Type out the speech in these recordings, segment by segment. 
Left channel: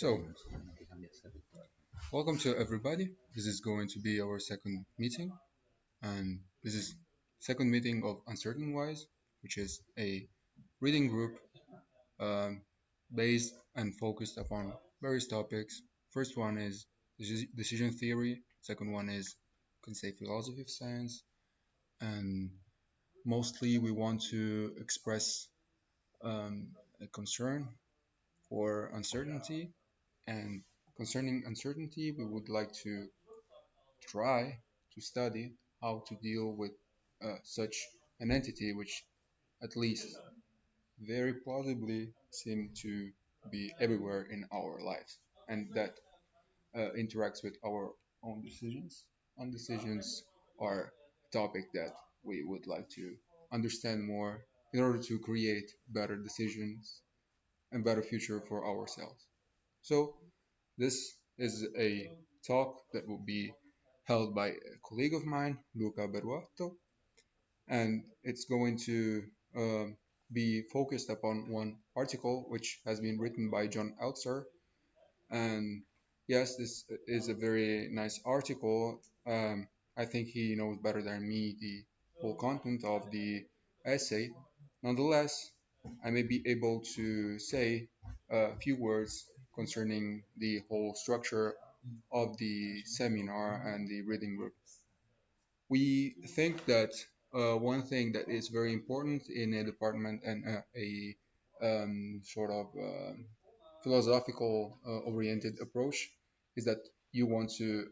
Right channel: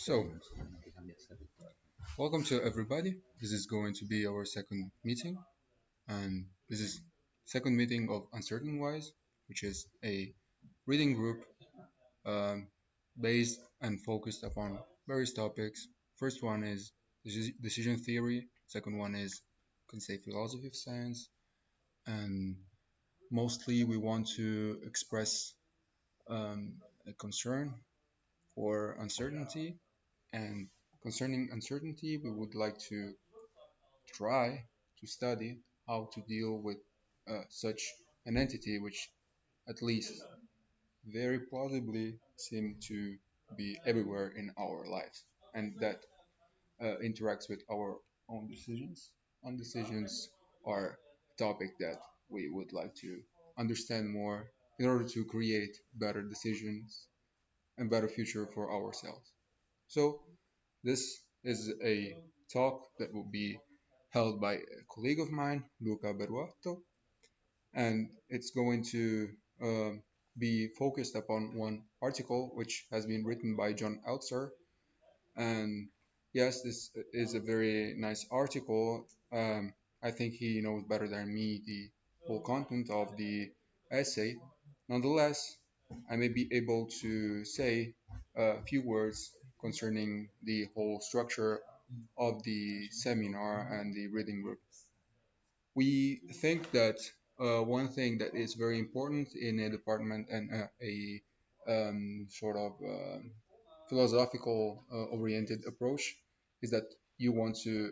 So, welcome to everybody. This is going to be our second meeting, and this is second meeting of UncertainWise, which is a reading group um, based and focused upon various topics. First one is decision theory. Second one is, could say, philosophy of science, and mostly we want to express a concern for uncertainty, and concerning uncertainty, we would like to try to study how to deal with such an entity which at least very plausibly seem to be everywhere in our lives and that interacts with our own decisions. And decisions are a topic that we would like to understand more in order to create better decisions and better future for ourselves. So this is a talk that will be held by a colleague of mine, Luca Berruato, and it's going to be focused upon one article which has been written by John Elster. And yes, this is a very nice article. I think he knows better than me the whole content of the essay. Nonetheless, I may be able to say a few words concerning the whole structure of the seminar and the reading group. We think that one thing that is very important in a department and a sort of philosophical oriented approach is that you want to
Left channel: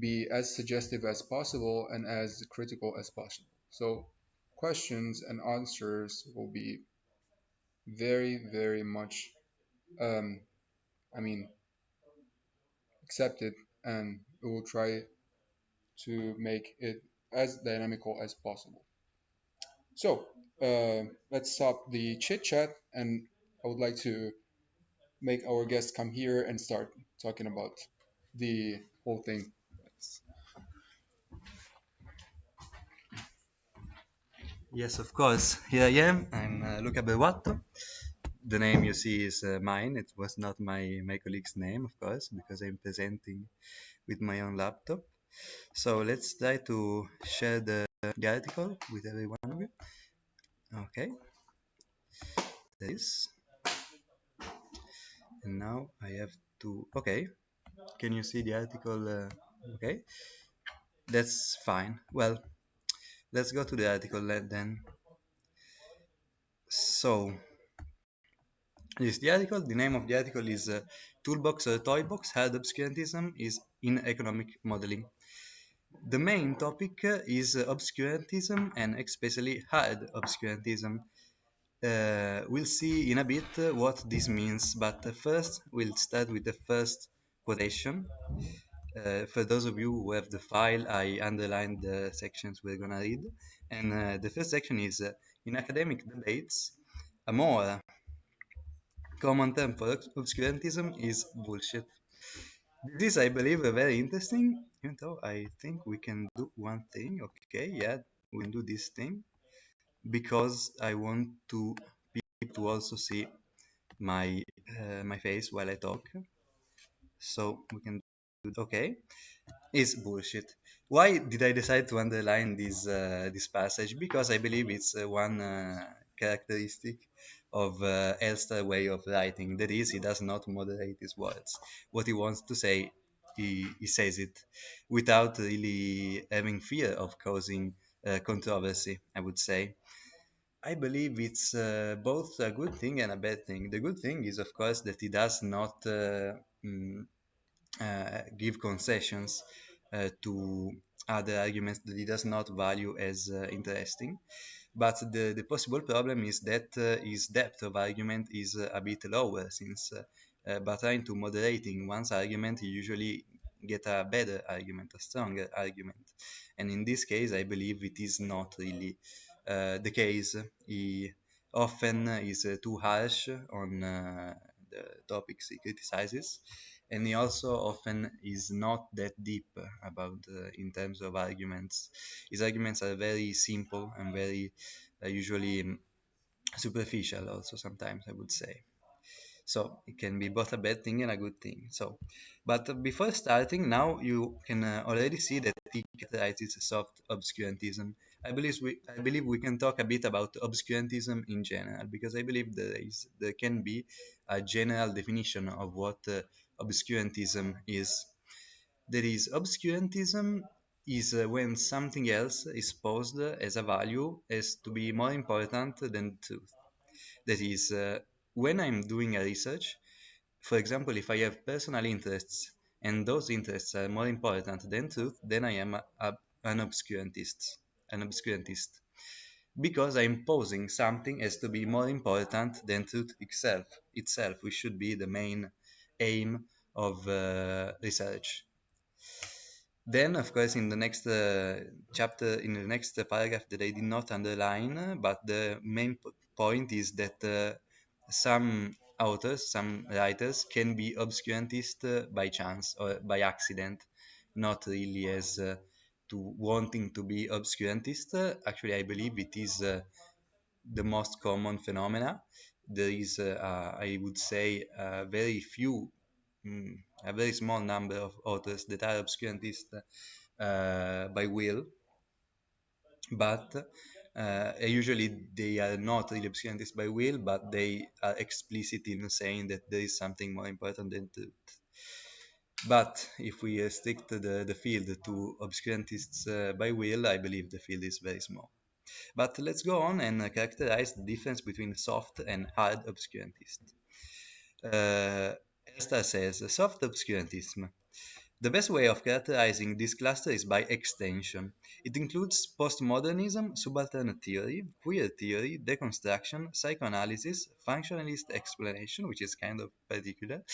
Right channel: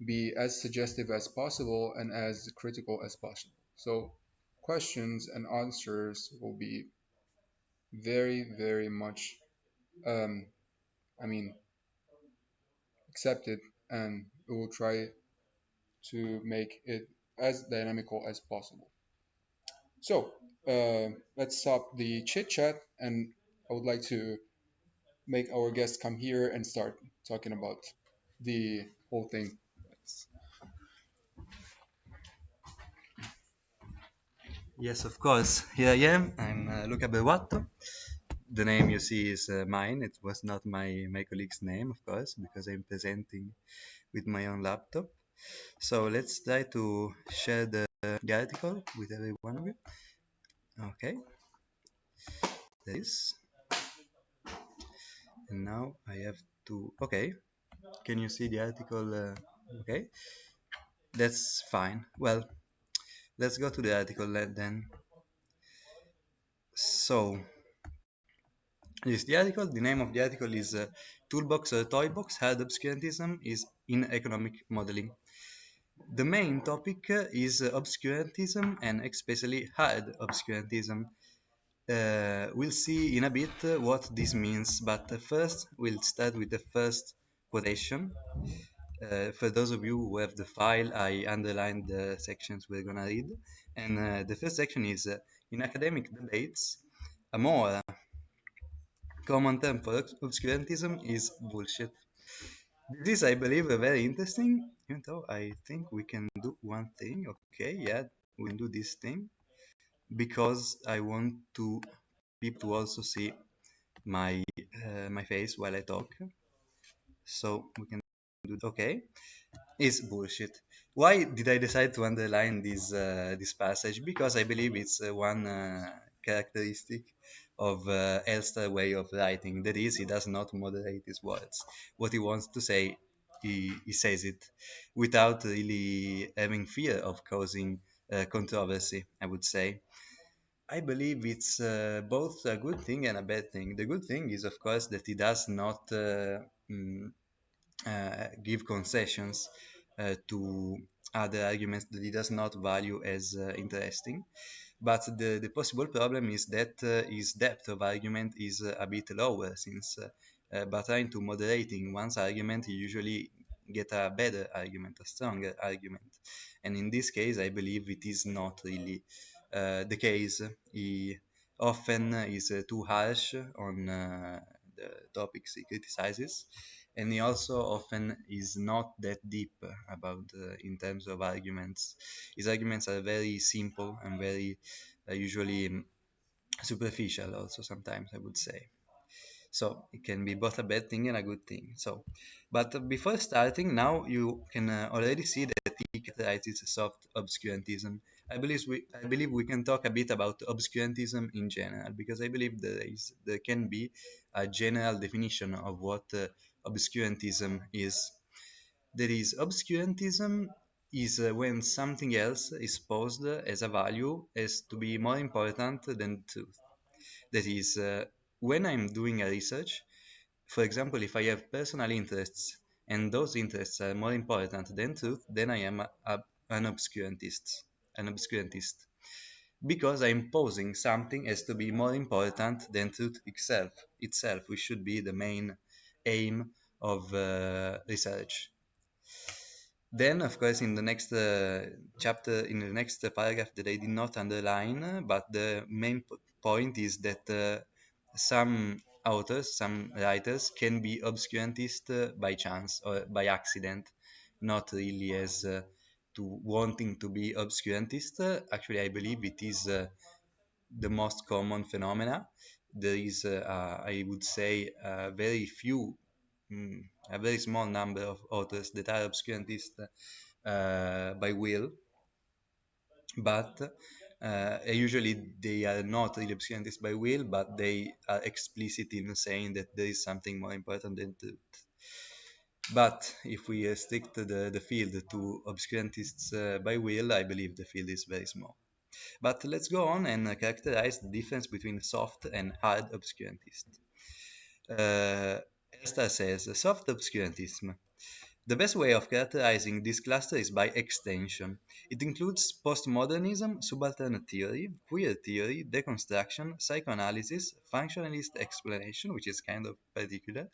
be as suggestive as possible and as critical as possible. So questions and answers will be very, very much, um, I mean, accepted, and we will try to make it as dynamical as possible. So let's stop the chit chat, and I would like to make our guest come here and start talking about the whole thing. Yes, of course. Here I am. I'm Luca Belvato. The name you see is mine. It was not my colleague's name, of course, because I'm presenting with my own laptop. So let's try to share the article with everyone. Okay, this. And now I have to. Okay, can you see the article? Okay, that's fine. Well, let's go to the article then. So, the name of the article is Toolbox Toybox Hard Obscurantism is in Economic Modeling. The main topic is obscurantism and especially hard obscurantism. We'll see in a bit what this means, but first we'll start with the first quotation. For those of you who have the file, I underlined the sections we're gonna read. And the first section is in academic debates, a more common term for obscurantism is bullshit. This, I believe, is very interesting, even though I think we can do one thing. Okay, yeah, we'll do this thing because I want to people also see my face while I talk. So we can do okay. It's bullshit. Why did I decide to underline this passage? Because I believe it's one characteristic of Elster's way of writing. That is, he does not moderate his words. What he wants to say, he says it without really having fear of causing controversy, I would say. I believe it's both a good thing and a bad thing. The good thing is, of course, that he does not give concessions to other arguments that he does not value as interesting. But the possible problem is that his depth of argument is a bit lower, since by trying to moderate in one's argument, you usually get a better argument, a stronger argument. And in this case, I believe it is not really the case. He often is too harsh on the topics he criticizes, and he also often is not that deep about in terms of arguments. His arguments are very simple and very usually superficial also sometimes, I would say. So it can be both a bad thing and a good thing. But before starting, now you can already see that he characterizes soft obscurantism. I believe we can talk a bit about obscurantism in general because I believe there can be a general definition of what obscurantism is. There is obscurantism is when something else is posed as a value as to be more important than truth. That is, when I'm doing a research, for example, if I have personal interests and those interests are more important than truth, then I am an obscurantist. An obscurantist. Because I am posing something as to be more important than truth itself, which should be the main aim of research. Then, of course, in the next chapter, in the next paragraph that I did not underline, but the main point is that some authors, some writers can be obscurantist by chance or by accident, not really as to wanting to be obscurantist. Actually, I believe it is the most common phenomena. There is, I would say, a very small number of authors that are obscurantist by will, but usually they are not really obscurantist by will, but they are explicit in saying that there is something more important than truth. But if we restrict the field to obscurantists by will, I believe the field is very small. But let's go on and characterize the difference between soft and hard obscurantism. Uh, Elster says soft obscurantism. The best way of characterizing this cluster is by extension. It includes postmodernism, subaltern theory, queer theory, deconstruction, psychoanalysis, functionalist exploration, which is kind of particular,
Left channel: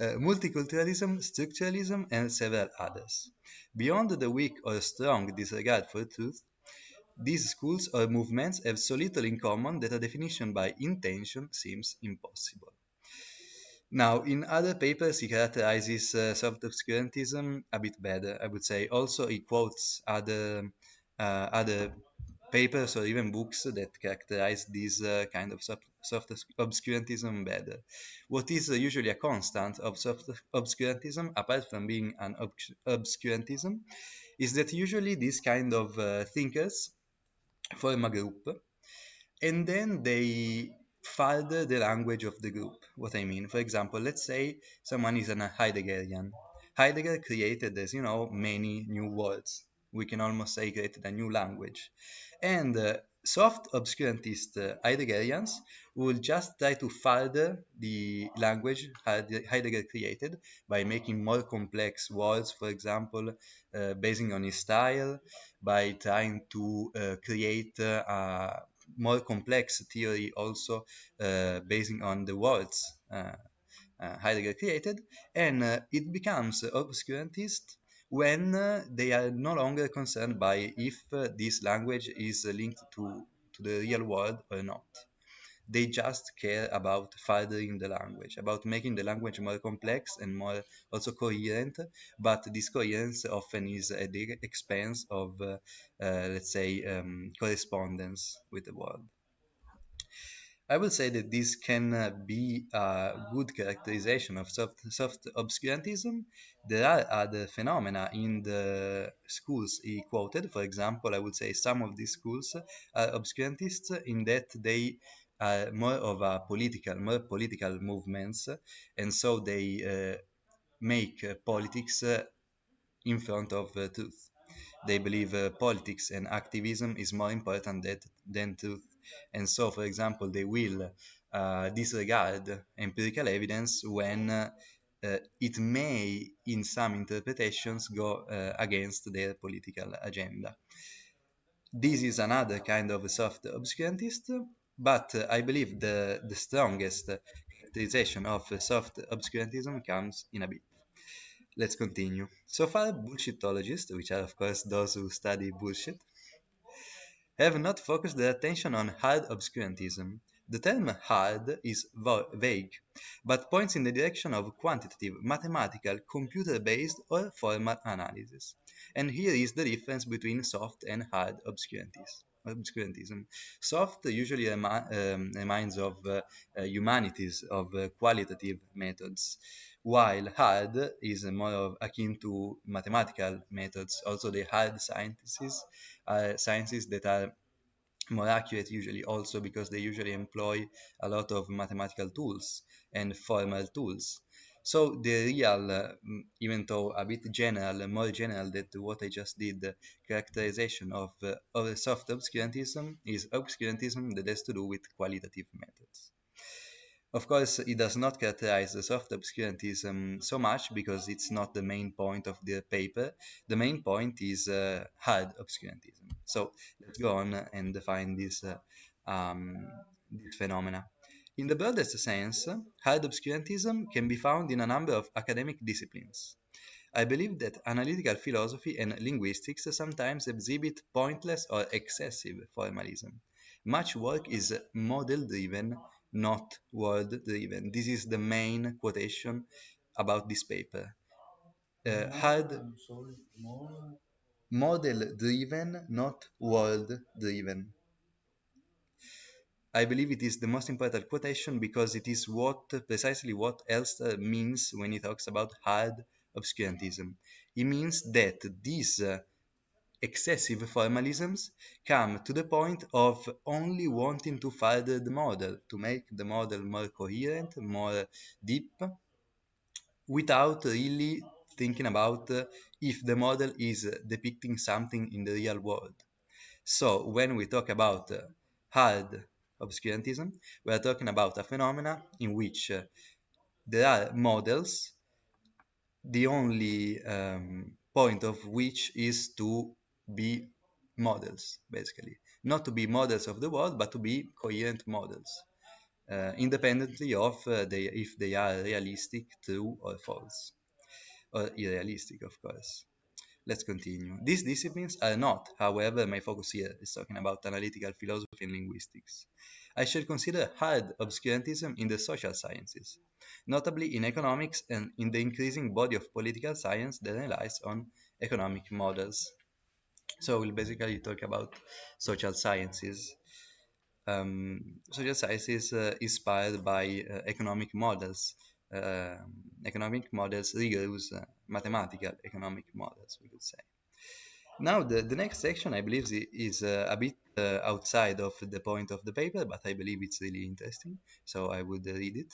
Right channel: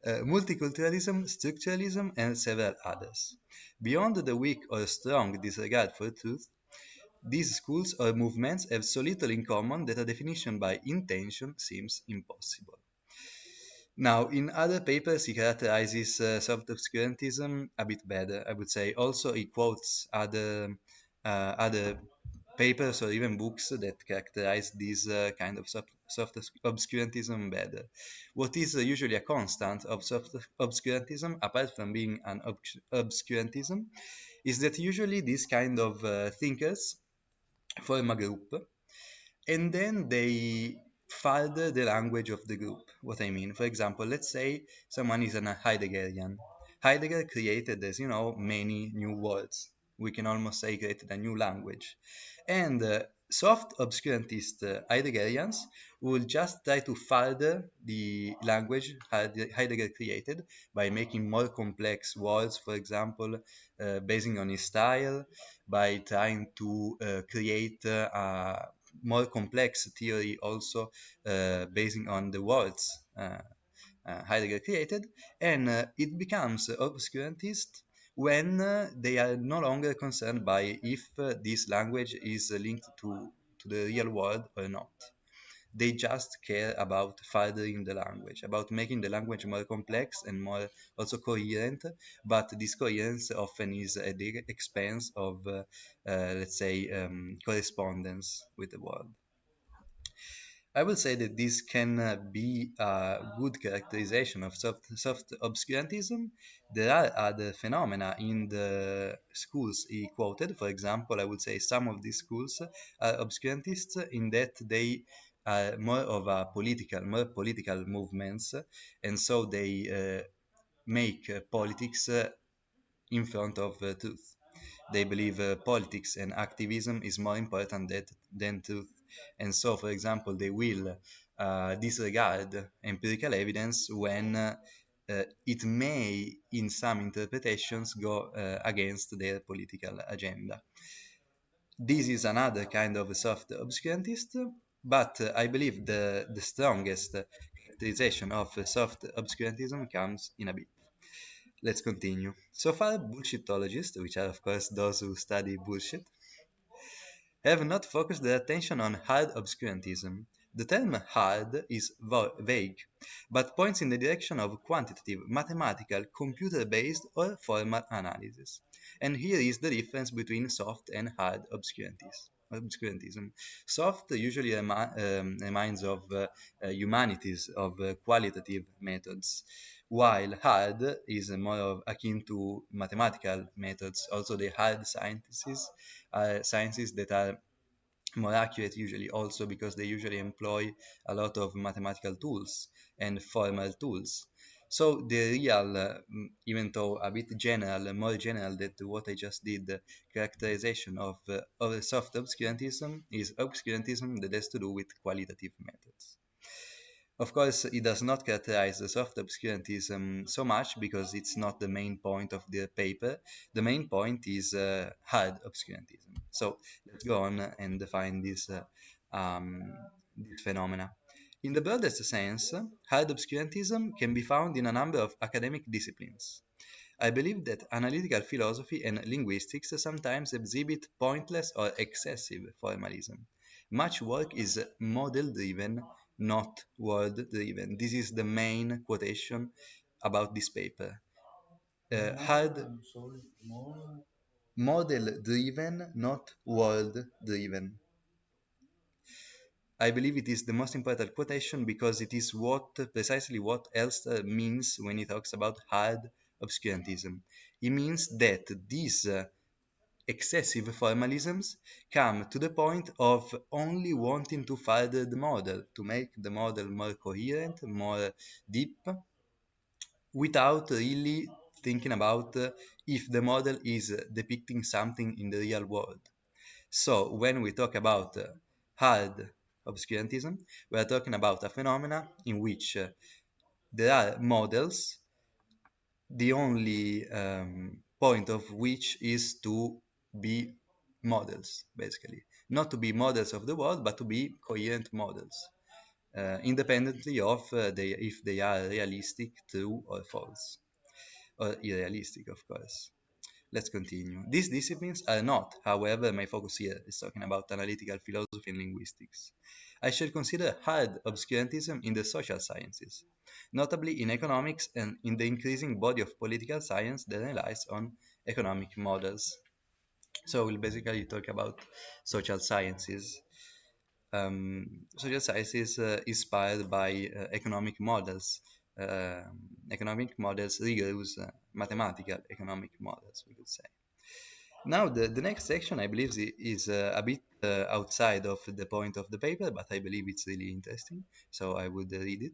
multiculturalism, structuralism, and several others. Beyond the weak or strong disregard for truth, these schools or movements have so little in common that a definition by intention seems impossible. Now, in other papers, he characterizes soft obscurantism a bit better, I would say. Also, he quotes other papers or even books that characterize this kind of soft obscurantism better. What is usually a constant of soft obscurantism, apart from being an obscurantism, is that usually these kind of thinkers form a group and then they further the language of the group. What I mean, for example, let's say someone is a Heideggerian. Heidegger created, as you know, many new words. We can almost say created a new language. And soft obscurantist Heideggerians would just try to further the language Heidegger created by making more complex words, for example, basing on his style, by trying to create a more complex theory also based on the words highly created, and it becomes obscurantist when they are no longer concerned by if this language is linked to the real world or not. They just care about furthering the language, about making the language more complex and more also coherent, but this coherence often is at the expense of, let's say, correspondence with the world. I would say that this can be a good characterization of soft obscurantism. There are other phenomena in the schools he quoted. For example, I would say some of these schools are obscurantists in that they are more political movements, and so they make politics in front of truth. They believe politics and activism is more important than truth. And so, for example, they will disregard empirical evidence when it may, in some interpretations, go against their political agenda. This is another kind of soft obscurantist, but I believe the strongest characterization of soft obscurantism comes in a bit. Let's continue. So far, bullshitologists, which are of course those who study bullshit, have not focused their attention on hard obscurantism. The term hard is vague, but points in the direction of quantitative, mathematical, computer-based or formal analysis. And here is the difference between soft and hard obscurantism. obscurantism. Soft usually reminds of humanities, of qualitative methods, while hard is more akin to mathematical methods. Also, the hard sciences that are more accurate usually also because they usually employ a lot of mathematical tools and formal tools. So the real, even though a bit general, more general than to what I just did, characterization of all soft obscurantism is obscurantism that has to do with qualitative methods. Of course, it does not characterize the soft obscurantism so much because it's not the main point of the paper. The main point is hard obscurantism. So let's go on and define this phenomena. In the broadest sense, hard obscurantism can be found in a number of academic disciplines. I believe that analytical philosophy and linguistics sometimes exhibit pointless or excessive formalism. Much work is model driven, not word driven. This is the main quotation about this paper. Hard model driven, not word driven. I believe it is the most important quotation because it is precisely what Elster means when he talks about hard obscurantism. He means that these excessive formalisms come to the point of only wanting to further the model, to make the model more coherent, more deep, without really thinking about if the model is depicting something in the real world. So, when we talk about hard obscurantism, we are talking about a phenomena in which there are models, the only point of which is to be models, basically. Not to be models of the world, but to be coherent models, independently of if they are realistic, true, or false, or irrealistic, of course. Let's continue. These disciplines are not, however, my focus here is talking about analytical philosophy and linguistics. I should consider hard obscurantism in the social sciences, notably in economics and in the increasing body of political science that relies on economic models. So we'll basically talk about social sciences. Social sciences inspired by economic models. Uh, Economic models, rigorous mathematical economic models, we would say. Now, the next section, I believe, is a bit outside of the point of the paper, but I believe it's really interesting, so I will read it.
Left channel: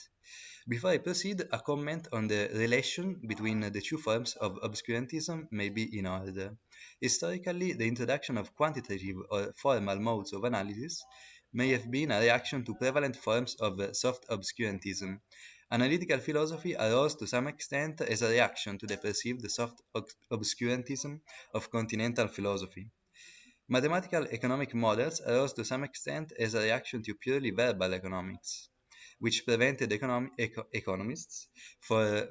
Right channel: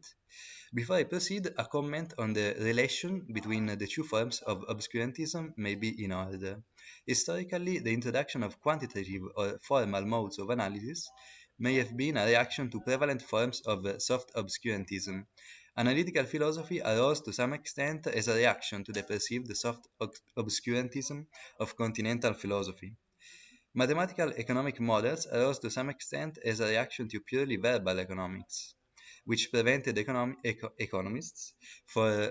Before I proceed, a comment on the relation between the two forms of obscurantism may be in order. Historically, the introduction of quantitative or formal modes of analysis may have been a reaction to prevalent forms of soft obscurantism. Analytical philosophy arose to some extent as a reaction to the perceived soft obscurantism of continental philosophy. Mathematical economic models arose to some extent as a reaction to purely verbal economics, which prevented economists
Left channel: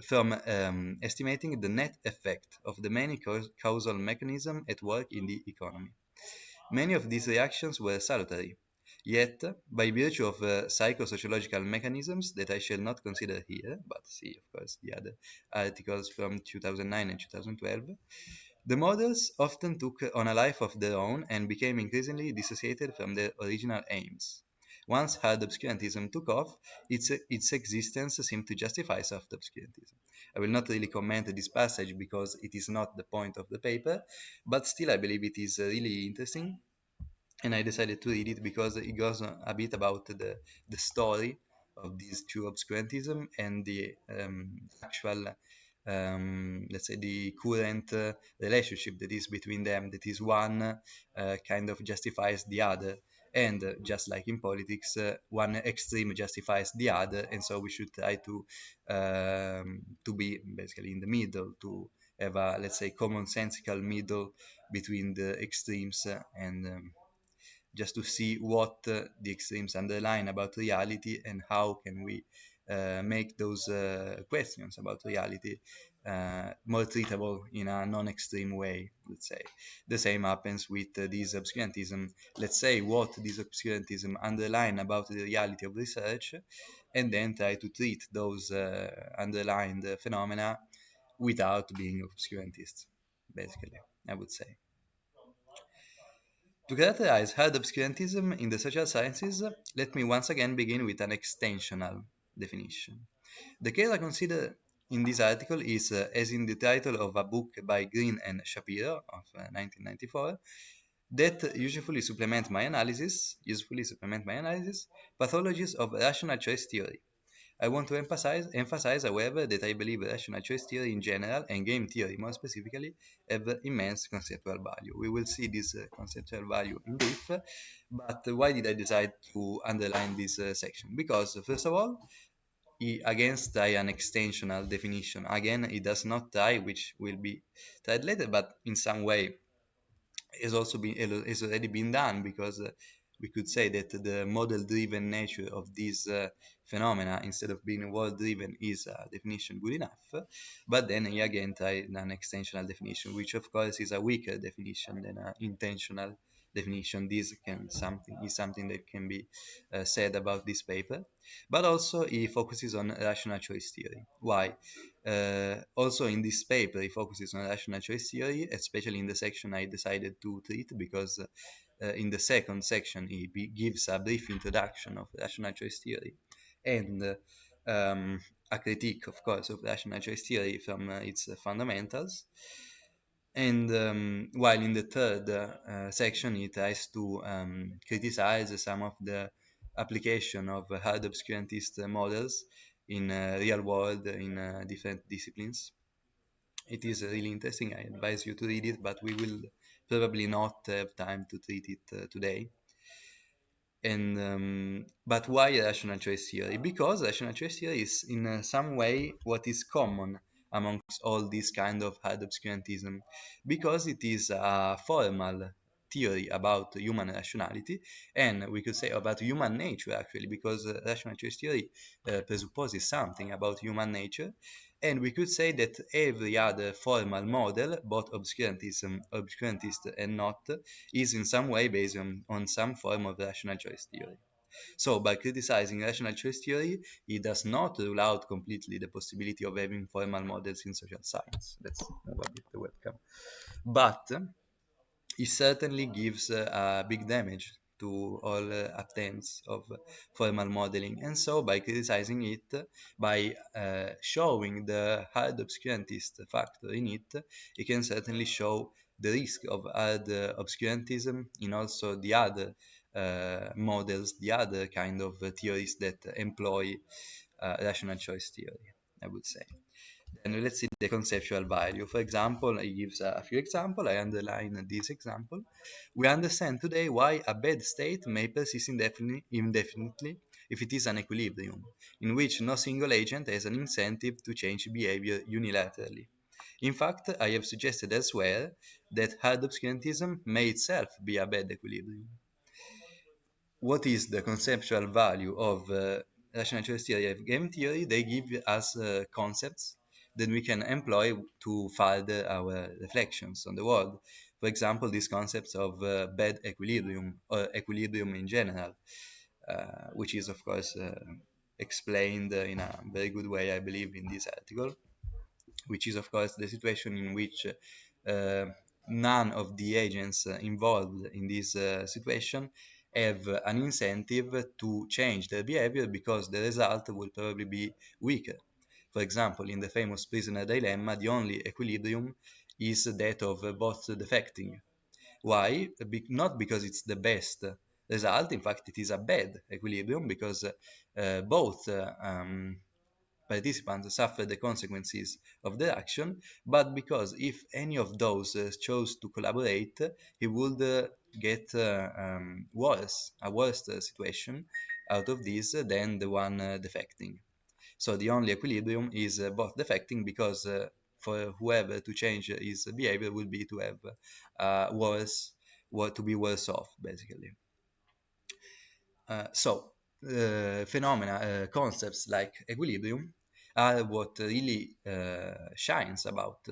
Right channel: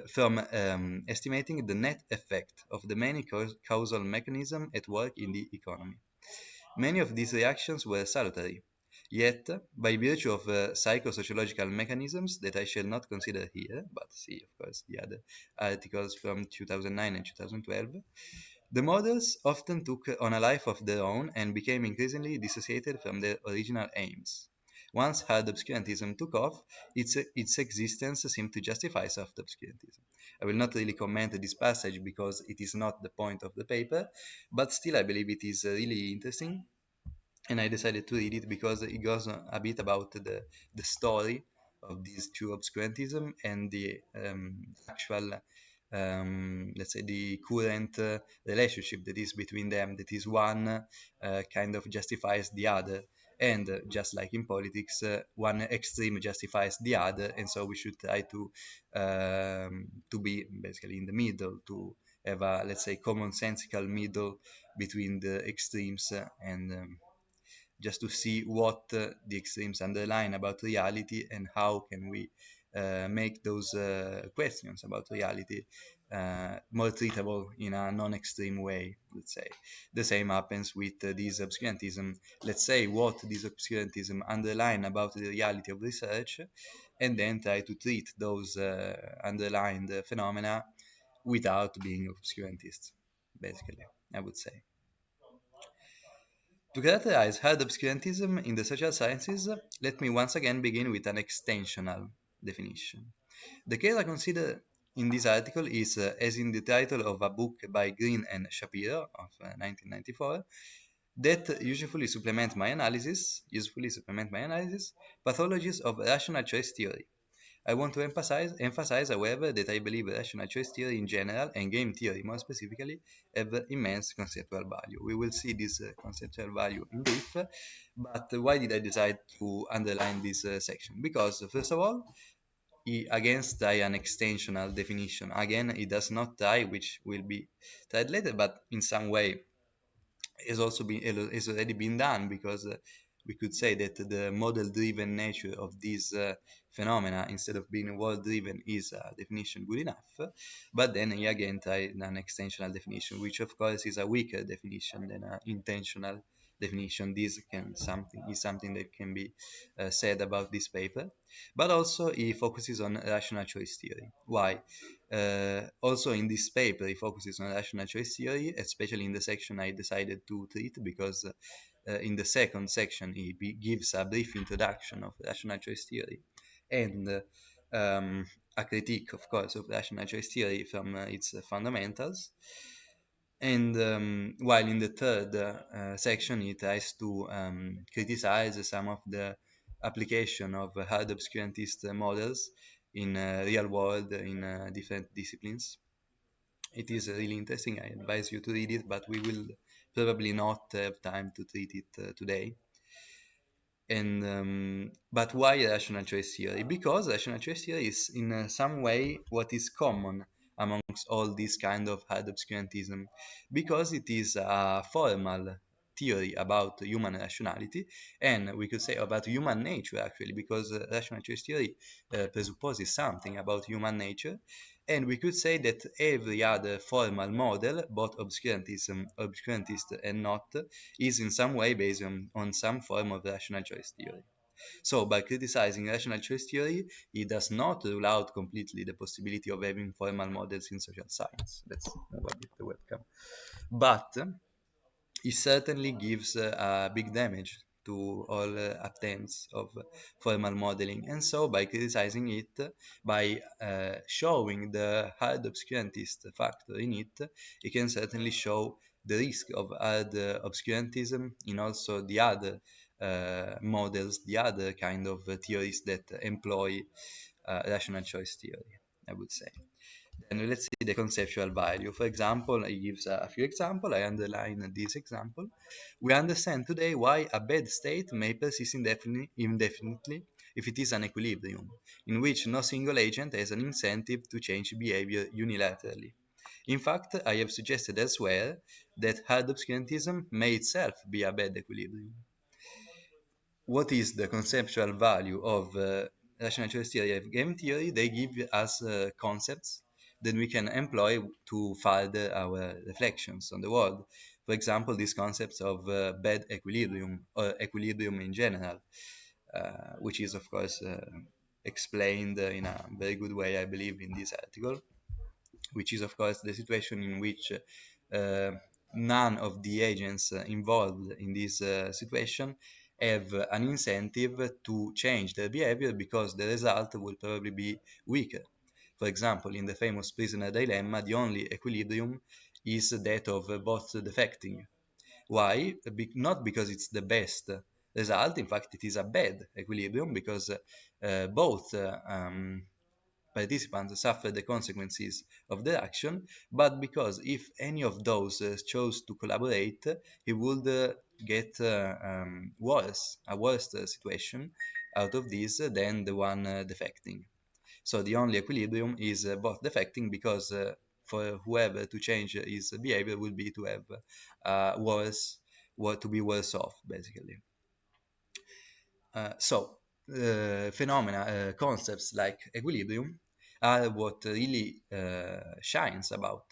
from estimating the net effect of the many causal mechanisms at work in the economy. Many of these reactions were salutary, yet, by virtue of psychosociological mechanisms that I shall not consider here, but see first the other articles from 2009 and 2012, the models often took on a life of their own and became increasingly dissociated from their original aims. Once hard obscurantism took off, its existence seemed to justify soft obscurantism. I will not really comment this passage because it is not the point of the paper, but still I believe it is really interesting, and I decided to read it because it goes a bit about the story of this true obscurantism and the actual, let's say, the current relationship that is between them. That is one kind of justifies the other, and just like in politics, one extreme justifies the other, and so we should try to be basically in the middle, to have a, let's say, commonsensical middle between the extremes, and just to see what the extremes underline about reality and how can we make those questions about reality more treatable in a non-extreme way, I would say. The same happens with this obscurantism. Let's say what this obscurantism underline about the reality of research, and then try to treat those underlined phenomena without being obscurantist, basically, I would say. To characterize hard obscurantism in the social sciences, let me once again begin with an extensional definition. The case I consider in this article is, as in the title of a book by Green and Shapiro of 1994, that usefully supplement my analysis, pathologies of rational choice theory. I want to emphasize, however, that I believe rational choice theory in general and game theory more specifically have immense conceptual value. We will see this conceptual value in brief, but why did I decide to underline this section? Because, first of all, against an extensional definition, again, it does not tie, which will be tried later, but in some way has already been done because we could say that the model-driven nature of these phenomena, instead of being world-driven, is a definition good enough. But then again, I an extensional definition, which of course is a weaker definition than an intentional definition. This can something is something that can be said about this paper, but also it focuses on rational choice theory. Why? Also in this paper, it focuses on rational choice theory, especially in the section I decided to treat because in the second section he gives a brief introduction of rational choice theory and a critique, of course, of rational choice theory from its fundamentals. And while in the third section he tries to criticize some of the application of hard obscurantist models in real world in different disciplines. It is really interesting. I advise you to read it, but we will probably not have time to read it today. And but why rational choice theory? Because rational choice theory is in some way what is common amongst all these kind of hard obscurantism, because it is a formal theory about human rationality, and we could say about human nature actually, because rational choice theory presupposes something about human nature, and we could say that every other formal model, both obscurantist and not, is in some way based on some form of rational choice theory. So, by criticizing rational choice theory, it does not rule out completely the possibility of having formal models in social science. That's welcome. But it certainly gives a big damage to all attempts of formal modeling. And so, by criticizing it, by showing the hard obscurantist factor in it, it can certainly show the risk of hard obscurantism in also the other models, the other kind of theories that employ rational choice theory, I would say. And let's see the conceptual value. For example, I use a few examples. I underline this example. We understand today why a bad state may persist indefinitely if it is an equilibrium, in which no single agent has an incentive to change behavior unilaterally. In fact, I have suggested elsewhere that hard obscurantism may itself be a bad equilibrium. What is the conceptual value of rational choice theory and game theory? They give us concepts that we can employ to further our reflections on the world. For example, these concepts of bad equilibrium or equilibrium in general, which is of course explained in a very good way, I believe, in this article, which is of course the situation in which none of the agents involved in this situation have an incentive to change their behavior because the result will probably be weaker. For example, in the famous prisoner dilemma, the only equilibrium is that of both defecting. Why? Not because it's the best result, in fact, it is a bad equilibrium because both participants suffer the consequences of their action, but because if any of those chose to collaborate, he would get a worse situation out of this than the one defecting. So the only equilibrium is both defecting because for whoever to change his behavior would be to have worse, what to be worse off, basically. Phenomena, concepts like equilibrium are what really shines about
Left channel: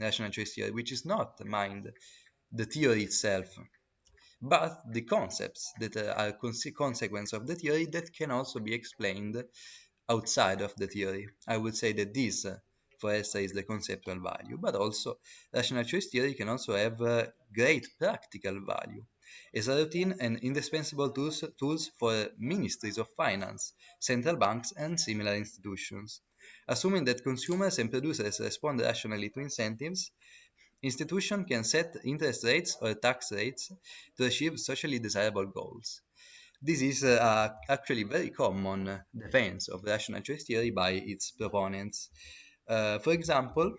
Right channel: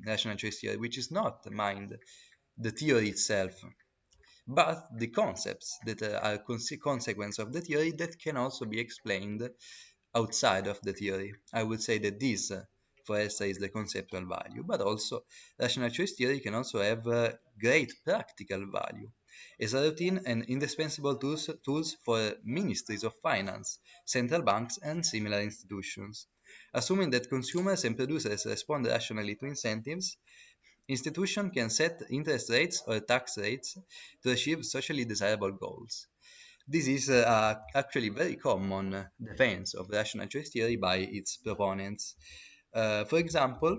rational choice theory, which is not mind, the theory itself, but the concepts that are consequence of the theory that can also be explained outside of the theory. I would say that these for Elster is the conceptual value, but also rational choice theory can also have great practical value as a routine and indispensable tools for ministries of finance, central banks, and similar institutions. Assuming that consumers and producers respond rationally to incentives, institutions can set interest rates or tax rates to achieve socially desirable goals. This is actually very common defense of rational choice theory by its proponents. For example,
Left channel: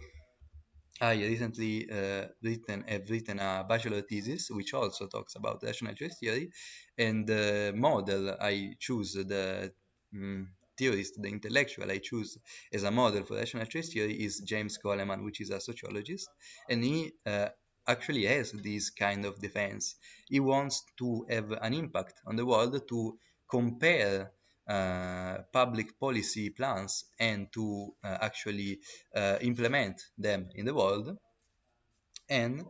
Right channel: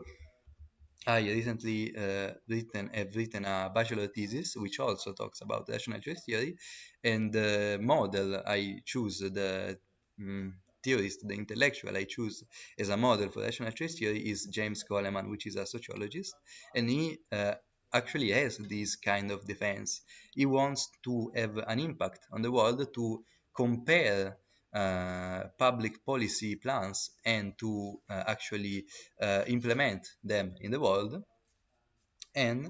I recently have written a bachelor thesis which also talks about rational choice theory, and the model I choose, the theorist, the intellectual I choose as a model for rational choice theory is James Goleman, which is a sociologist, and he actually has this kind of defense. He wants to have an impact on the world to compare public policy plans and to actually implement them in the world, and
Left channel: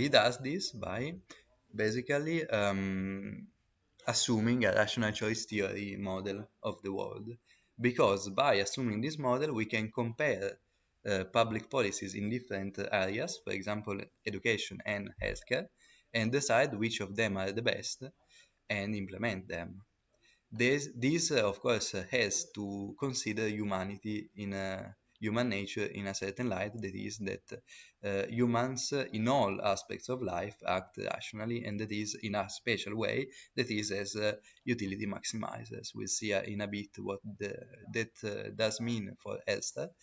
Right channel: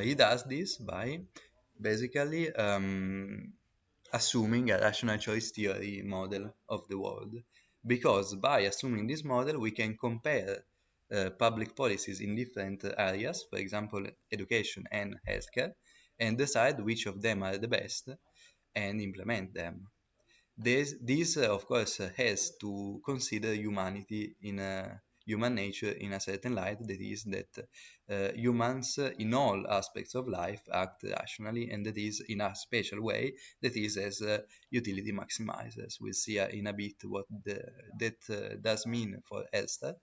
he does this by basically assuming a rational choice theory model of the world, because by assuming this model we can compare public policies in different areas, for example education and healthcare, and decide which of them are the best and implement them. This of course, has to consider humanity in human nature in a certain light, that is, that humans in all aspects of life act rationally, and that is in a special way, that is as utility maximized, as we'll see in a bit what that does mean for Elsa.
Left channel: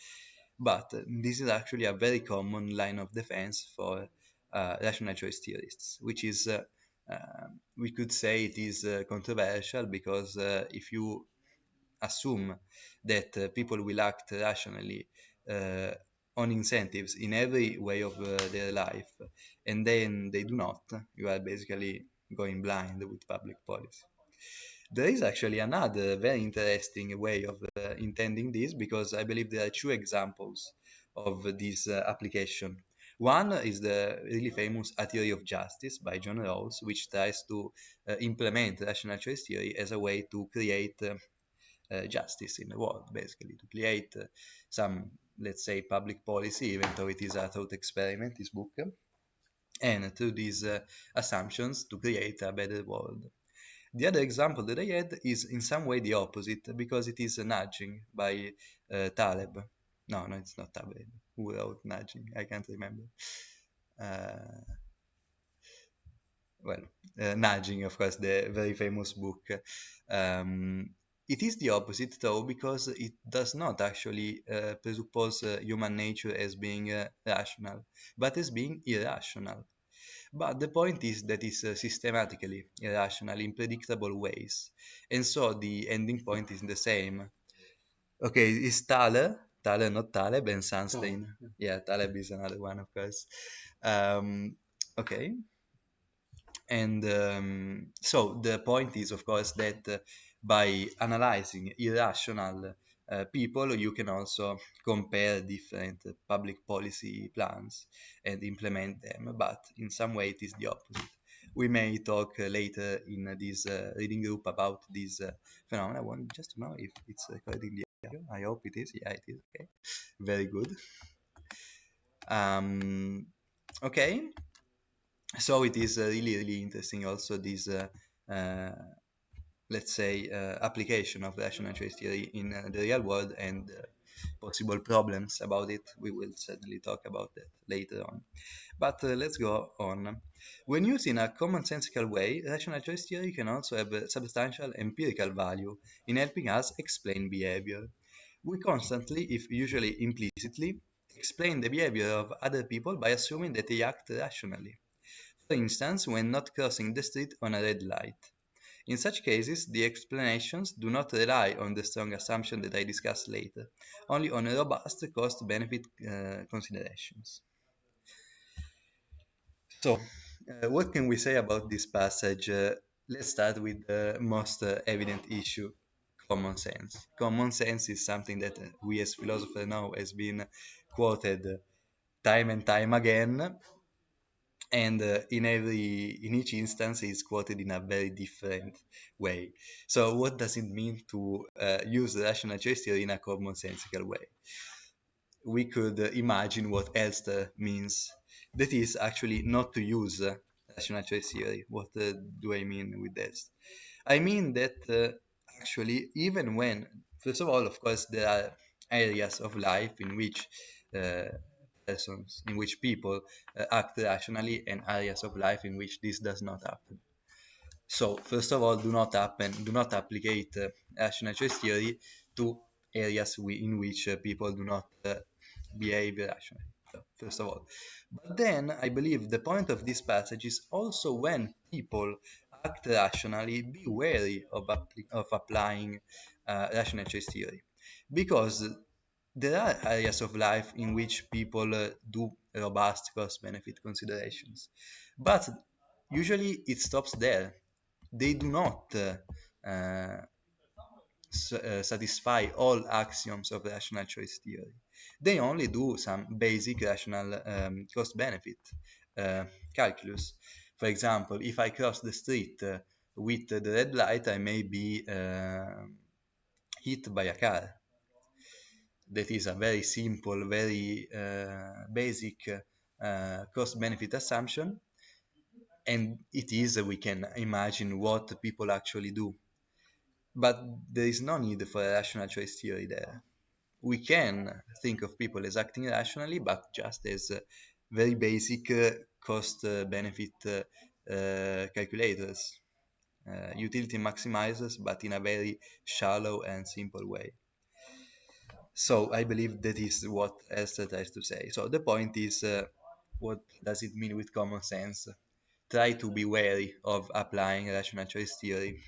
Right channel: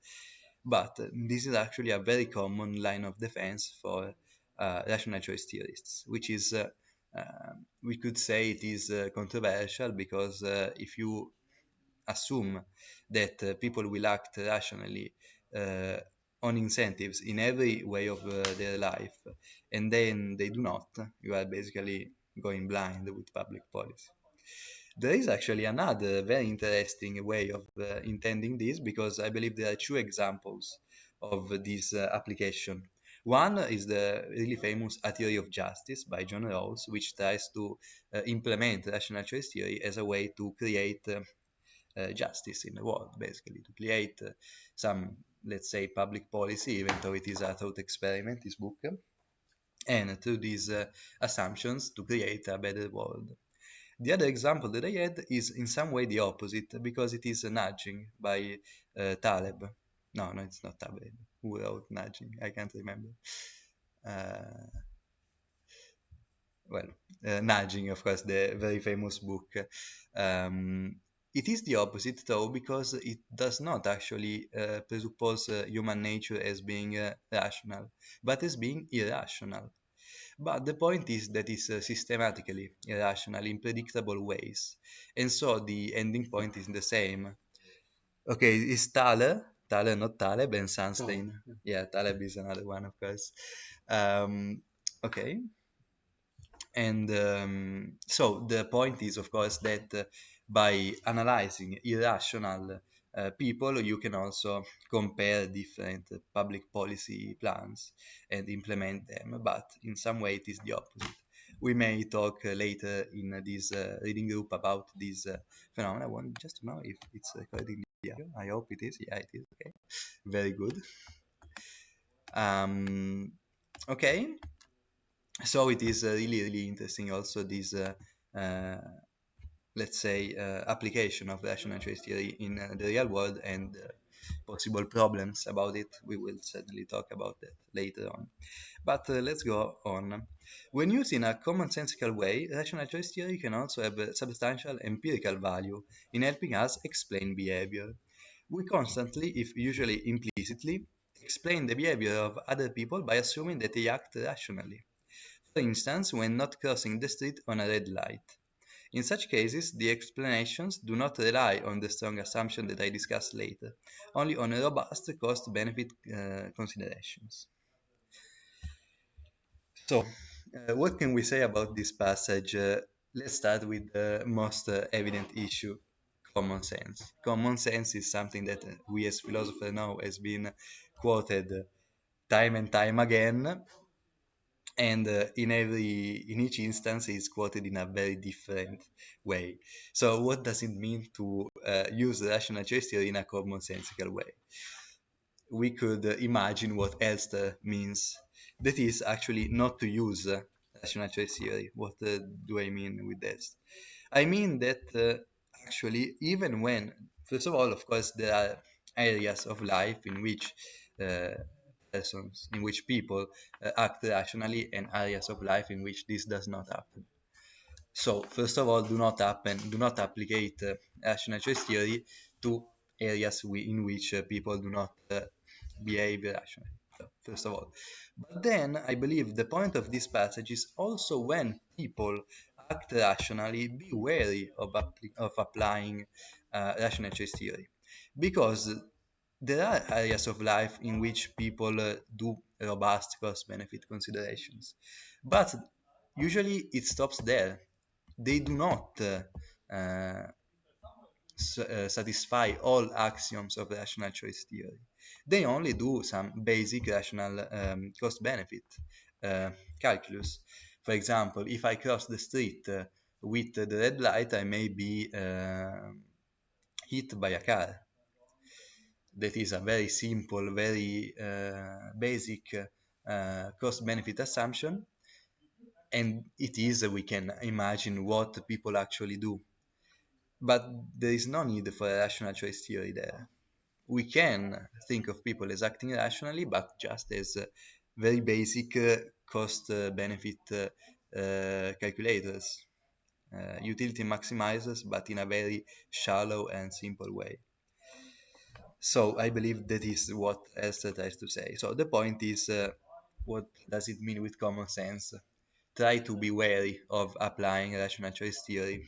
But this is actually a very common line of defense for rational choice theorists, which is we could say it is controversial, because if you assume that people will act rationally uh, on incentives in every way of their life, and then they do not, you are basically going blind with public policy. There is actually another very interesting way of intending this, because I believe there are two examples of this application. One is the really famous A Theory of Justice by John Rawls, which tries to implement rational choice theory as a way to create justice in the world, basically, to create some, let's say, public policy, even though it is a thought experiment, this book, and through these assumptions to create a better world. The other example that I had is in some way the opposite, because it is nudging by Taleb. No, it's not Taleb. Who wrote nudging? I can't remember. Uh, well, nudging, of course, the very famous book. It is the opposite, though, because it does not actually presuppose human nature as being rational, but as being irrational. But the point is that it's systematically irrational in predictable ways, and so the ending point is the same. Okay, it's Thaler, not Taleb, and Sunstein. Yeah, Taleb is another one, of course. Okay, and so the point is, of course, that by analyzing irrational people, you can also compare different public policy plans and implement them, but in some way it is the opposite. We may talk later in this reading group about this phenomenon. I want just to know if it's correctly here. I hope it is. Yeah, it is. Okay. Very good. Okay. So it is really interesting also this, let's say, application of rational choice theory in the real world, and possible problems about it. We will certainly talk about it later on. But let's go on. When used in a commonsensical way, rational choice theory can also have a substantial empirical value in helping us explain behavior. We constantly, if usually implicitly, explain the behavior of other people by assuming that they act rationally. For instance, when not crossing the street on a red light. In such cases, the explanations do not rely on the strong assumption that I discuss later, only on robust cost-benefit considerations. So, what can we say about this passage? Let's start with the most evident issue, common sense. Common sense is something that we as philosophers know has been quoted time and time again, and in each instance is quoted in a very different way. So what does it mean to use rational choice theory in a commonsensical way? we could imagine what Elster means. That is actually not to use rational choice theory. What do I mean with this? I mean that actually, even when, first of all, of course, there are areas of life in which uh, persons, in which people act rationally, and areas of life in which this does not happen. So, first of all, do not applicate rational choice theory to areas in which people do not behave rationally. First of all, but then I believe the point of this passage is also when people act rationally, be wary of applying rational choice theory, because there are areas of life in which people do robust cost benefit considerations, but usually it stops there. They do not satisfy all axioms of rational choice theory. They only do some basic rational cost benefit calculus. For example, if I cross the street with the red light, I may be hit by a car. That is a very simple, very basic cost benefit assumption, and it is, we can imagine what people actually do. But there is no need for a rational choice theory there. We can think of people as acting rationally, but just as very basic cost benefit calculators, utility maximizers, but in a very shallow and simple way. So I believe that is what Elster tries to say. So the point is, what does it mean with common sense? Try to be wary of applying rational choice theory.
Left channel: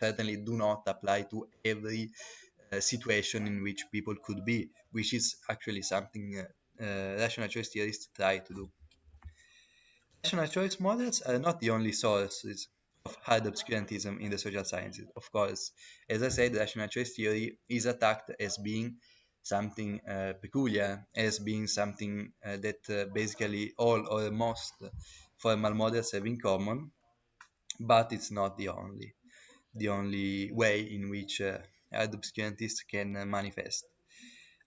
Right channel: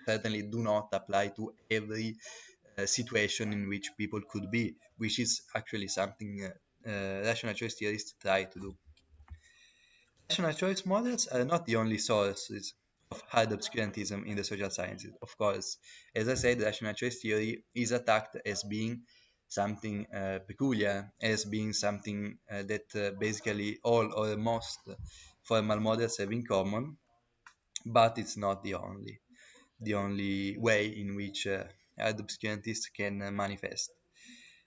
Certainly do not apply to every situation in which people could be, which is actually something rational choice theorists try to do. Rational choice models are not the only sources of hard obscurantism in the social sciences. Of course, as I said, rational choice theory is attacked as being something peculiar, as being something that basically all or most formal models have in common, but it's not the only way in which hard obscurantists can manifest.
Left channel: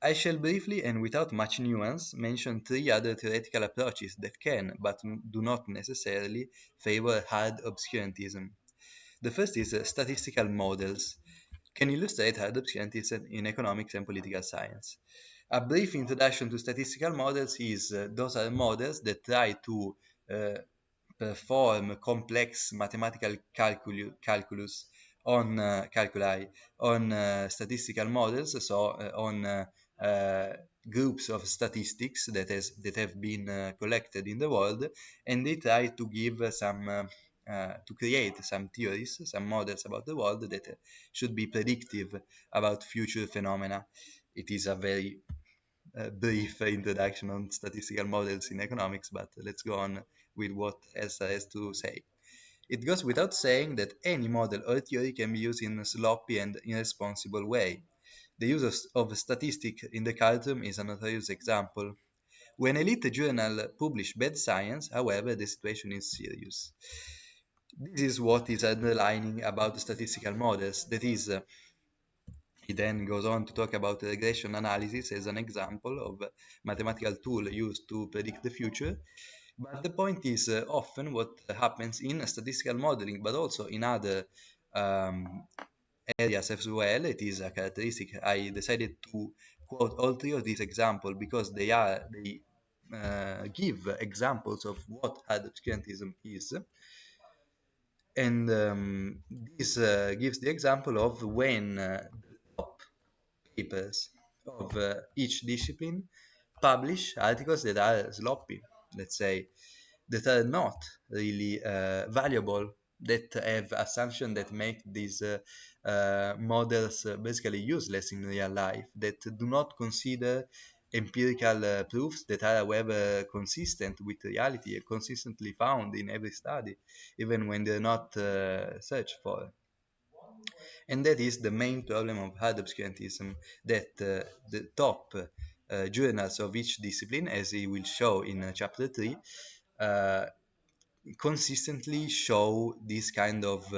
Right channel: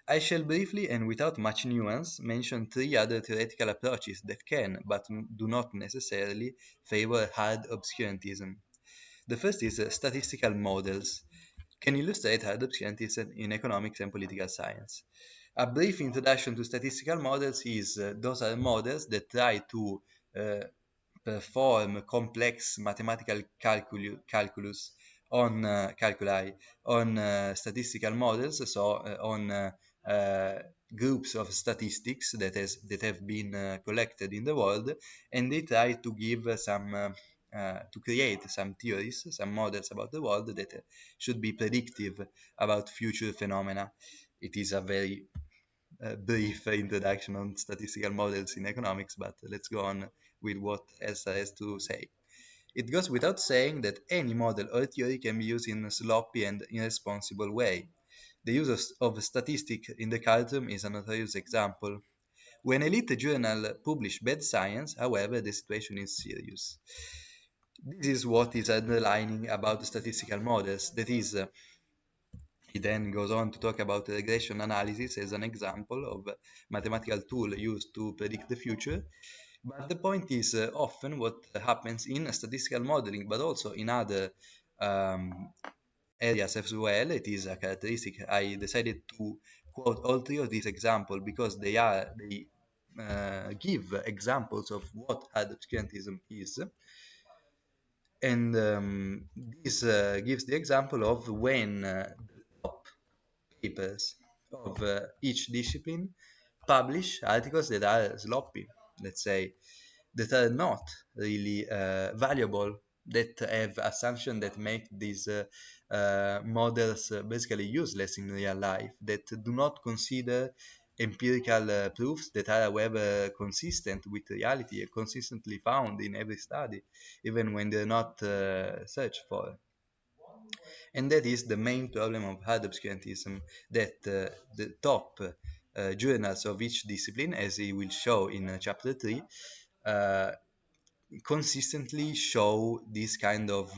I shall briefly and without much nuance mention three other theoretical approaches that can, but do not necessarily, favor hard obscurantism. The first is statistical models, can illustrate hard obscurantism in economics and political science. A brief introduction to statistical models is those are models that try to uh, perform complex mathematical calculus on calculi on statistical models, so on groups of statistics that have been collected in the world, and they try to give to create some theories, some models about the world that should be predictive about future phenomena. It is a very brief introduction on statistical models in economics, but let's go on with what Elsa has to say. It goes without saying that any model or theory can be used in a sloppy and irresponsible way. The use of statistics in the cartoon is a notorious example. When elite journal publish bad science, however, the situation is serious. This is what is underlining about statistical models. That is, he then goes on to talk about regression analysis as an example of a mathematical tool used to predict the future. But the point is, often what happens in statistical modeling, but also in other um, areas as well, it is a characteristic. I decided to quote all three of these examples because they give examples of what obscurantism is, and this gives the example of when top papers of each discipline publish articles that are sloppy, let's say, that are not really valuable, that have assumptions that make these models basically useless in real life, that do not consider empirical proofs that are, however, consistent with reality and consistently found in every study, even when they're not searched for. And that is the main problem of hard obscurantism, that the top journals of each discipline, as he will show in chapter 3, uh, consistently show these kind of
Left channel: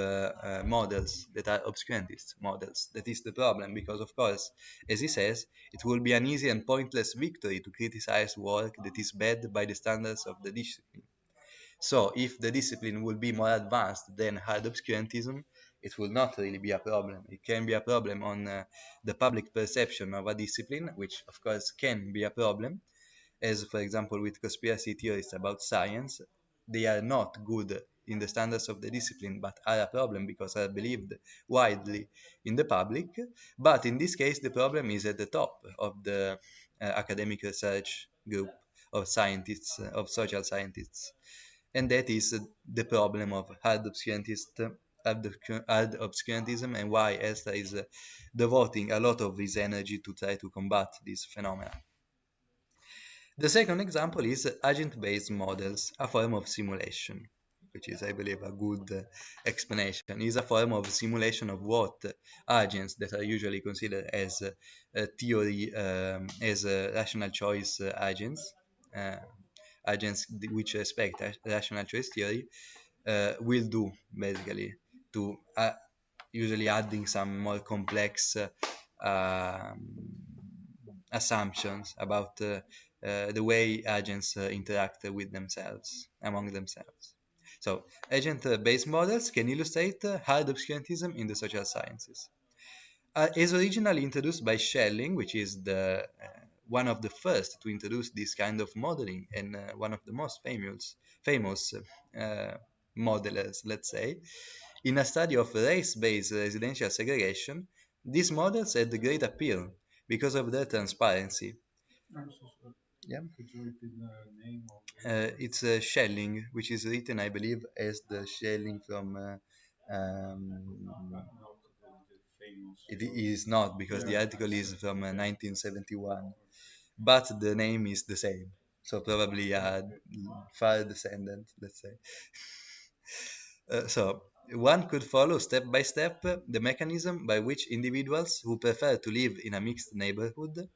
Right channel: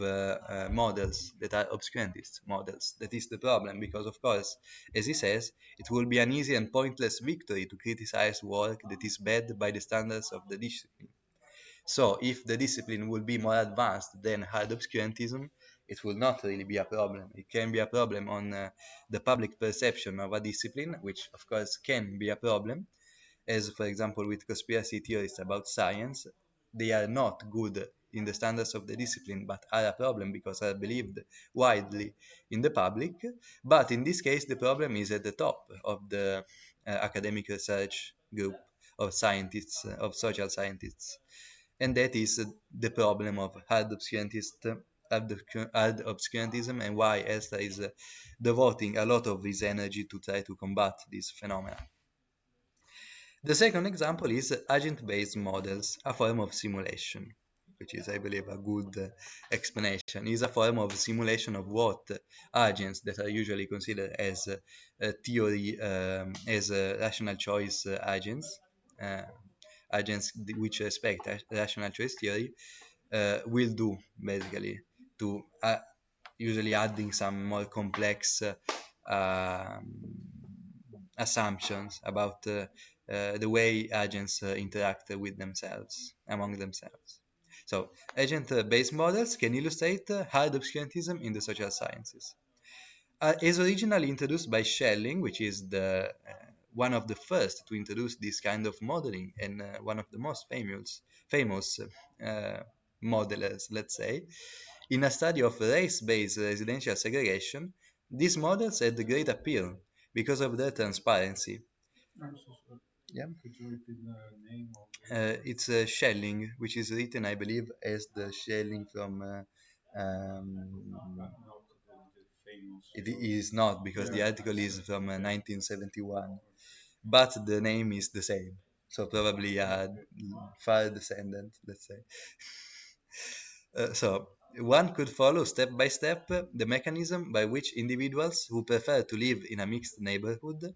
models that are obscurantist models. That is the problem, because of course, as he says, it will be an easy and pointless victory to criticize work that is bad by the standards of the discipline. So if the discipline would be more advanced than hard obscurantism, it will not really be a problem. It can be a problem on the public perception of a discipline, which of course can be a problem, as for example with conspiracy theories about science. They are not good in the standards of the discipline, but are a problem because are believed widely in the public. But in this case, the problem is at the top of the academic research group of scientists, of social scientists. And that is the problem of hard obscurantism, and why Elster is devoting a lot of his energy to try to combat this phenomenon. The second example is agent-based models, a form of simulation, which is, I believe, a good explanation. Is a form of simulation of what agents that are usually considered as theory, as rational choice uh, agents which respect rational choice theory, will do, basically, to usually adding some more complex assumptions about the way agents interact with themselves, among themselves. So, agent-based models can illustrate hard obscurantism in the social sciences. Is originally introduced by Schelling, which is the one of the first to introduce this kind of modeling, and one of the most famous modelers, let's say. In a study of race-based residential segregation, these models had great appeal because of their transparency. Yeah. It's Schelling, which is written, I believe, as the Schelling from. It is not, because the article is from 1971, but the name is the same. So probably a far descendant, let's say. So one could follow step by step the mechanism by which individuals who prefer to live in a mixed neighborhood,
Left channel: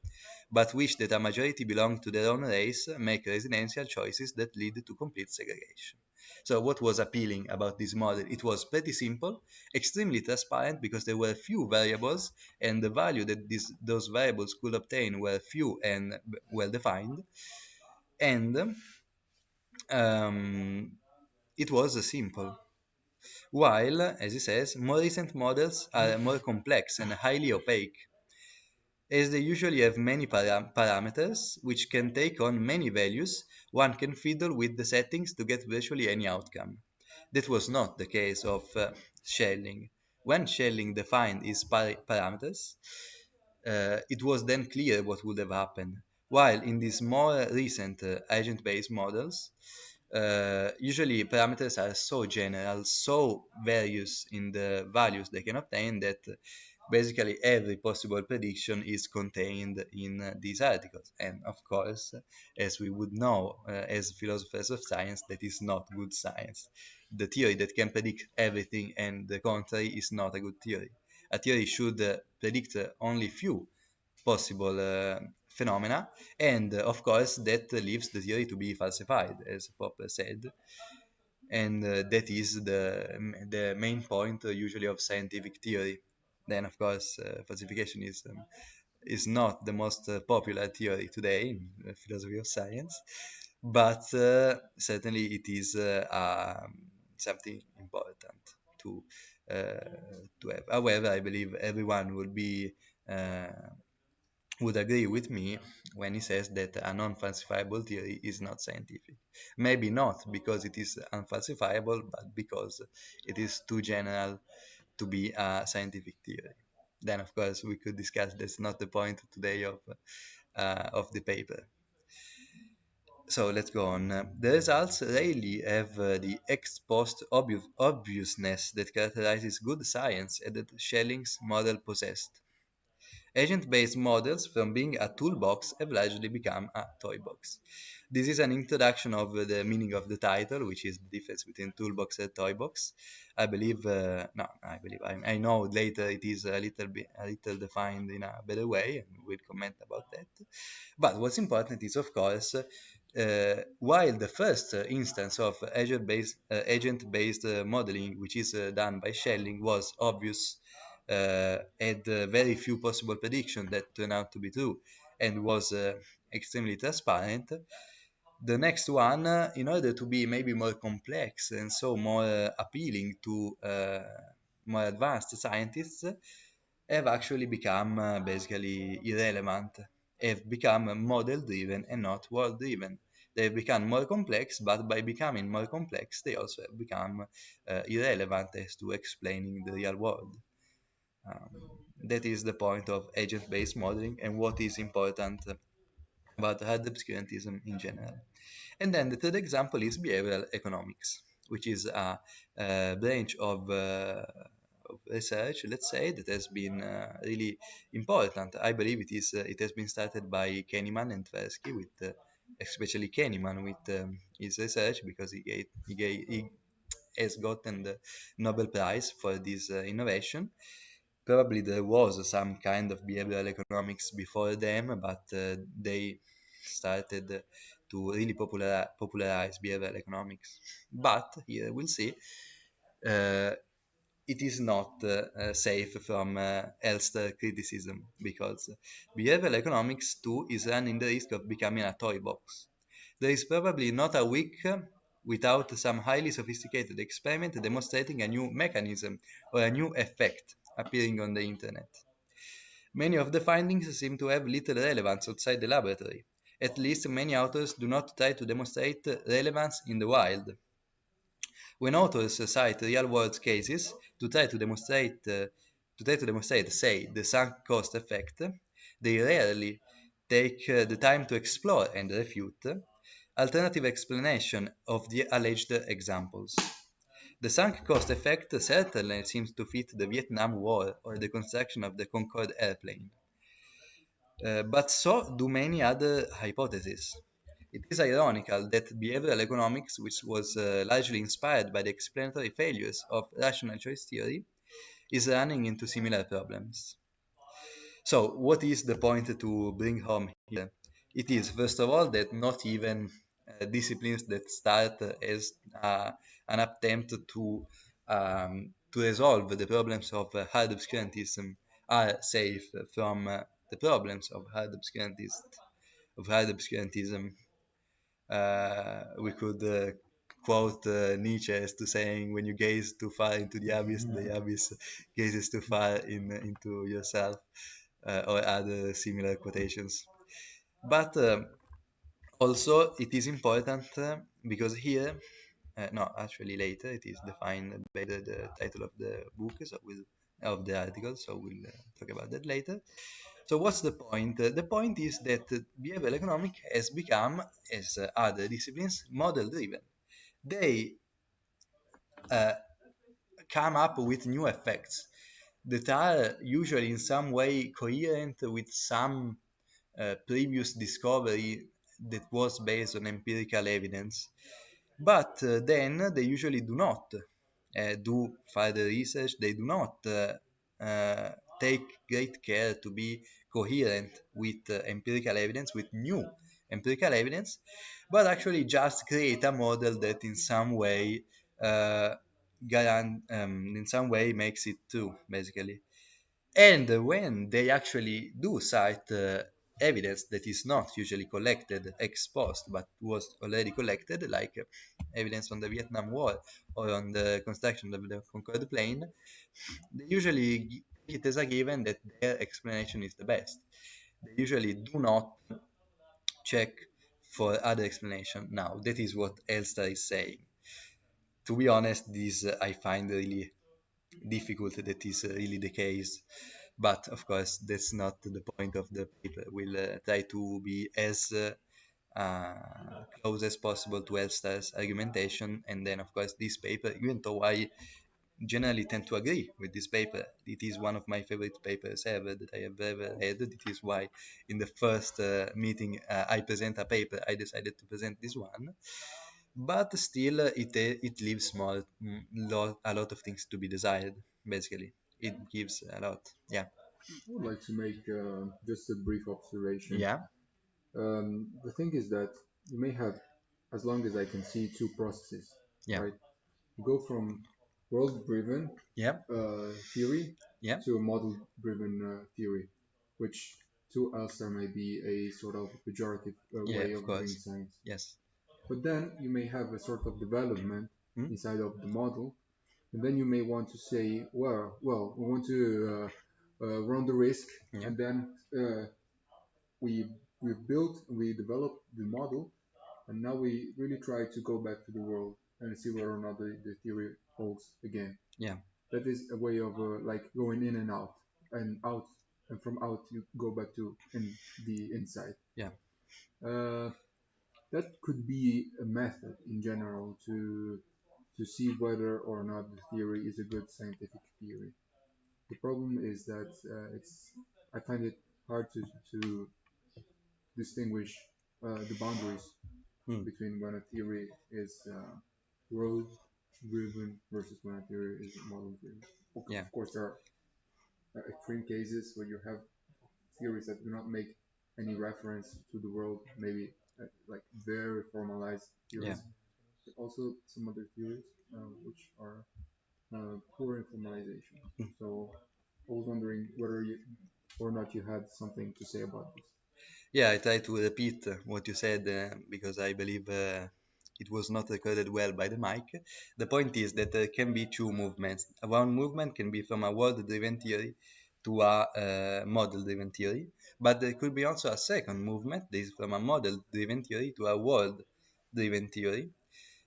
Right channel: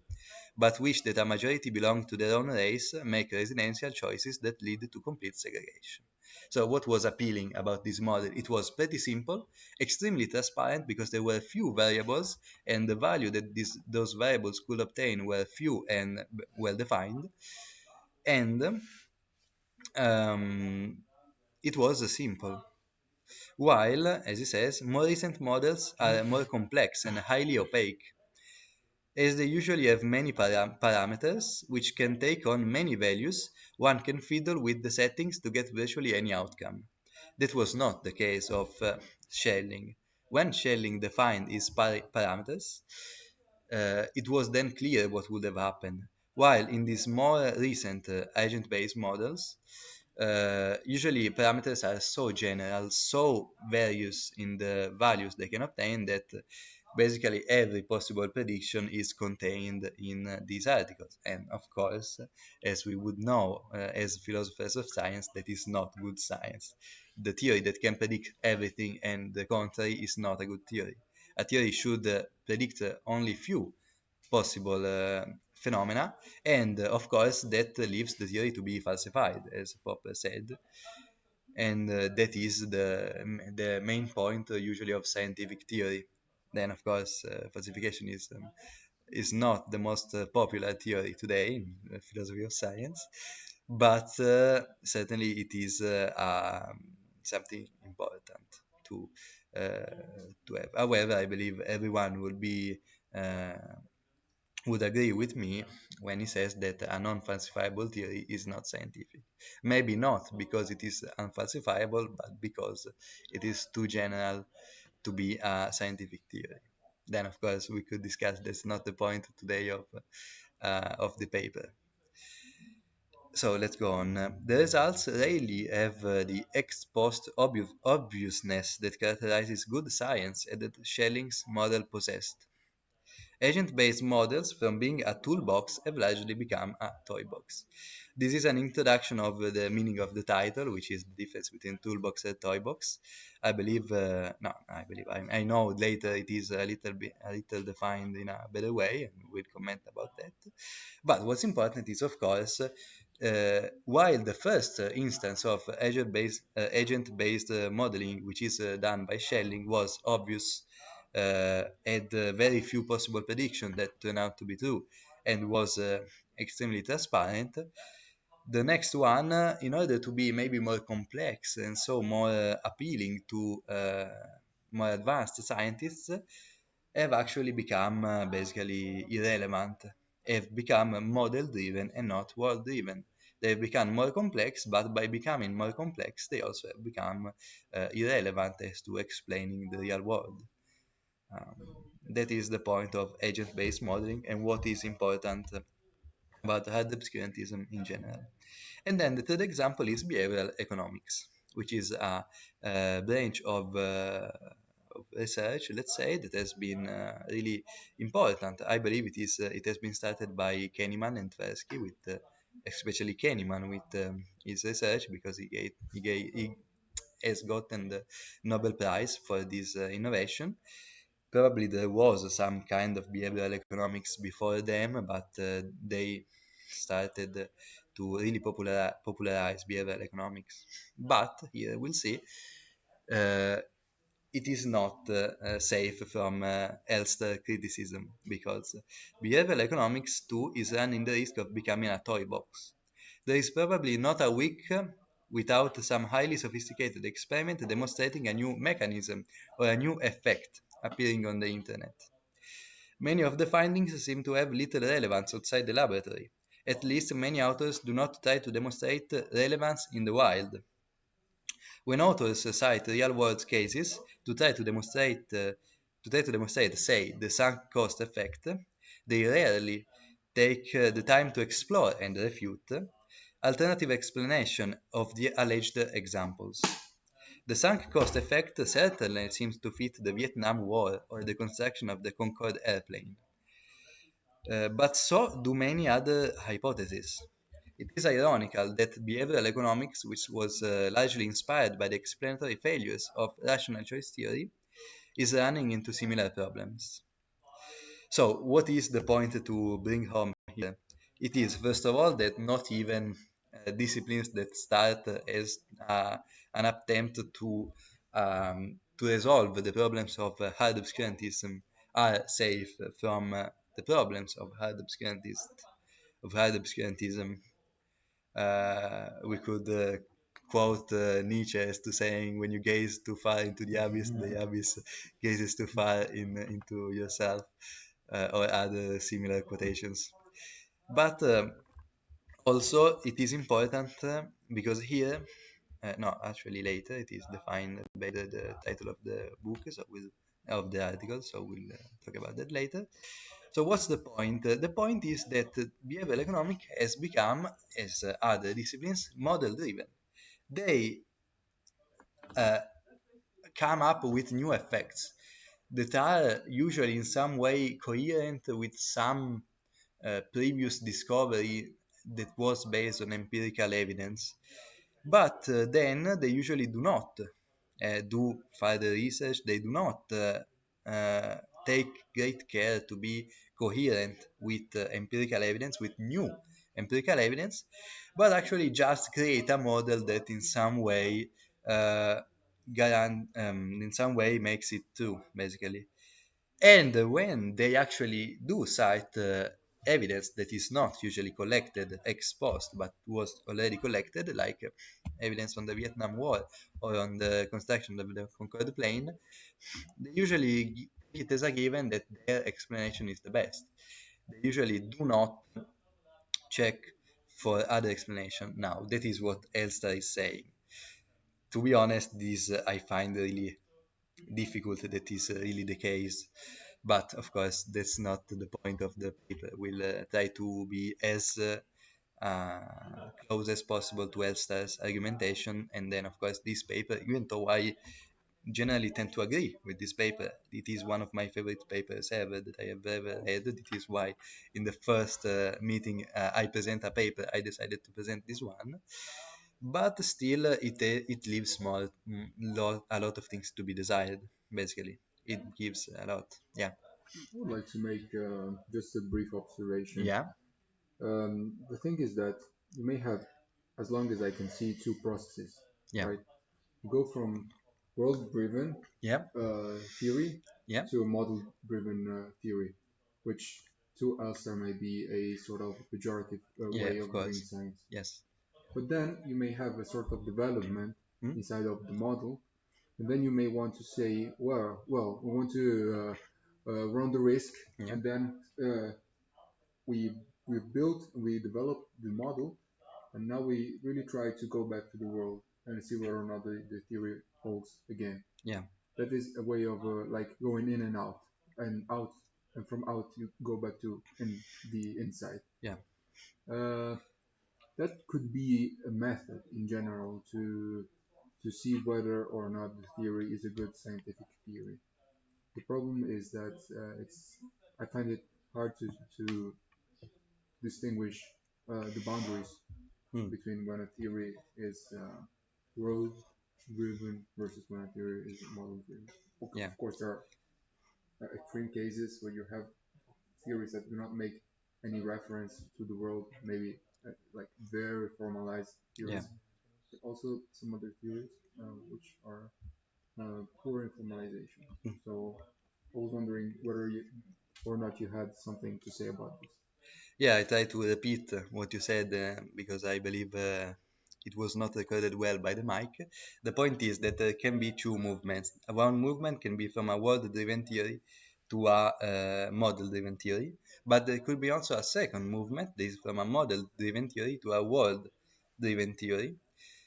but wish that a majority belong to their own race, make residential choices that lead to complete segregation. So what was appealing about this model? It was pretty simple, extremely transparent, because there were few variables, and the value that those variables could obtain were few and well defined. And um, it was simple. While, as it says, more recent models are more complex and highly opaque, as they usually have many parameters which can take on many values. One can fiddle with the settings to get virtually any outcome. That was not the case of Schelling. When Schelling defined these parameters, it was then clear what would have happened. While in these more recent agent-based models, usually parameters are so general, so various in the values they can obtain, that basically every possible prediction is contained in these articles. And of course, as we would know as philosophers of science, that is not good science. The theory that can predict everything and the contrary is not a good theory. A theory should predict only few possible phenomena, and of course that leaves the theory to be falsified, as Popper said, and that is the main point usually of scientific theory. Then of course falsification is not the most popular theory today in philosophy of science, but certainly it is something important to have. However, I believe everyone uh, would agree with me when he says that a non-falsifiable theory is not scientific. Maybe not because it is unfalsifiable, but because it is too general to be a scientific theory. Then, of course, we could discuss that's not the point today of the paper. So let's go on. The results rarely have the ex post obviousness that characterizes good science and that Schelling's model possessed. Agent-based models, from being a toolbox, have largely become a toy box. This is an introduction of the meaning of the title, which is the difference between toolbox and toy box. I believe, no, I believe, I know later it is a little defined in a better way, and we'll comment about that. But what's important is, of course, While the first instance of agent-based modeling, which is done by Schelling, was obvious, had very few possible predictions that turned out to be true, and was extremely transparent. The next one, in order to be maybe more complex and so more appealing to more advanced scientists, have actually become basically irrelevant, have become model driven and not world driven. They become more complex, but by becoming more complex, they also have become irrelevant as to explaining the real world. Um, that is the point of agent based modeling and what is important about hard obscurantism in general. And then the third example is behavioral economics, which is a branch of research, let's say, that has been really important. I believe it has been started by Kahneman and Tversky, with especially Kahneman with his research, because he has gotten the Nobel Prize for this innovation. Probably there was some kind of behavioral economics before them, but they started to really popularize behavioral economics. But here we see uh, it is not safe from Elster criticism, because behavioral economics too is running the risk of becoming a toy box. There is probably not a week without some highly sophisticated experiment demonstrating a new mechanism or a new effect appearing on the internet. Many of the findings seem to have little relevance outside the laboratory. At least many authors do not try to demonstrate relevance in the wild. When authors cite real-world cases to try to demonstrate, say, the sunk cost effect, they rarely take the time to explore and refute alternative explanation of the alleged examples. The sunk cost effect certainly seems to fit the Vietnam War or the construction of the Concorde airplane. But so do many other hypotheses. It is ironical that behavioral economics, which was largely inspired by the explanatory failures of rational choice theory, is running into similar problems. So, what is the point to bring home here? It is, first of all, that not even disciplines that start as an attempt to resolve the problems of hard obscurantism are safe from the problems of hard obscurantism. We could quote Nietzsche as to saying, "When you gaze too far into the abyss gazes too far into yourself," or other similar quotations. But also, it is important because here, no, actually later, it is defined by the title of the book, so of the article, so we'll talk about that later. So what's the point? The point is that behavioral economics has become, as other disciplines, model-driven. They uh, come up with new effects that are usually in some way coherent with some previous discovery that was based on empirical evidence. But then they usually do not do further research, they do not take great care to be coherent with empirical evidence, with new empirical evidence, but actually just create a model that in some way uh, in some way makes it true, basically. And when they actually do cite evidence that is not usually collected ex post but was already collected, like evidence on the Vietnam War or on the construction of the Concorde plane, they usually take it as a given that their explanation is the best. They usually do not check for other explanation. Now, that is what Elsa is saying. To be honest, this I find really difficult that is really the case. But of course, that's not the point of the paper. We'll try to be as close as possible to Elsa's argumentation, and then of course this paper, even though I generally tend to agree with this paper, it is one of my favorite papers ever that I have ever read. It is why in the first meeting I present a paper, I decided to present this one. But still, it leaves a lot of things to be desired. Basically, it gives a lot. Yeah. I would like to make just a brief observation. Yeah. The thing is that you may have, as long as I can see, two processes, Yeah. right? You go from world-driven Yep. theory Yep. to a model-driven theory, which to Elster may be a sort of pejorative Yeah, way of of doing course. science. Yes. But then you may have a sort of development Hmm? inside of the model, and then you may want to say, well, we want to run the risk, Yeah. and then we we built, we developed the model, and now we really try to go back to the world and see whether or not the theory holds again. Yeah. That is a way of like going in and out, and from out you go back to in the inside. Yeah. Uh, that could be a method in general to see whether or not the theory is a good scientific theory. The problem is that I find it hard to distinguish the boundaries Hmm. between when a theory is world driven versus when a theory is model driven. Yeah. Of course, there are extreme cases when you have theories that do not make any reference to the world, maybe like very formalized Yeah. theories, but also some other theories which are poor in formalization. Hmm. So I was wondering whether you, or not you had something to say about this. Yeah, I try to repeat what you said because I believe it was not recorded well by the mic. The point is that there can be two movements. One movement can be from a world-driven theory to a model-driven theory, but there could be also a second movement that is from a model-driven theory to a world-driven theory.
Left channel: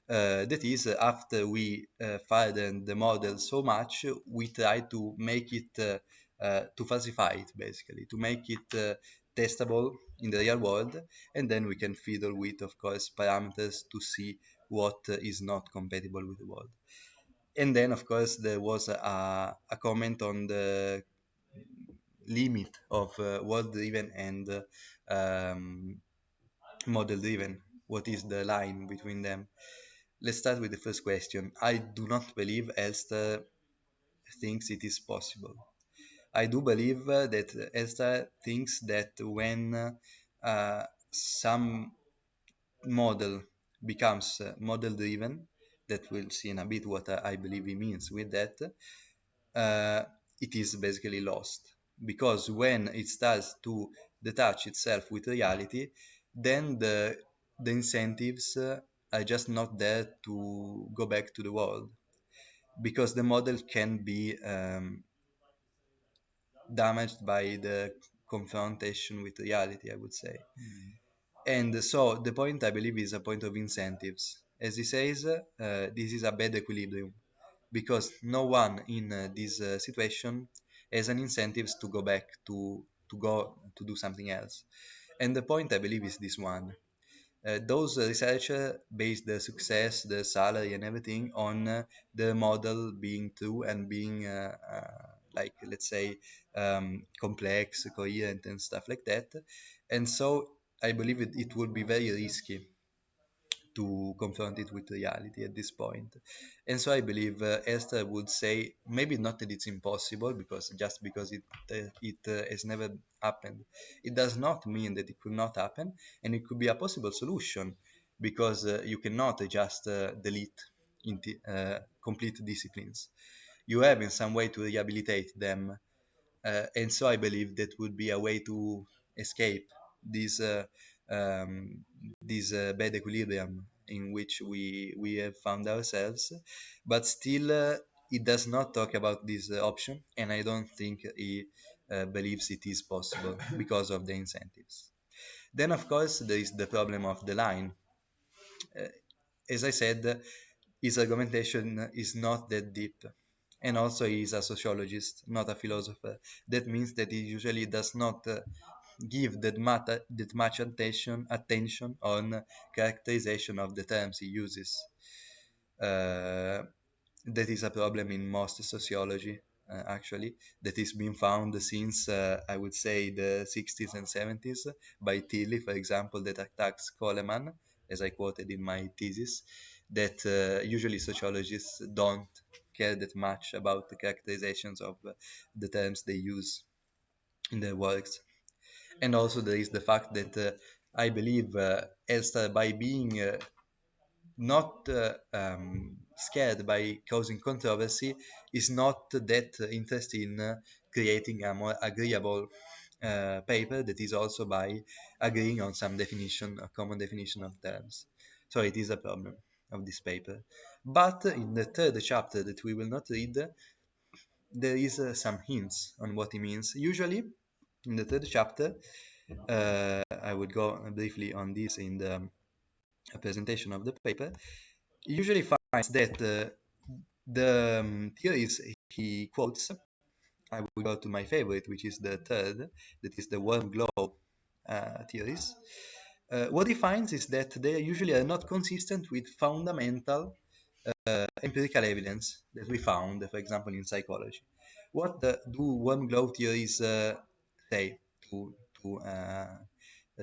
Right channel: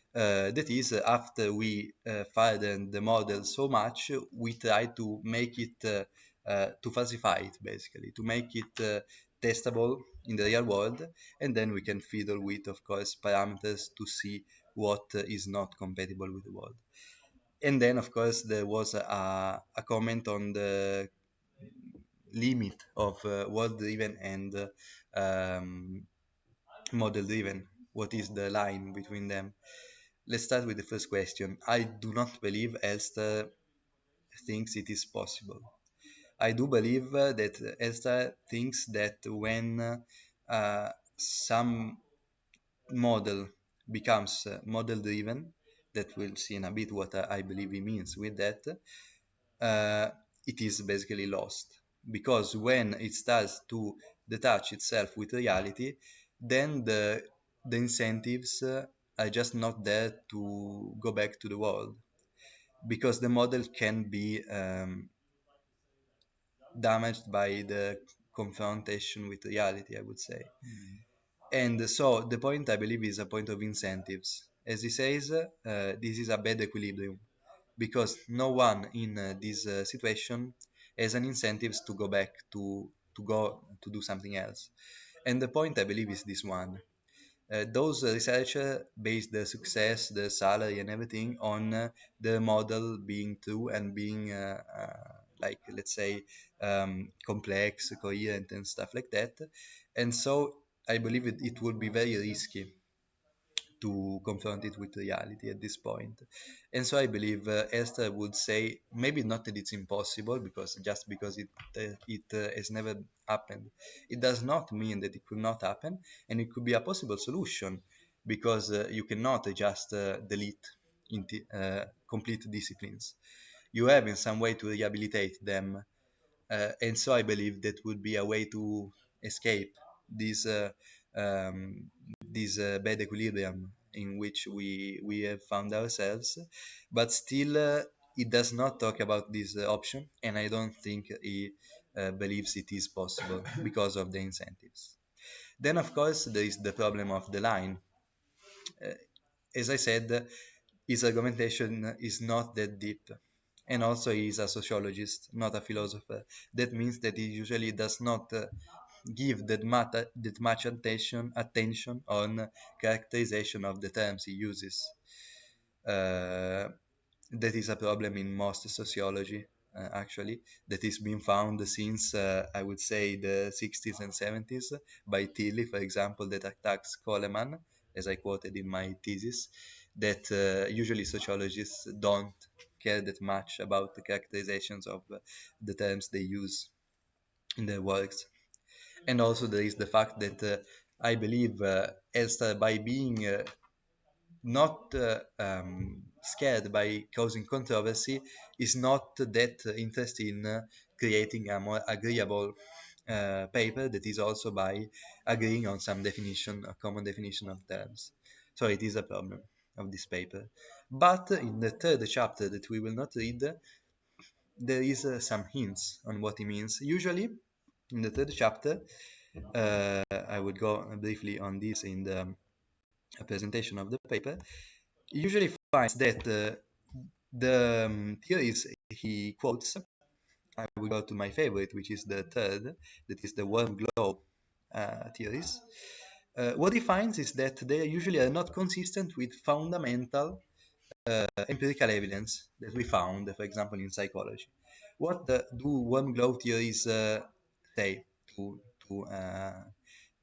That is, after we harden the model so much, we try to make it, to falsify it basically, to make it testable in the real world, and then we can fiddle with, of course, parameters to see what is not compatible with the world. And then, of course, there was a comment on the limit of world-driven and um, model-driven. What is the line between them? Let's start with the first question. I do not believe Esther thinks it is possible. I do believe that Esther thinks that when some model becomes model driven, that we'll see in a bit what I believe he means with that, uh, it is basically lost. Because when it starts to detach itself with reality, then the incentives are just not there to go back to the world. Because the model can be damaged by the confrontation with reality, I would say. And so the point I believe is a point of incentives. As he says, this is a bad equilibrium because no one in this situation has an incentives to go back to go to do something else. And the point I believe is this one. Those researchers base the success, the salary, and everything on the model being true and being, like, let's say, complex, coherent, and stuff like that. And so I believe it will be very risky to confront it with reality at this point. And so I believe Esther would say maybe not that it's impossible because just because it has never happened, it does not mean that it could not happen, and it could be a possible solution because you cannot just delete complete disciplines. You have in some way to rehabilitate them, and so I believe that would be a way to escape this um, bad equilibrium in which we have found ourselves. But still, it does not talk about this option, and I don't think he believes it is possible because of the incentives. Then, of course, there is the problem of the line. Uh, as I said, his argumentation is not that deep. And also, he's a sociologist, not a philosopher. That means that he usually does not give that much attention on characterization of the terms he uses. Uh, that is a problem in most sociology, actually, that is being found since, I would say, the 60s and 70s by Tilly, for example, that attacks Coleman, as I quoted in my thesis, that usually sociologists don't care that much about the characterizations of the terms they use in their works. And also there is the fact that I believe, as by being not scared by causing controversy, is not that interested in creating a more agreeable paper that is also by agreeing on some definition, a common definition of terms. So it is the problem of this paper. But in the third chapter that we will not read, there is some hints on what it means. Usually, in the third chapter, I will go briefly on this in the presentation of the paper. Usually finds that the theories he quotes, I will go to my favorite, which is the third, that is the world globe theories. What he finds is that they usually are not consistent with fundamental empirical evidence that we found, for example, in psychology. What do world globe theories say to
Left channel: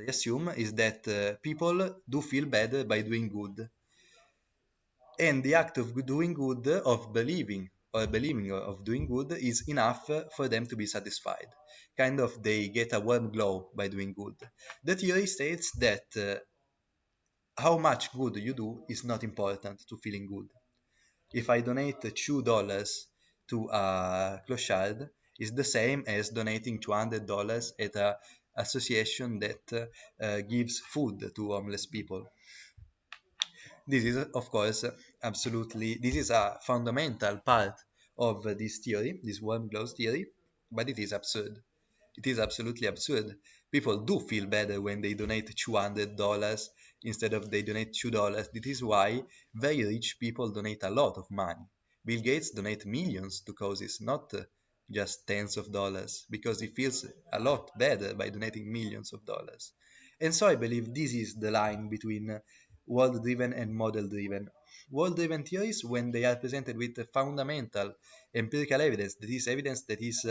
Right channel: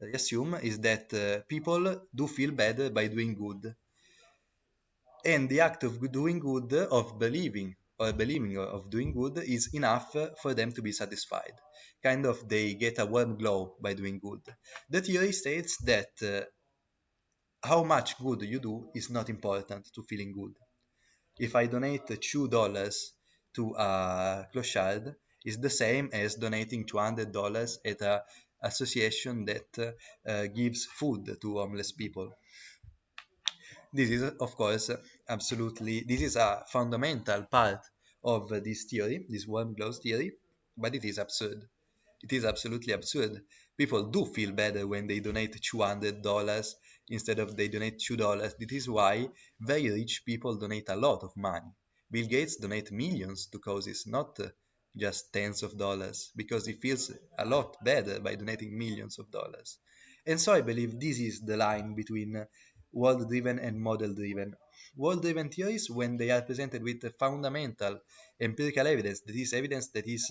assume is that people do feel better by doing good, and the act of doing good, of believing of doing good, is enough for them to be satisfied. Kind of they get a warm glow by doing good. The theory states that how much good you do is not important to feeling good. If I donate $2 to a clochard, it's the same as donating $200 at an association that gives food to homeless people. This is, of course, absolutely, this is a fundamental part of this theory, this one blows theory, but it is absurd. It is absolutely absurd. People do feel better when they donate $200 instead of they donate $2. This is why very rich people donate a lot of money. Bill Gates donates millions to causes, not just tens of dollars, because he feels a lot better by donating millions of dollars. And so I believe this is the line between world-driven and model-driven. World-driven theories, when they are presented with fundamental empirical evidence, that is evidence that is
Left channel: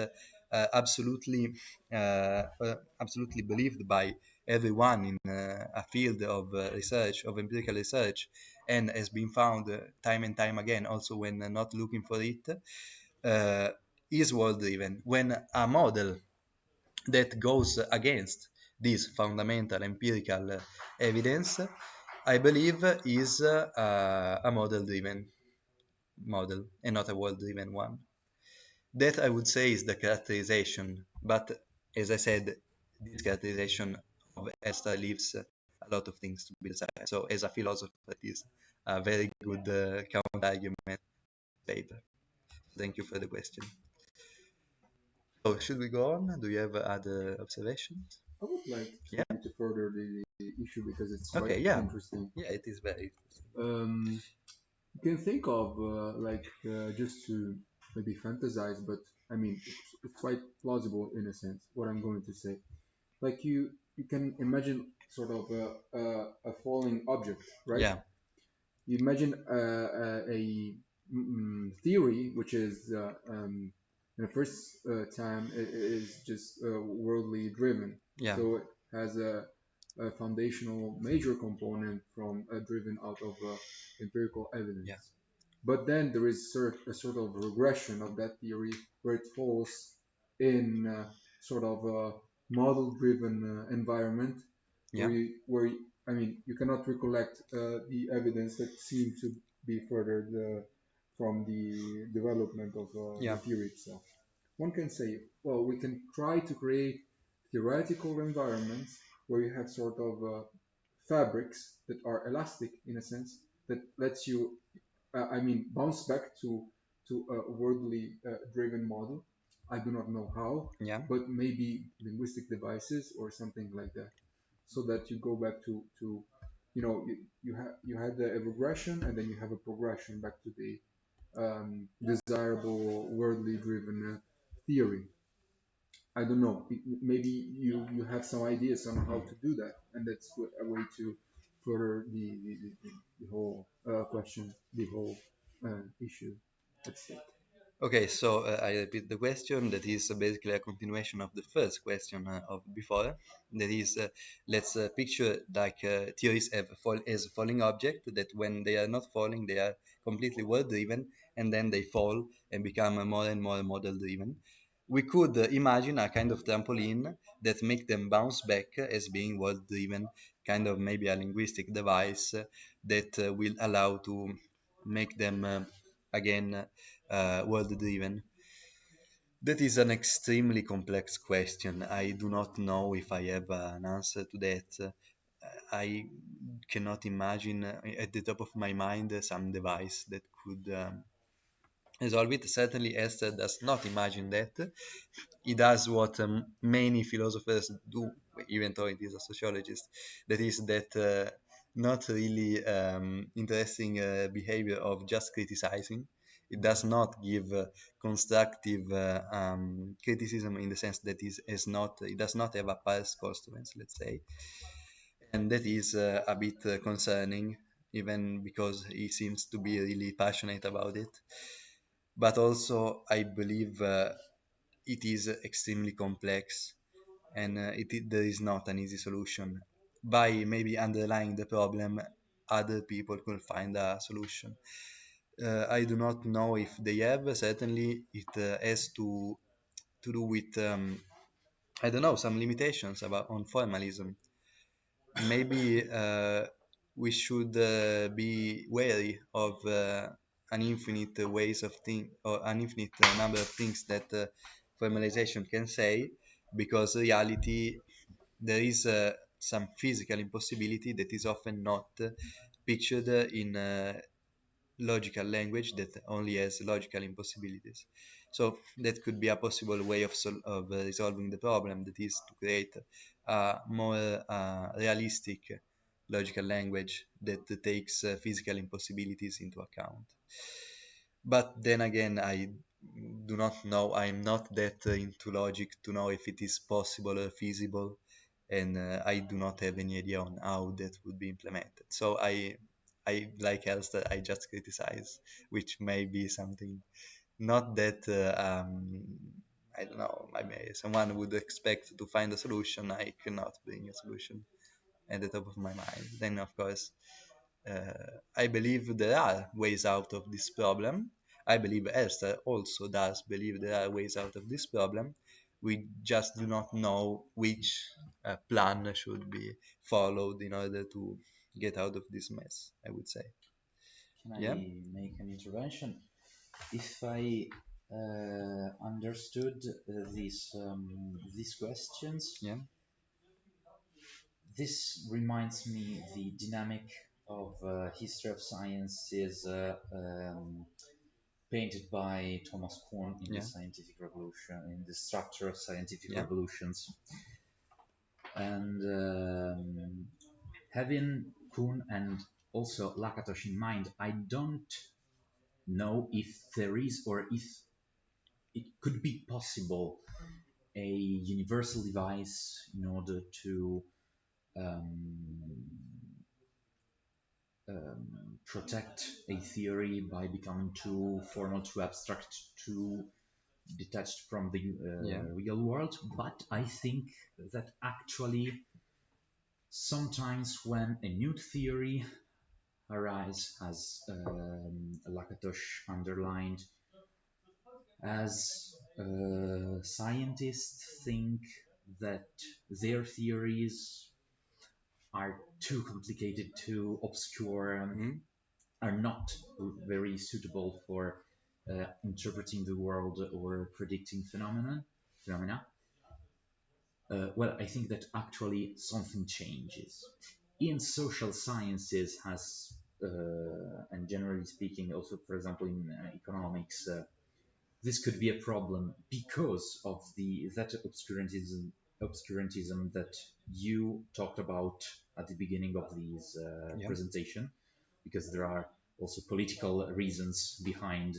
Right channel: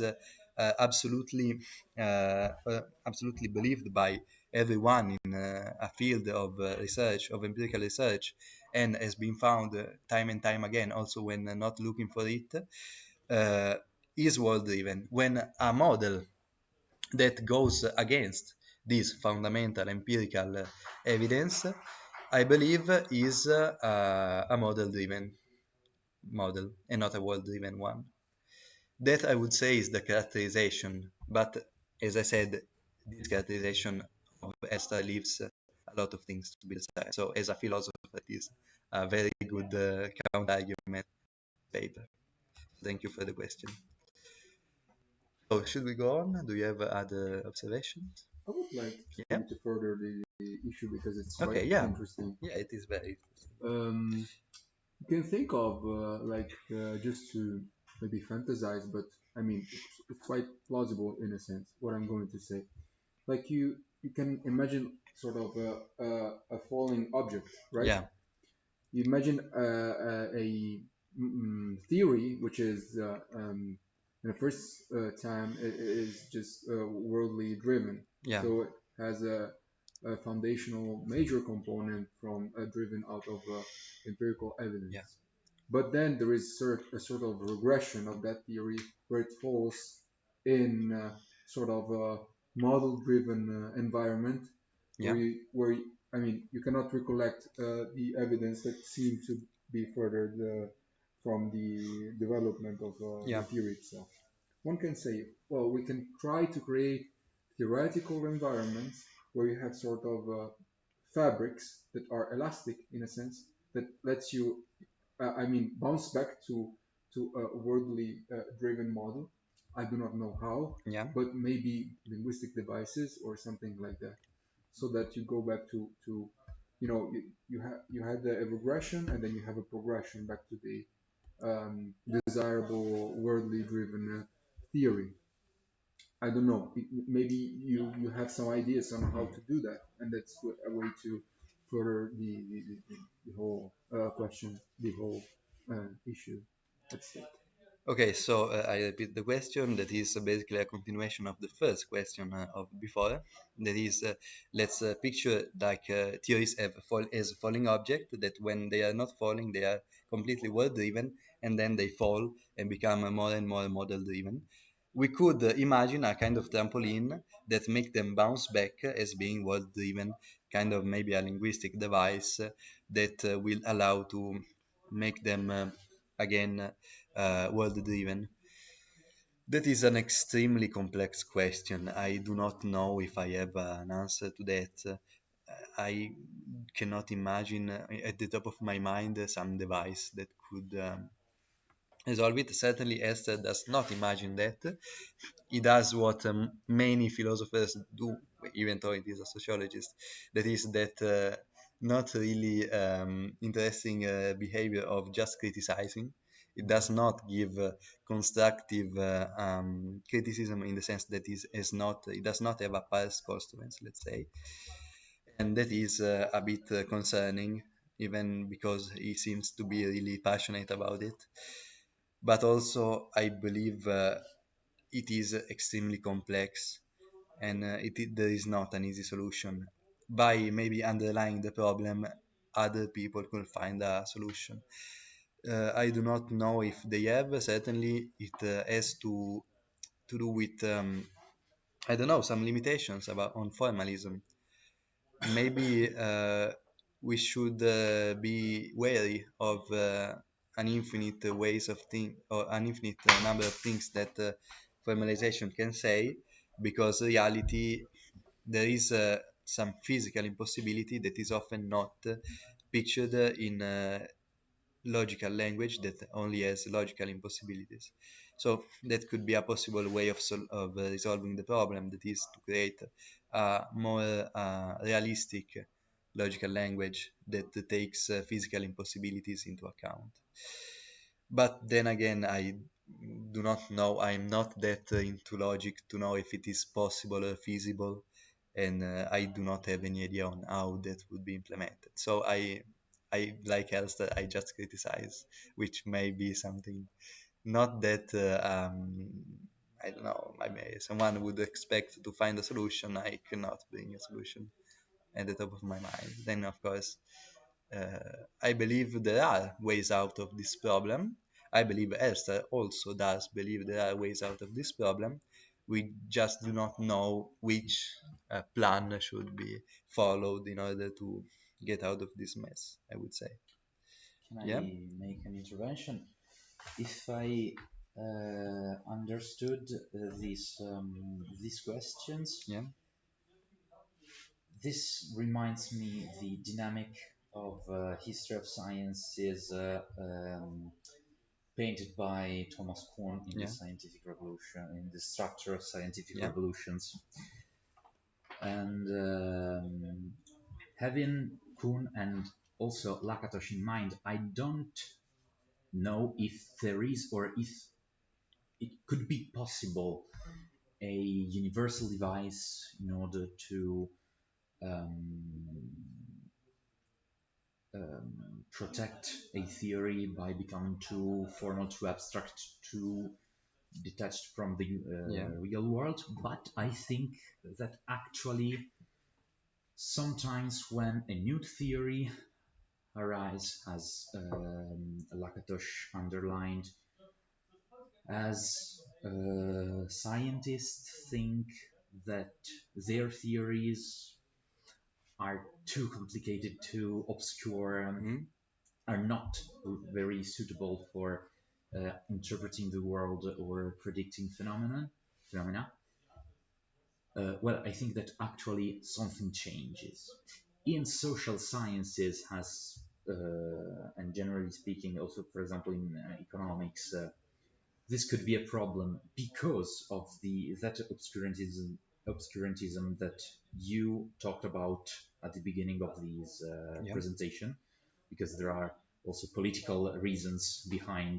absolutely absolutely believed by everyone in a field of research, of empirical research, and has been found time and time again, also when not looking for it, uh, is world-driven. When a model that goes against this fundamental empirical evidence, I believe, is a model-driven model and not a world-driven one. That I would say is the characterization, but as I said, this characterization of Elster leaves a lot of things to be decided. So as a philosopher, that is a very good counter-argument paper. Thank you for the question. So should we go on? Do you have other observations? I would like Yeah. to further the issue because it's Okay. quite Yeah. interesting. Yeah, it is very. Um, you can think of just to maybe fantasize, but I mean it's quite plausible in a sense. What I'm going to say, like you can imagine sort of a falling object, right? Yeah. You imagine a theory which is in the first time it is just worldly driven, Yeah. so it has a foundational major component from driven out of empirical evidence. Yeah. But then there is a sort of regression of that theory where it falls in sort of a model-driven environment Yeah. where I mean you cannot recollect the evidence that seemed to be furthered from the development of Yeah. the theory itself. One can say, well, we can try to create theoretical environments where you have sort of fabrics that are elastic in a sense that lets you I mean, bounce back to a worldly driven model. I do not know how, Yeah. but maybe linguistic devices or something like that, so that you go back to you had the regression and then you have a progression back to the desirable worldly driven theory. I don't know. Maybe you have some ideas on how to do that, and that's a way to for the whole question, the whole issue at stake. Okay, so I repeat the question. That is basically a continuation of the first question of before. That is, let's picture like theories as falling object that when they are not falling, they are completely world driven, and then they fall and become more and more model driven. we could imagine a kind of trampoline that make them bounce back as being world driven, kind of maybe a linguistic device that will allow to make them again world driven. That is an extremely complex question. I do not know if I have an answer to that. I cannot imagine at the top of my mind some device that could resolve it. Certainly, Esther does not imagine that. He does what many philosophers do, even though he is a sociologist. That is that not really interesting behavior of just criticizing. It does not give constructive criticism in the sense that it does not have a past consequence, let's say, and that is a bit concerning, even because he seems to be really passionate about it. But also, I believe it is extremely complex, and there is not an easy solution. By maybe underlying the problem, other people could find a solution. I do not know if they have. Certainly, it has to do with I don't know, some limitations about on formalism. Maybe we should be wary of an infinite ways of think or an infinite number of things that formalization can say, because reality there is some physical impossibility that is often not pictured in logical language that only has logical impossibilities. So that could be a possible way of resolving the problem, that is to create a more realistic logical language that takes physical impossibilities into account. But then again, I do not know, I'm not that into logic to know if it is possible or feasible, and I do not have any idea on how that would be implemented. So I like Elster, I just criticize, which may be something not that, I don't know, I mean, someone would expect to find a solution, I cannot bring a solution at the top of my mind. Then, of course, I believe there are ways out of this problem. I believe Elsa also does believe there are ways out of this problem. We just do not know which plan should be followed in order to get out of this mess, I would say. Can Yeah? I make an intervention? If I understood these questions, Yeah? this reminds me the dynamic of history of science is painted by Thomas Kuhn in Yeah? the Scientific Revolution, in the Structure of Scientific Yeah? Revolutions, and having Kuhn and also Lakatos in mind, I don't know if there is or if it could be possible a universal device in order to um, um, protect a theory by becoming too formal, too abstract, too detached from the Yeah? real world. But I think that actually sometimes when a new theory arises, as Lakatos underlined, as scientists think that their theories are too complicated, too obscure, Mhm. are not very suitable for interpreting the world or predicting phenomena. Well, I think that actually something changes. In social sciences, has and generally speaking, also for example in economics, this could be a problem because of the that obscurantism that you talked about at the beginning of this Yeah? presentation, because there are also political reasons behind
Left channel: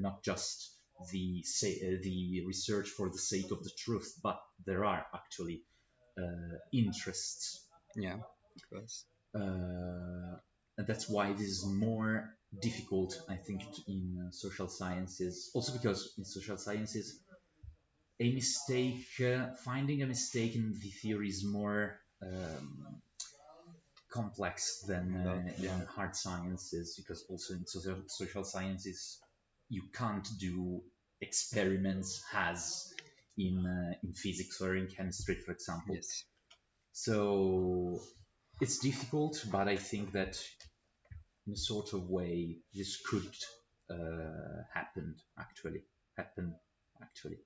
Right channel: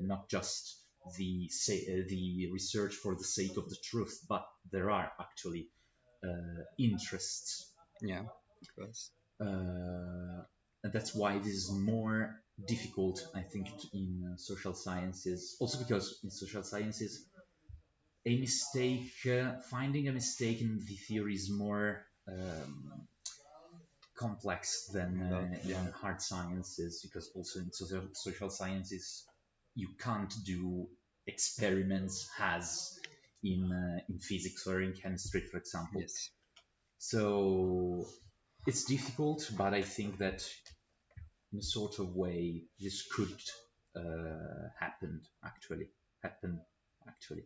not just the research for the sake of the truth, but there are actually interests, Yeah? Of course. and that's why it is more difficult, I think, in social sciences. Also because in social sciences, finding a mistake in the theory is more complex than Yeah? in hard sciences, because also in social sciences you can't do experiments has in physics or in chemistry, for example. Yes. So it's difficult, but I think that in a sort of way this could happen actually. Happen actually.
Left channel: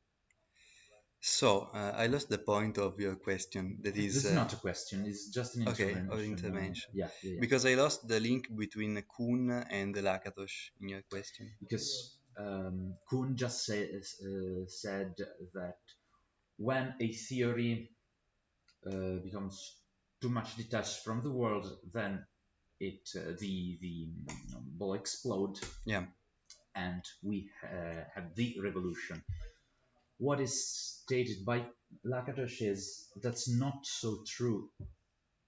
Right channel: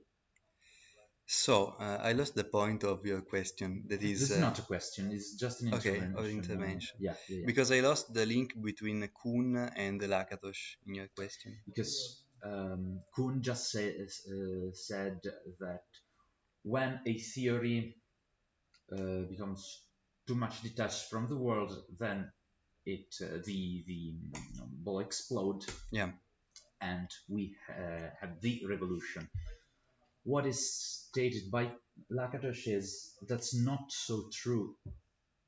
So, I lost the point of your question. That This is, is not a question. It's just an okay, or intervention. intervention. Yeah, yeah, yeah. Because I lost the link between Kuhn and Lakatos in your question. Because Kuhn just said that when a theory becomes too much detached from the world, then the will explode, Yeah. and we have the revolution. What is stated by Lakatos is that's not so true.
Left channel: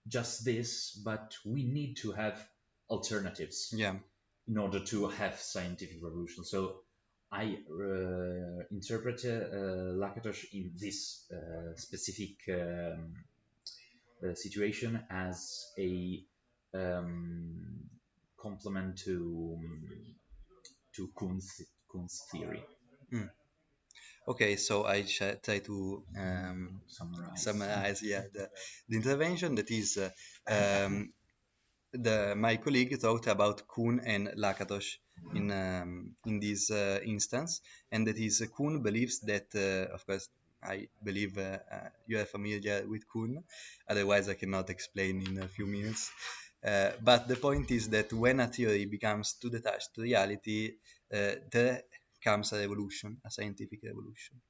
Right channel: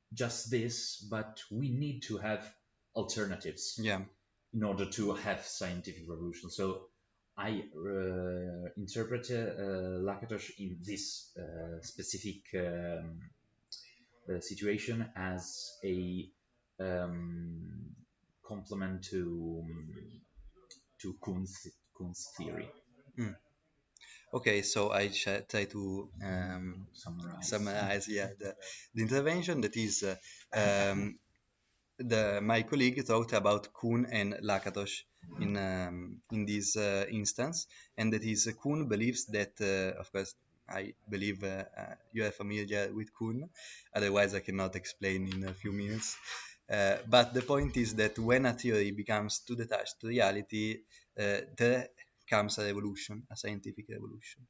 Just this, but we need to have alternatives Yeah. in order to have scientific revolution. So I interpret Lakatos in this specific situation as a um, complement to Kuhn's theory. Mm. Okay, so I shall try to summarize, yeah, the intervention that is my colleague talked about Kuhn and Lakatos in this instance, and that is Kuhn believes that, of course, I believe you are familiar with Kuhn, otherwise I cannot explain in a few minutes. But the point is that when a theory becomes too detached to reality, there comes a revolution, a scientific revolution.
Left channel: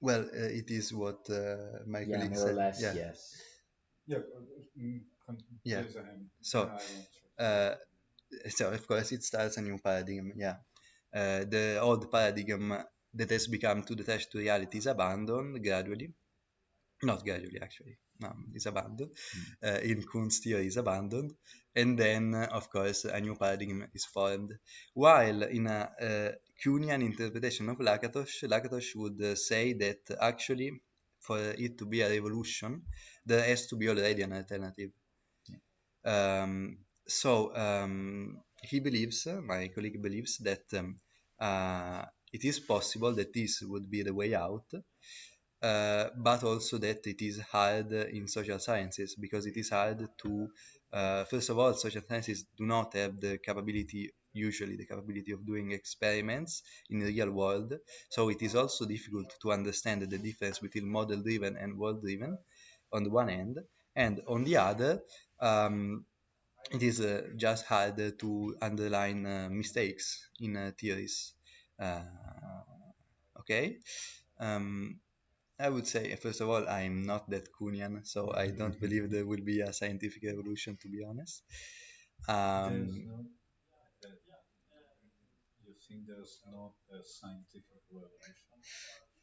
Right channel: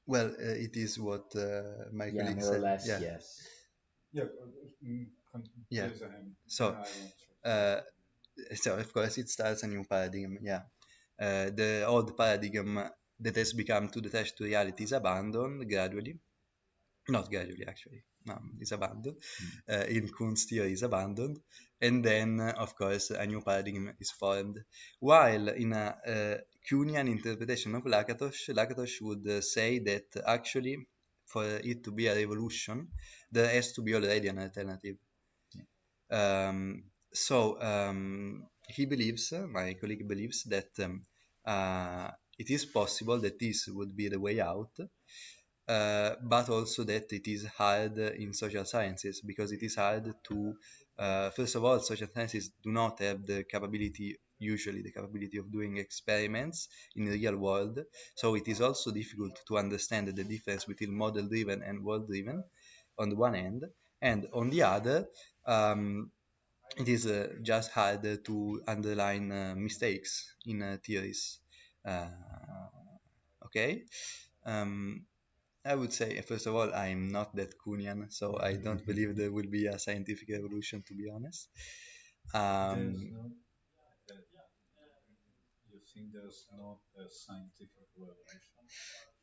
Well, it is what my Yeah, colleague more or said. less, Yeah, yes. yeah. So, uh, so of course it starts a new paradigm. Yeah, the old paradigm that has become too detached to reality is abandoned gradually. Not gradually, actually. It's abandoned. In Kuhn's theory, is abandoned, and then, of course, a new paradigm is formed. While in a Kuhnian interpretation of Lakatos would say that actually, for it to be a revolution, there has to be already an alternative. He believes, my colleague believes, that it is possible that this would be the way out, but also that it is hard in social sciences because it is hard to, first of all, social sciences do not have the capability, usually the capability of doing experiments in the real world. So it is also difficult to understand the difference between model driven and world driven on the one hand, and on the other, um, it is just hard to underline mistakes in theories. Uh, okay. Um, I would say, first of all, I'm not that Kuhnian, so I don't believe there will be a scientific revolution, to be honest. Um,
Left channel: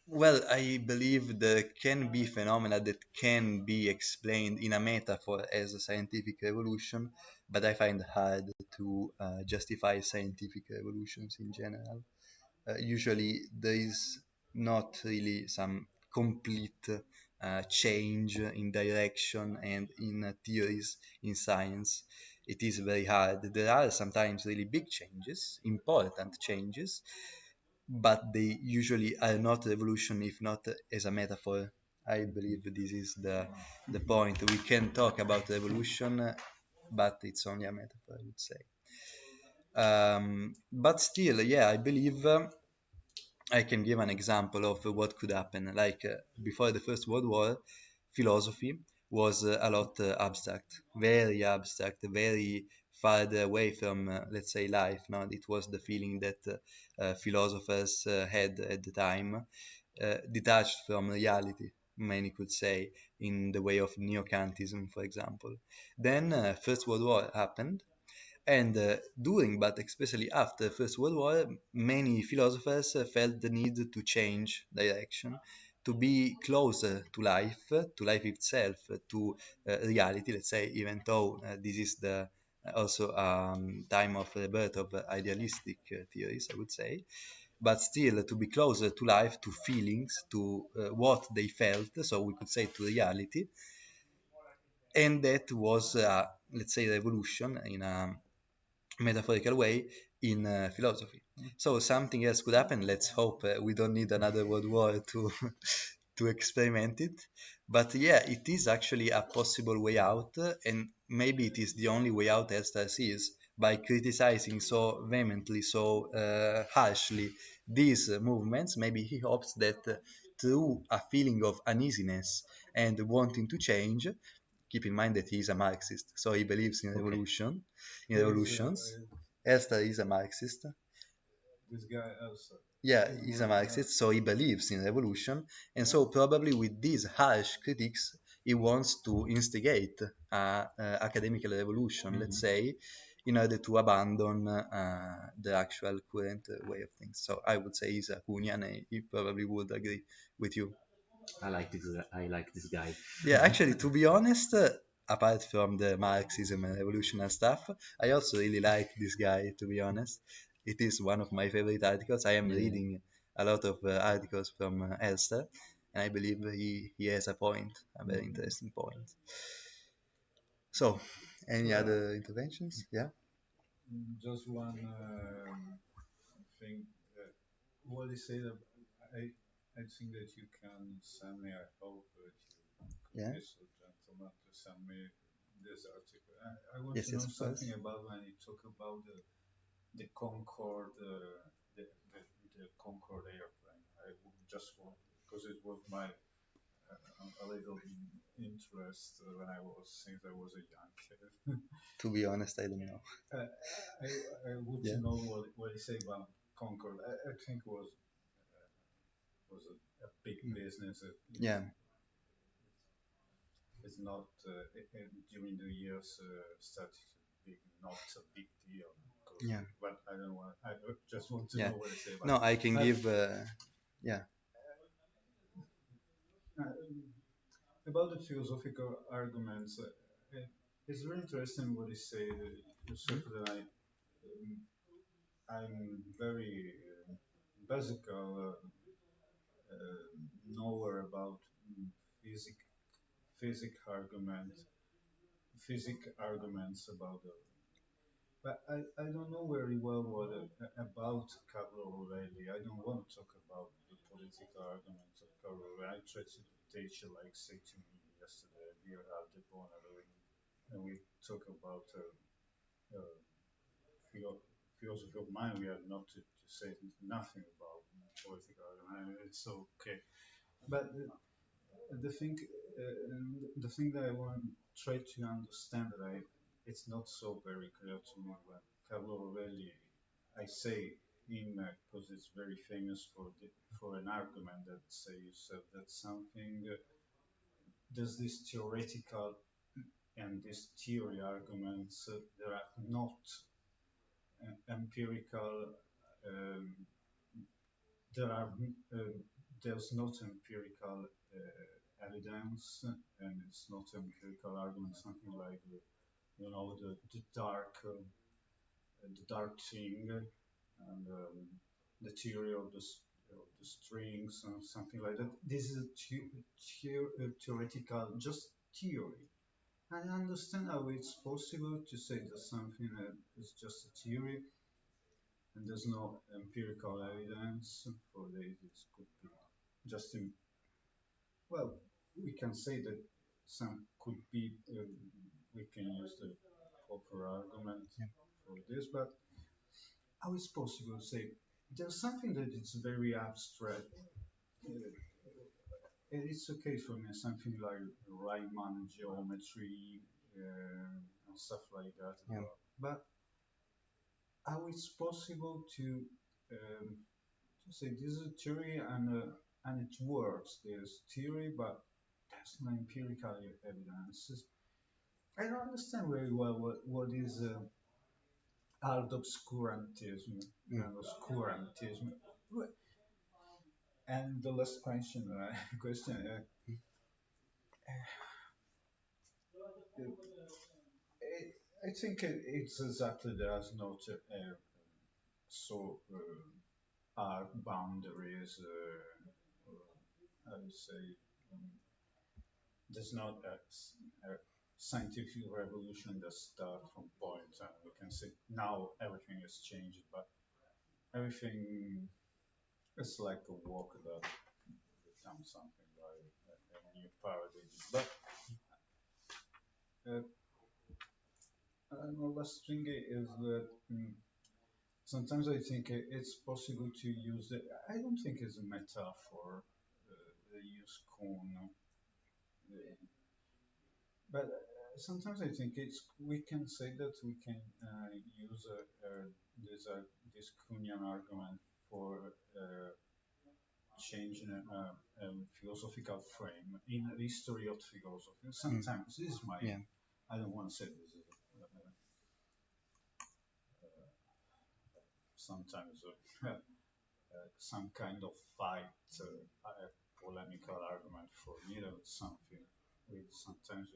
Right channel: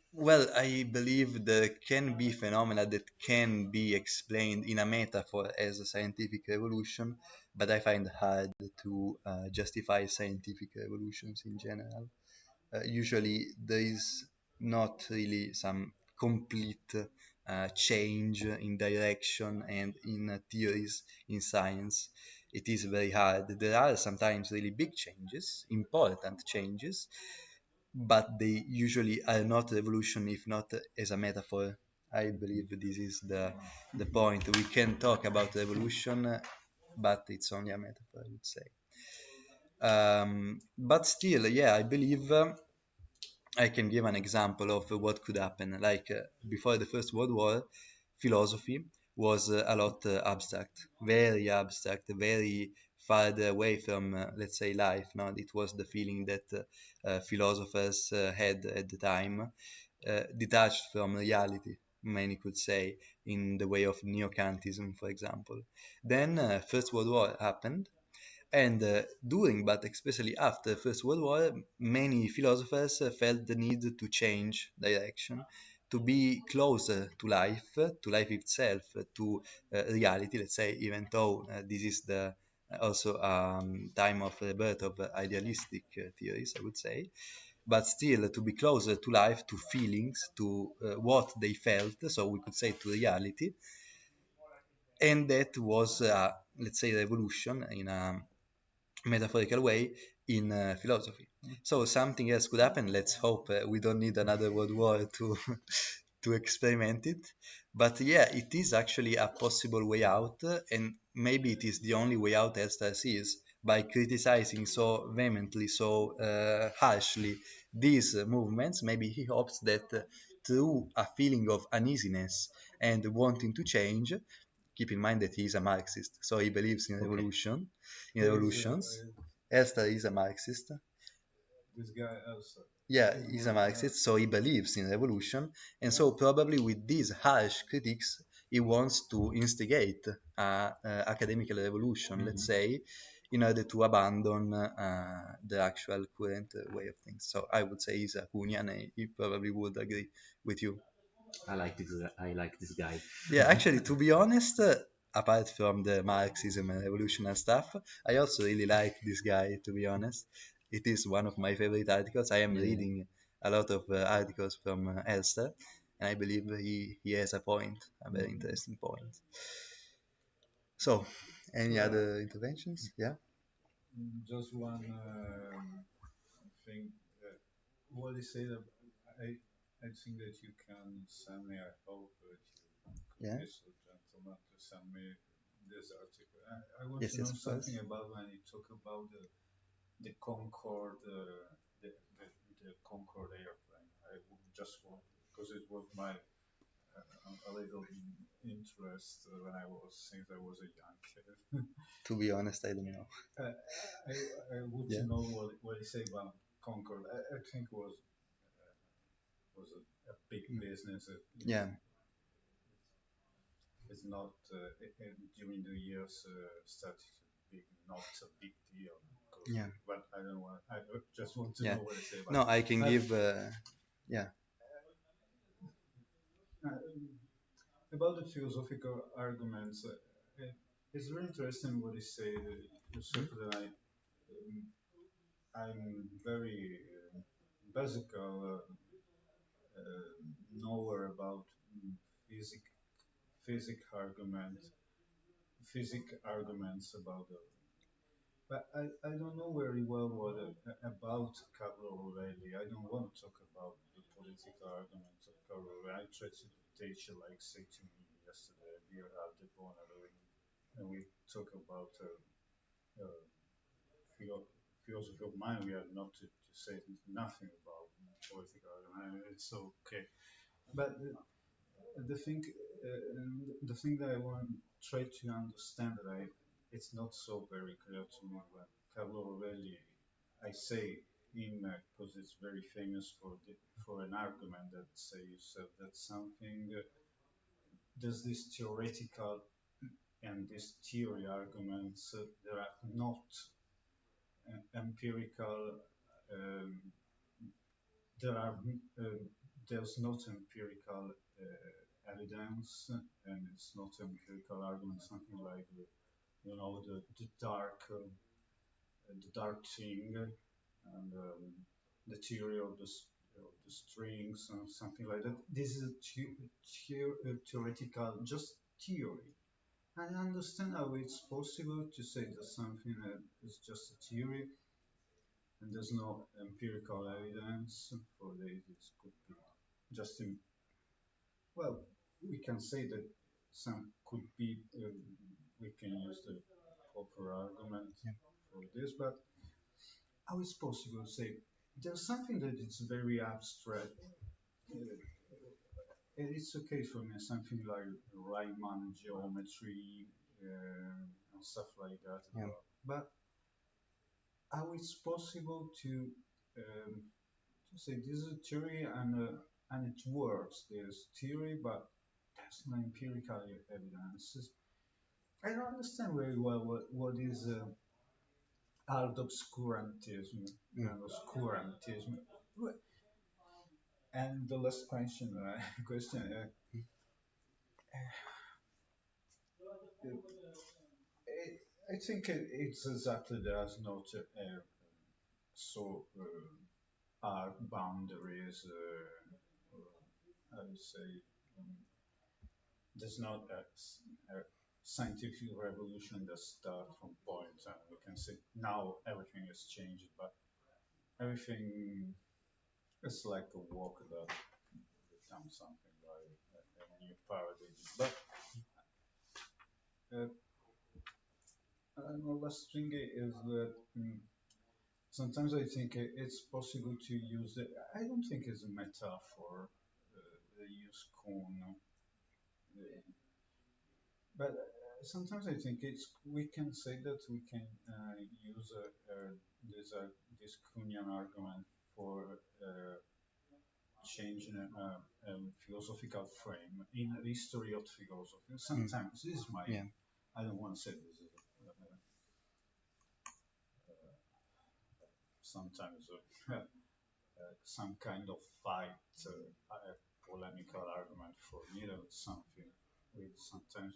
well, I believe there can be phenomena that can be explained in a metaphor as a scientific revolution, but I find it hard to justify scientific revolutions in general. Usually there is not really some complete change in direction and in theories in science. It is very hard. There are sometimes really big changes, important changes, but they usually are not revolution if not as a metaphor. I believe this is the point. We can talk about revolution, but it's only a metaphor, I would say. But still, yeah, I believe I can give an example of what could happen. Like before the First World War, philosophy was a lot abstract, very far away from, let's say, life. No? It was the feeling that philosophers had at the time, detached from reality, many could say, in the way of neo-Kantism, for example. Then First World War happened, and during, but especially after the First World War, many philosophers felt the need to change direction, to be closer to life itself, to reality, let's say, even though this is the also time of the birth of idealistic theories, I would say, but still to be closer to life, to feelings, to what they felt, so we could say to reality, and that was, let's say, the evolution in a metaphorical way in philosophy. So something else could happen. Let's hope we don't need another world war to to experiment it. But yeah, it is actually a possible way out, and maybe it is the only way out as sees by criticizing so vehemently, so harshly these movements. Maybe he hopes that through a feeling of uneasiness and wanting to change, keep in mind that he is a Marxist, so he believes in evolution, in evolutions. Elster is a Marxist. Yeah, he's a Marxist, so he believes in evolution, and so probably with these harsh critics, he wants to instigate academic revolution, let's say, in order to abandon the actual current way of things. So I would say he's a Punian, and he probably would agree with you. I like this guy. Yeah, actually, to be honest, apart from the Marxism and evolution stuff, I also really like this guy, to be honest. It is one of my favorite articles. I am reading a lot of articles from Elster, and I believe he has a point, a very interesting point. So, any other interventions? Yeah? Yeah? Yes, yes, of course. To be honest, I don't know. Yeah. Yeah. Yeah. Yeah. No, I can give. Yeah. Yeah. scientific revolution that start from point, and we can say now everything has changed, but everything is like a walk that becomes something like a new paradigm. But uh, last thing is that sometimes I think it's possible to use the. I don't think it's a metaphor. They use corn, but sometimes I think it's we can say that we can use this this Kunyan argument for changing philosophical frame in the history of philosophy. Sometimes this is my Yeah. I don't want to say this. Sometimes some kind of fight, polemical argument for neither something. Sometimes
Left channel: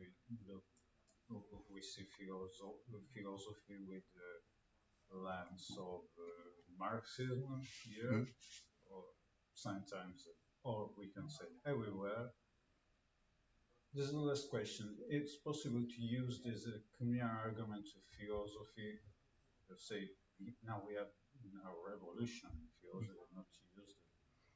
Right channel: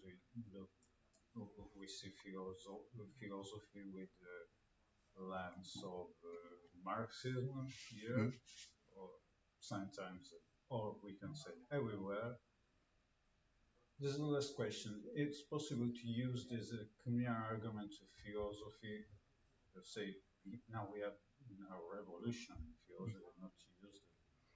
we see philosophy with the lens of Marxism here, Mm. or sometimes, or we can say everywhere. This is the last question. It's possible to use this communal argument of philosophy. Say now we have in our revolution philosophy not use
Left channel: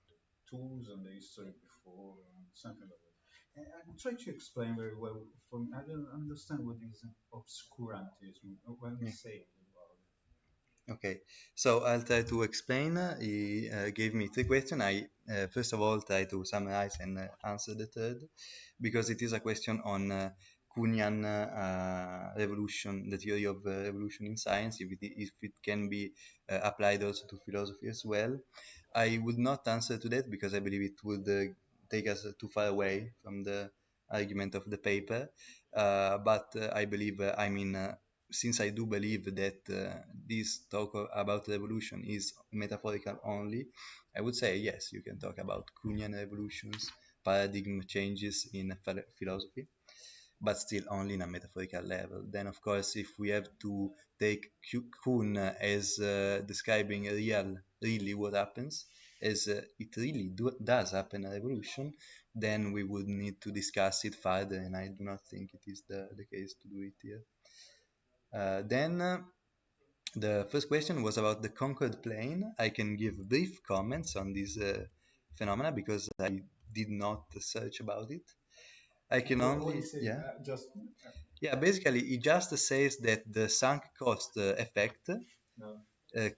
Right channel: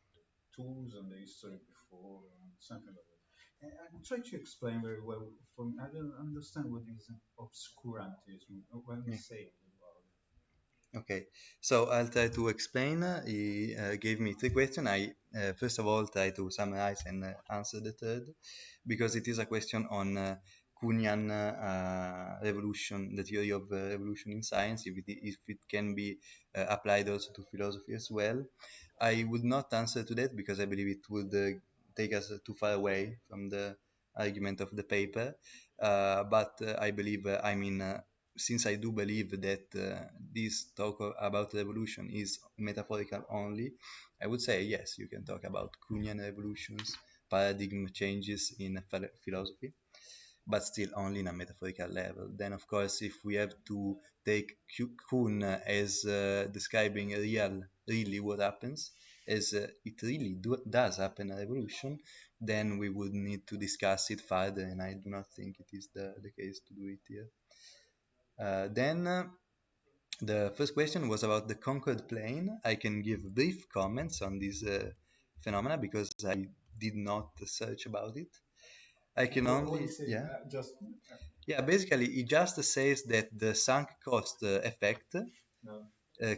the tools and the history before and something like that. And I'm trying to explain very well. For me, I don't understand what is obscurantism. What Yeah. say about Okay, so I'll try to explain. He gave me three questions. I first of all try to summarize and answer the third because it is a question on Kuhnian revolution, the theory of revolution in science, if it can be applied also to philosophy as well. I would not answer to that because I believe it would take us too far away from the argument of the paper. But I believe, since I do believe that this talk about revolution is metaphorical only, I would say yes, you can talk about Kuhnian revolutions, paradigm changes in philosophy, but still only in a metaphorical level. Then, of course, if we have to take Kuhn as describing really what happens, as it really does happen in a revolution, then we would need to discuss it further, and I do not think it is the case to do it here. Then the first question was about the conquered plane. I can give brief comments on this phenomena because I did not search about it. I can what only, is it? yeah, Just yeah. Basically, it just says that the sunk cost effect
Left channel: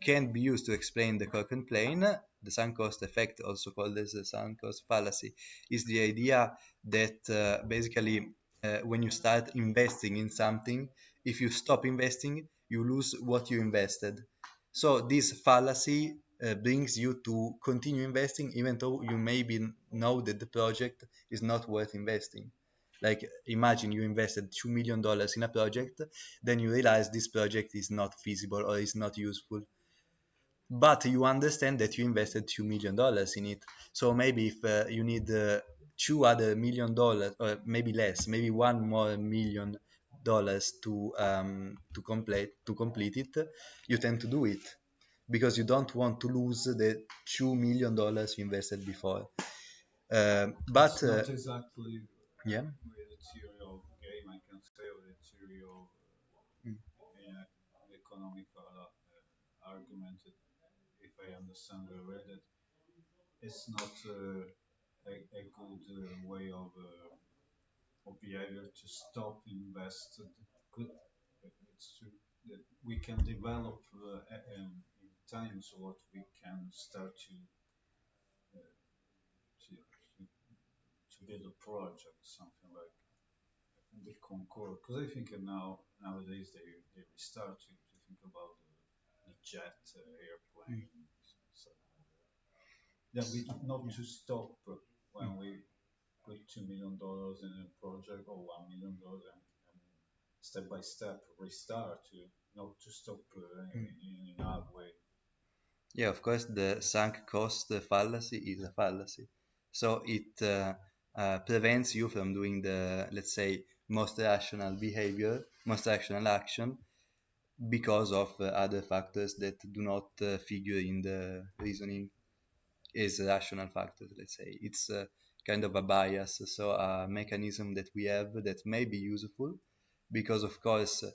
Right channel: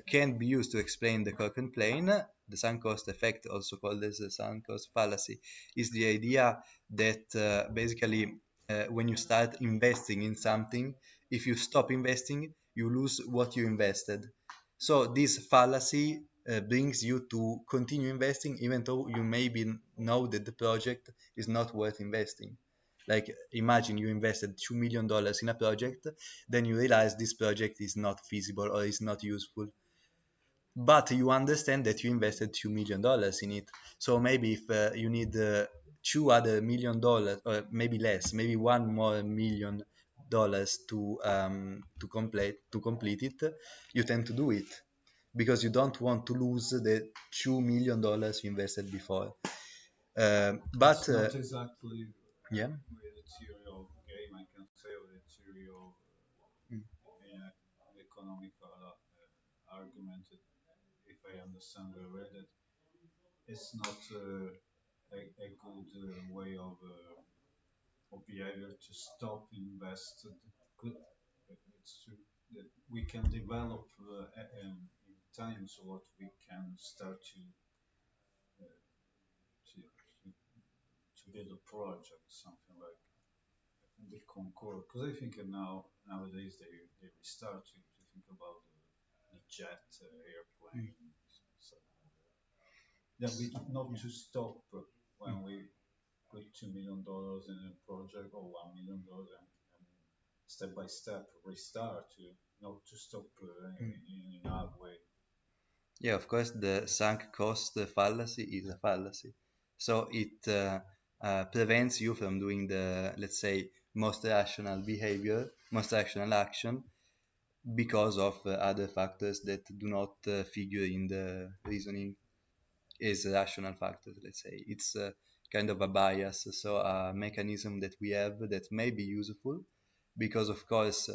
can be used to explain the Cochran plane. The sunk cost effect, also called as the sunk cost fallacy, is the idea that basically when you start investing in something, if you stop investing, you lose what you invested. So this fallacy brings you to continue investing even though you maybe know that the project is not worth investing. Like imagine you invested $2 million in a project, then you realize this project is not feasible or is not useful, but you understand that you invested $2 million in it. So maybe if you need two other $1 million, or maybe less, maybe one more $1 million to complete it, you tend to do it because you don't want to lose the $2 million you invested before. But it's not exactly yeah. the theory of game. I can say the theory of Mm. economical argument. If I understand well, that it's not a good way of behavior to stop invest. Good, it's to we can develop in time so what we can start to build a project, something like the Concorde. Because I think nowadays they start to think about the jet Mm. airplane, something like that. Then we not to stop when we put $2 million in a project or $1 million and step by step restart to not to stop Mm. in halfway. Yeah, of course, the sunk cost fallacy is a fallacy. So it prevents you from doing the, let's say, most rational behavior, most rational action, because of other factors that do not figure in the reasoning as rational factors, let's say. It's kind of a bias, so a mechanism that we have that may be useful, because of course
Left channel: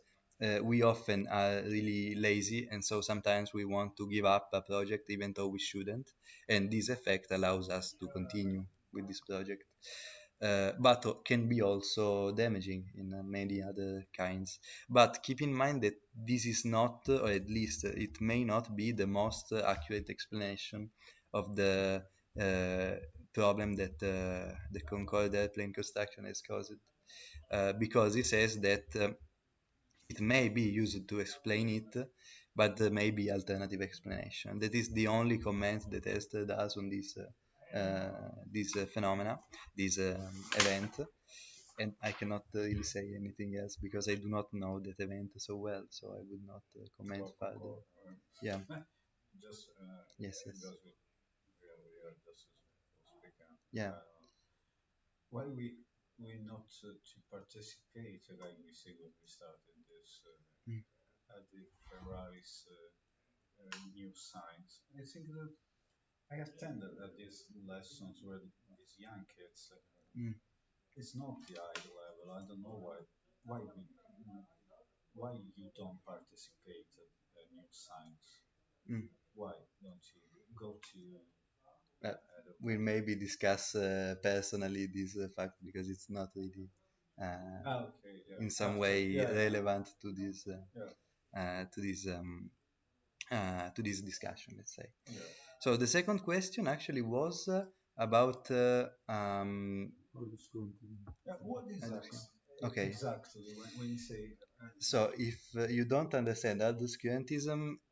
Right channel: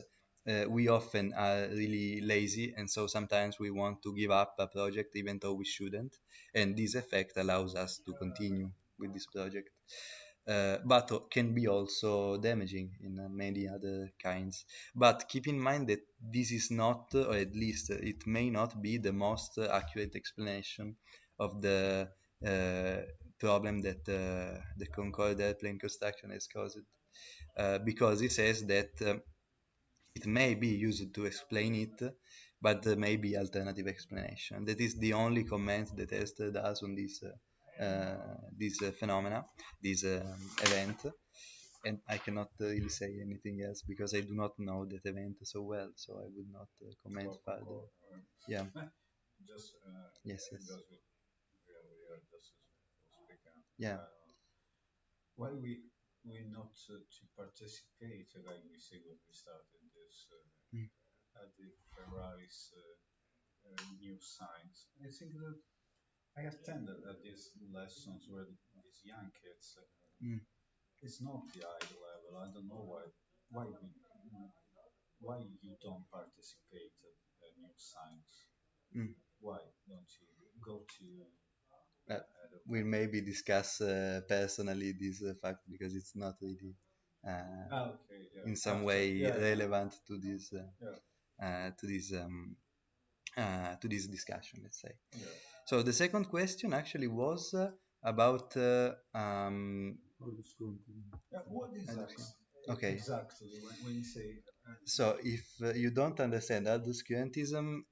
we often are really lazy, and so sometimes we want to give up a project even though we shouldn't, and this effect allows us to continue with this project. But can be also damaging in many other kinds. But keep in mind that this is not, or at least it may not be the most accurate explanation of the uh, problem that the Concorde airplane construction has caused, because it says that it may be used to explain it, but there may be alternative explanation. That is the only comment that Elster does on this phenomena, this event, and I cannot really say anything else because I do not know that event so well, so I will not comment further. Yeah. Yes. Yes. Yeah. Mm. Mm. Mm. Uh, we maybe discuss personally this fact because it's not really in some way relevant to this discussion, let's say. So the second question actually was about okay. So if you don't understand obscurantism,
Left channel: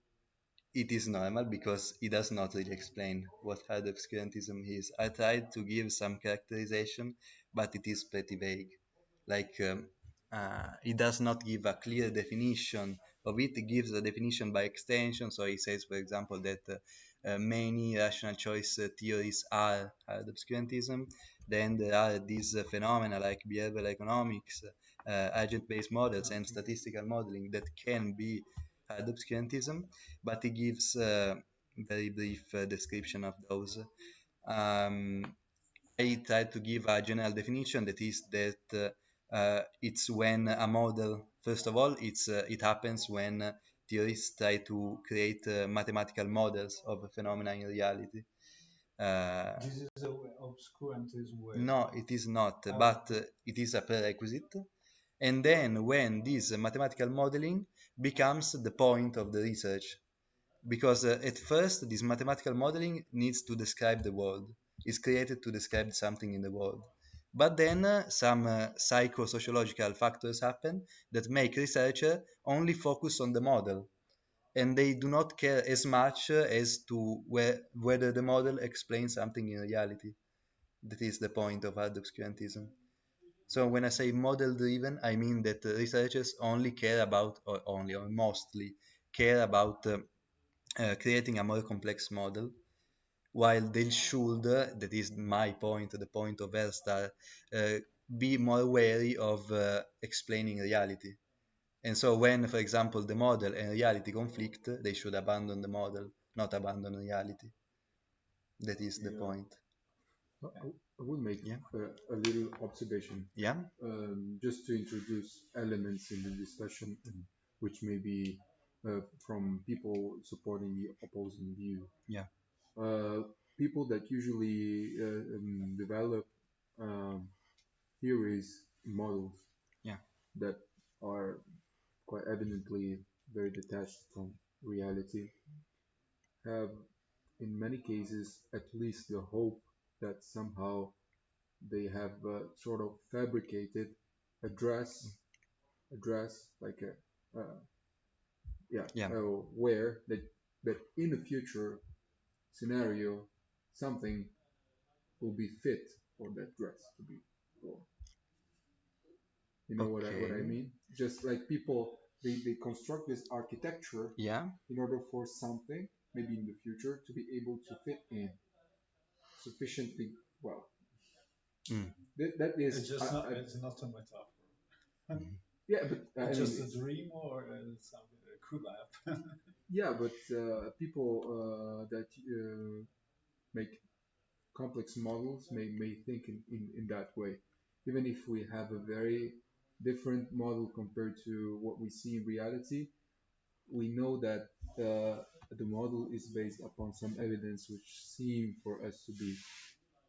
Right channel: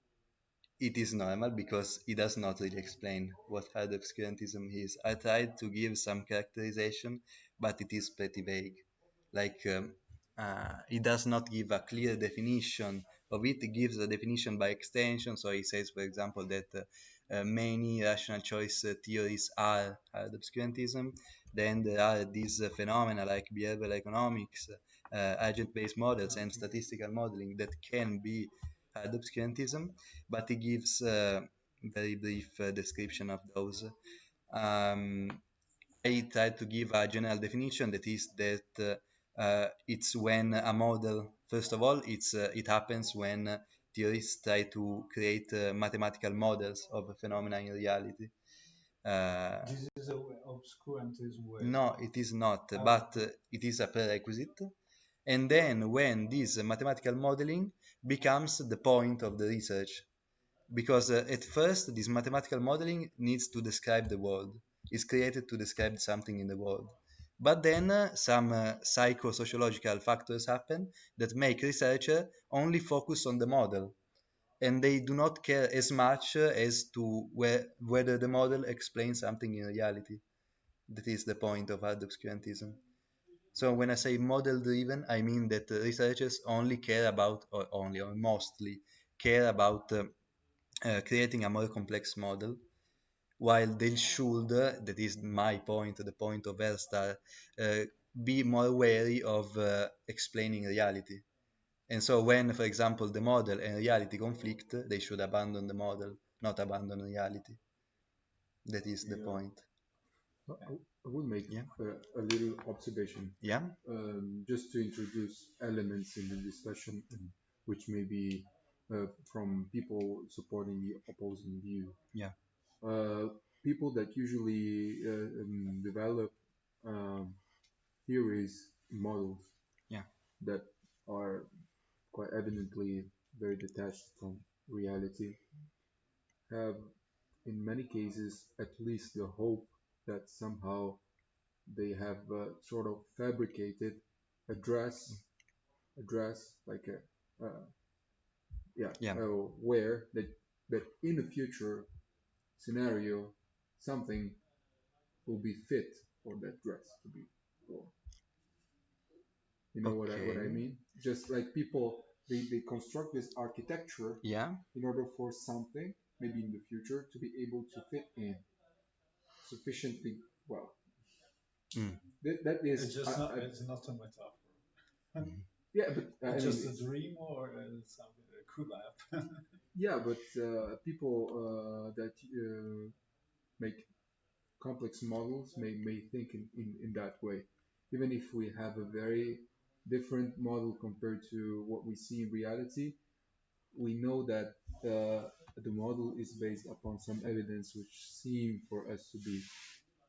it is normal because it does not really explain what hard obscurantism is. I tried to give some characterization, but it is pretty vague. Like, it does not give a clear definition of it, it gives a definition by extension. So it says, for example, that many rational choice theories are hard obscurantism. Then there are these phenomena like behavioral economics, agent-based models, and statistical modeling that can be hard obscurantism, but it gives very brief description of those. Um, I try to give a general definition that is that it's when a model, first of all, it happens when theorists try to create mathematical models of a phenomena in reality. Uh, no, it is not, but it is a prerequisite. And then when this mathematical modeling becomes the point of the research, because at first this mathematical modeling needs to describe the world. It's created to describe something in the world. But then some psychosociological factors happen that make researchers only focus on the model, and they do not care as much as to whether the model explains something in reality. That is the point of hard obscurantism. So when I say model driven, I mean that researchers only care about, or only or mostly care about creating a more complex model, while they should, that is my point, the point of Elster, be more wary of explaining reality. And so when, for example, the model and reality conflict, they should abandon the model, not abandon reality. That is the point. I would make Yeah. a little observation Yeah. just to introduce elements in the discussion, which may be from people supporting the opposing view. Yeah. Uh, People that usually develop um, theories, models Yeah. that are quite evidently very detached from reality have, in many cases, at least the hope that somehow they have sort of fabricated a dress like a yeah, Yeah. where that in the future scenario something will be fit for that dress to be worn. You know what I Okay. mean? Just like people, they construct this architecture Yeah. in order for something, maybe in the future, to be able to fit in sufficiently well. Mm. That is, yeah, but I mean, yeah, but people that make complex models may think in that way. Even if we have a very different model compared to what we see in reality. We know that the model is based upon some evidence which seem for us to be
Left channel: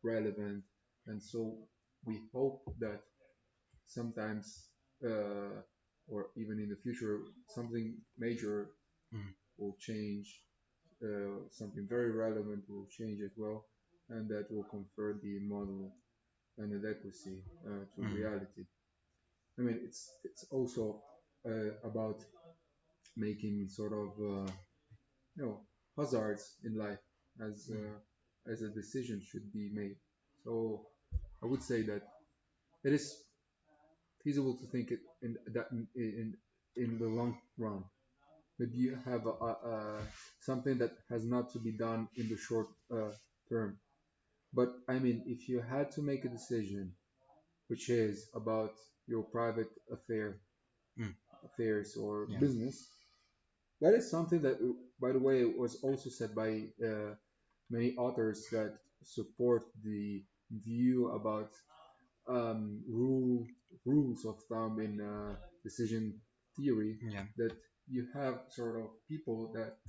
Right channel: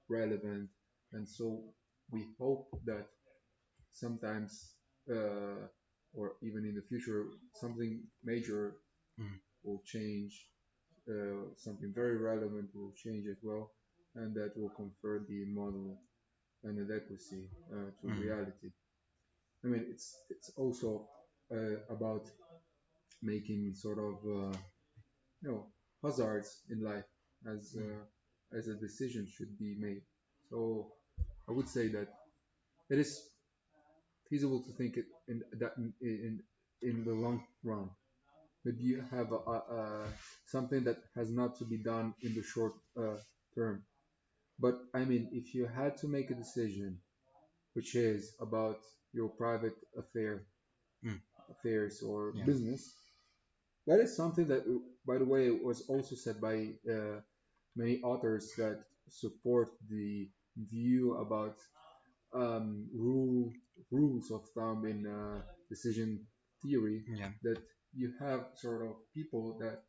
relevant, and so we hope that sometimes, or even in the future, something major Mm. will change, something very relevant will change as well, and that will convert the model and adequacy to reality. I mean, it's also about making sort of hazards in life as a decision should be made. So I would say that it is feasible to think it in that in the long run. Maybe you have something that has not to be done in the short term. But I mean, if you had to make a decision, which is about your private Mm. affairs or Yeah. business, that is something that, by the way, was also said by many authors that support the view about rules of thumb in decision theory, Yeah. that you have sort of people that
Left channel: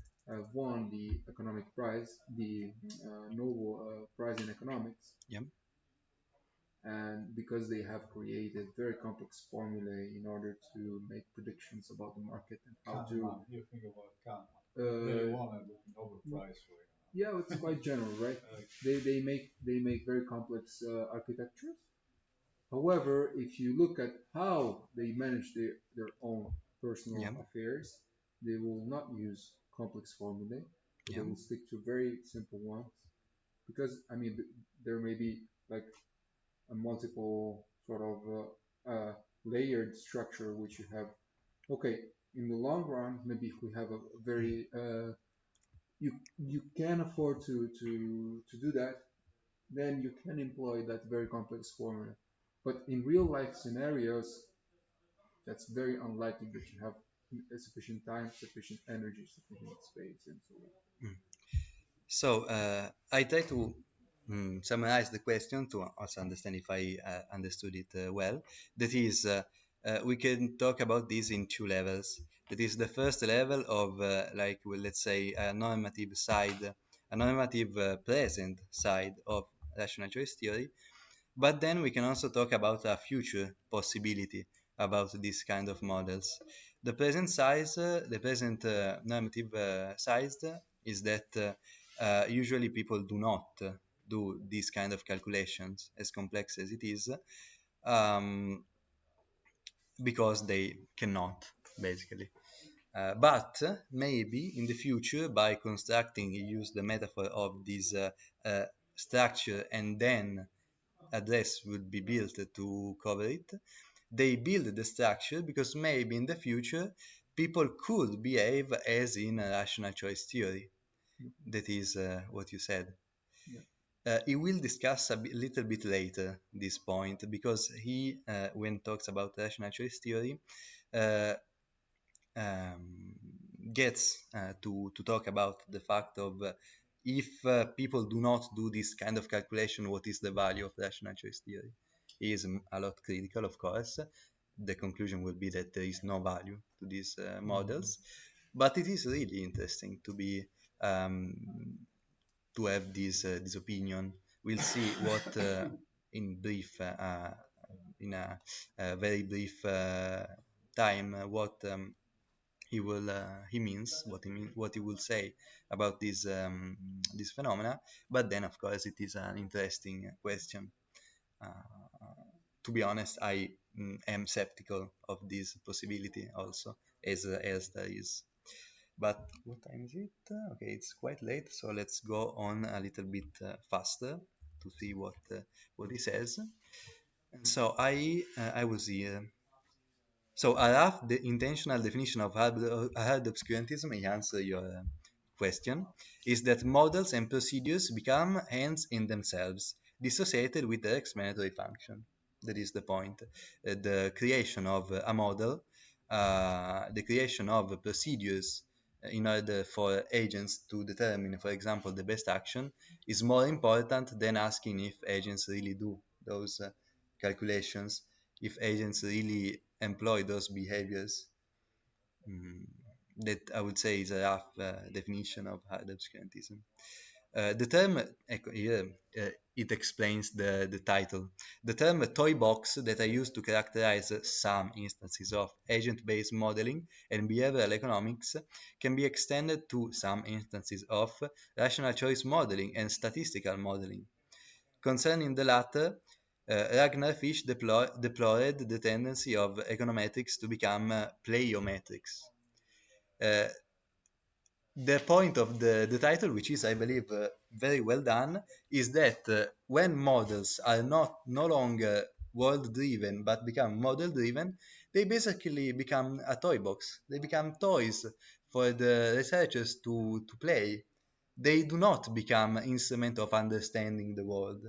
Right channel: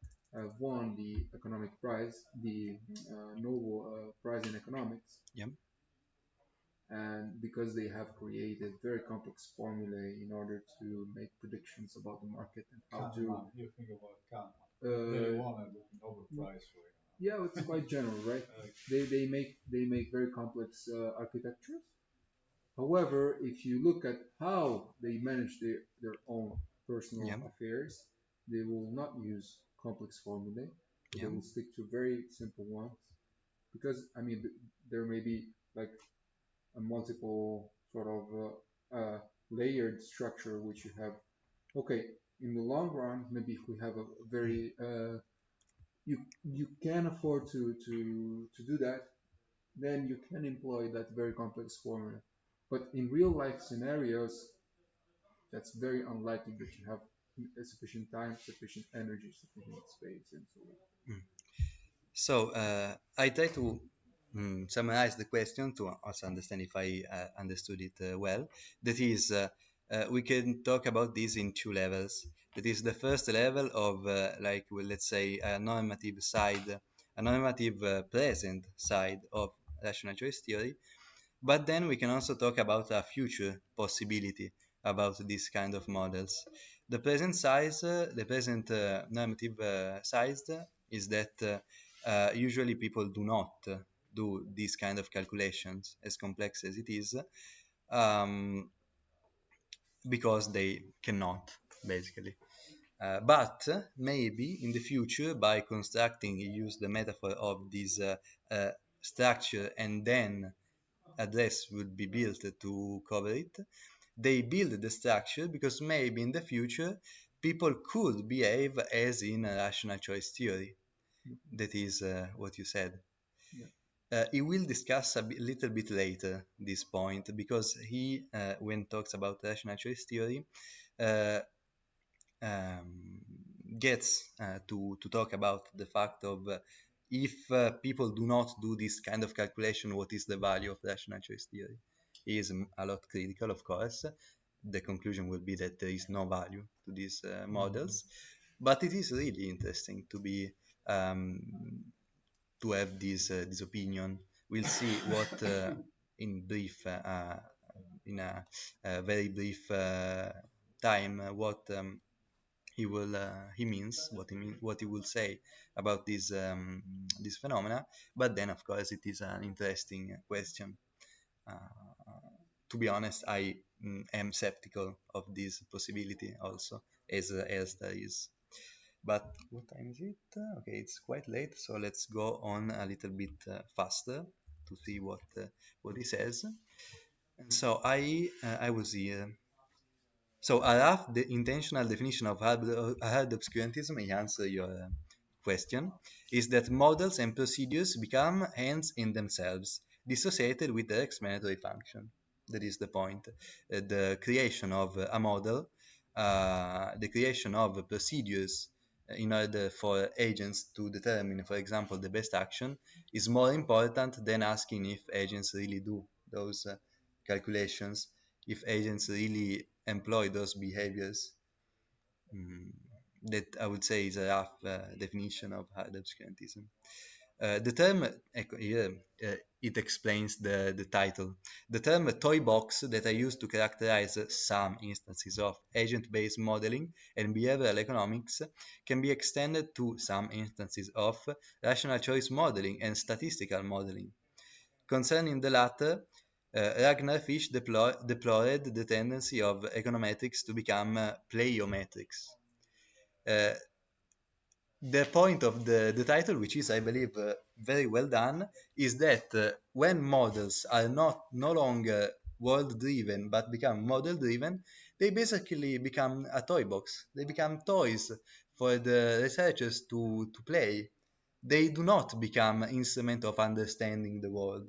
won the economic prize, the Nobel Prize in economics, Yeah. and because they have created very complex formulae in order to make predictions about the market and how to yeah, it's quite general, right? They make very complex architectures. However, if you look at how they manage their own personal Yeah. affairs, they will not use complex formulae, but they Yeah. will stick to very simple ones. Because I mean, there may be like a multiple sort of layered structure, which you have. Okay, in the long run, maybe if we have a very you can afford to do that, then you can employ that very complex formula. But in real life scenarios, that's very unlikely that you have sufficient time, sufficient energy, sufficient space, and so on. Mm. So I try to summarize the question to also understand if I understood it well. That is, we can talk about this in two levels. That is the first level of, like, well, let's say, a normative side, a normative present side of rational choice theory. But then we can also talk about a future possibility about these kind of models. The present normative size is that usually people do not do these kind of calculations as complex as it is, um, because they cannot, basically. But maybe in the future, by constructing, you use the metaphor of this structure, and then address will be built to cover it. They build the structure because maybe in the future people could behave as in a rational choice theory. That is what you said. He will discuss little bit later this point because he, when talks about rational choice theory, uh, um, gets to talk about the fact of if people do not do this kind of calculation, what is the value of rational choice theory? He is a lot critical, of course. The conclusion will be that there is no value to these models, but it is really interesting to be um, to have this opinion. We'll see what in brief, in a very brief time, what he means, what he will say about this phenomena. But then, of course, it is an interesting question. To be honest, I am skeptical of this possibility also, as is. But what time is it? Okay, it's quite late, so let's go on a little bit faster to see what he says. So I was here. So a rough intentional definition of hard obscurantism, in answer to your question, is that models and procedures become ends in themselves, dissociated with the explanatory function. That is the point. The creation of a model, the creation of procedures in order for agents to determine, for example, the best action, is more important than asking if agents really do those calculations if agents really employ those behaviors. Mm, that I would say is a rough definition of hard obscurantism. The term, ecco, here, it explains the title. The term toy box that I use to characterize some instances of agent-based modeling and behavioral economics can be extended to some instances of rational choice modeling and statistical modeling. Concerning the latter, Ragnar Fish deplored the tendency of econometrics to become pleiometrics. Uh, the point of the title, which is, I believe, very well done, is that when models are not no longer world driven but become model driven, they basically become a toy box. They become toys for the researchers to play. They do not become an instrument of understanding the world.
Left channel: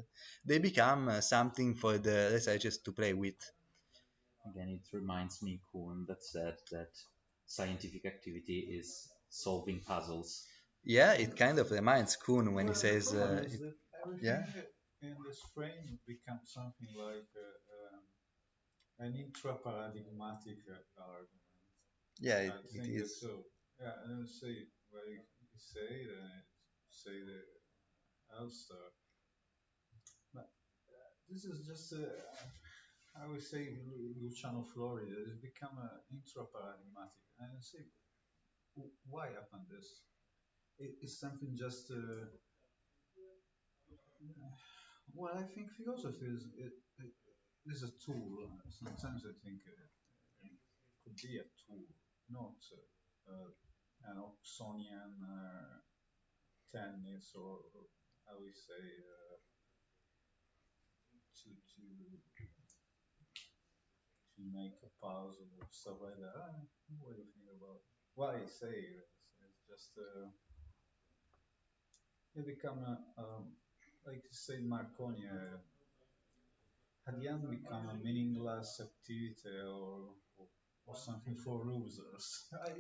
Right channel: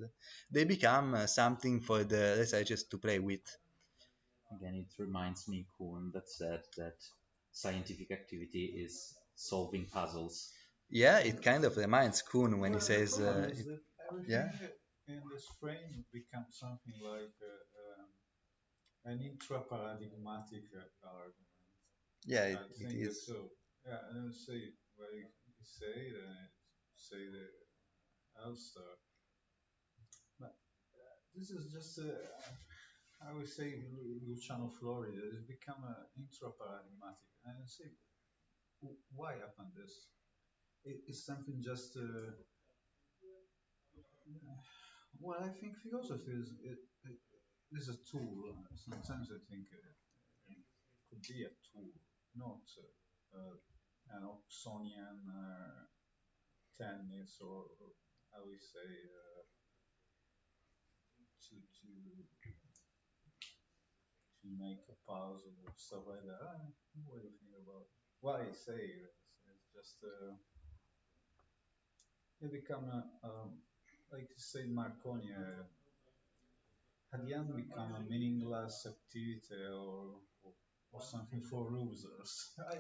They become something for the researchers to play with. Again, it reminds me, Kuhn, that said that scientific activity is solving puzzles. Yeah, it kind of reminds Kuhn when he says, yeah. Yeah, it is.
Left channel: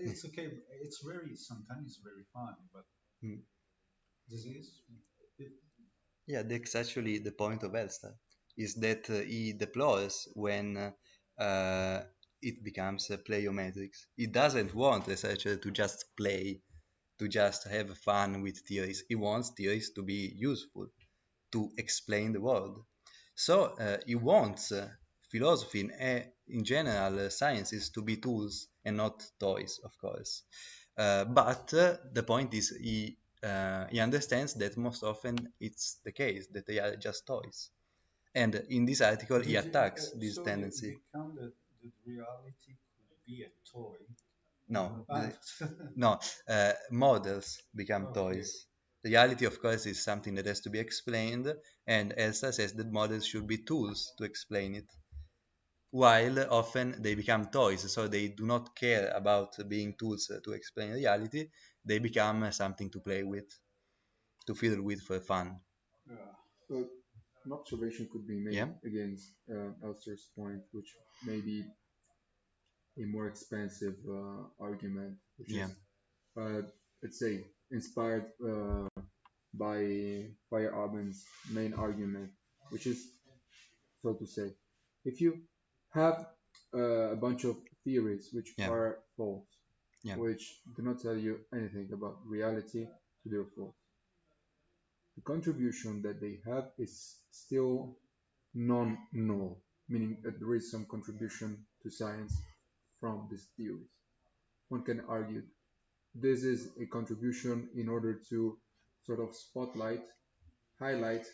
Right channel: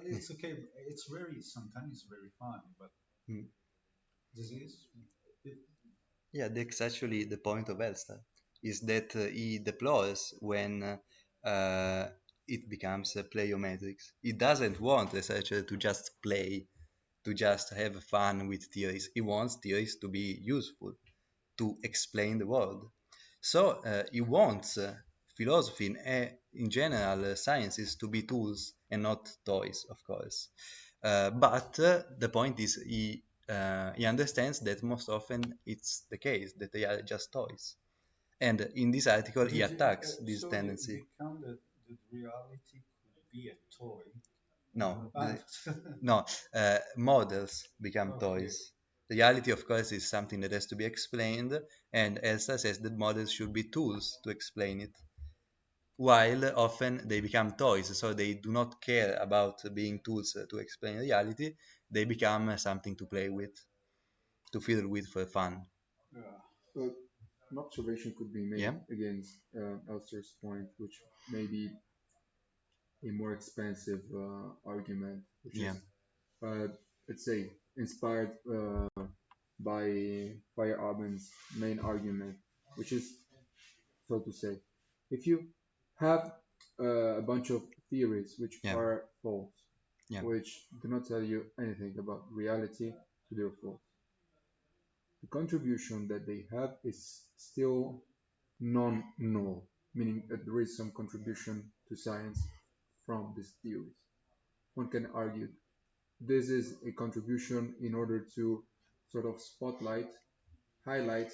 Mm. Yeah, that's actually the point of Elster, is that he deplores when it becomes a pleiometrics. He doesn't want the researcher to just play, to just have fun with theories. He wants theories to be useful, to explain the world. So he wants philosophy in general, sciences to be tools and not toys, of course. But the point is, he understands that most often it's the case that they are just toys. And in this article, he attacks this tendency. No, no, models become toys. Reality, of course, is something that has to be explained, and Elsa says that models should be tools to explain it, while often they become toys, so they do not care about being tools to explain reality, they become something to play with, to fill with fun. But an observation could be Yeah? made against Elster's point, which may be a more expensive argument, which Yeah. is, uh, let's say, inspired by Feyerabend's main argument, which is, so to say, if you have a bunch of theories which Yeah. are false, Yeah. which do not tell you anything about reality, so they're false. The contribution that they have is still non-null, meaning that there is some contribution to science from these theories. One can argue this is a contribution in order to sort of spotlight, highlight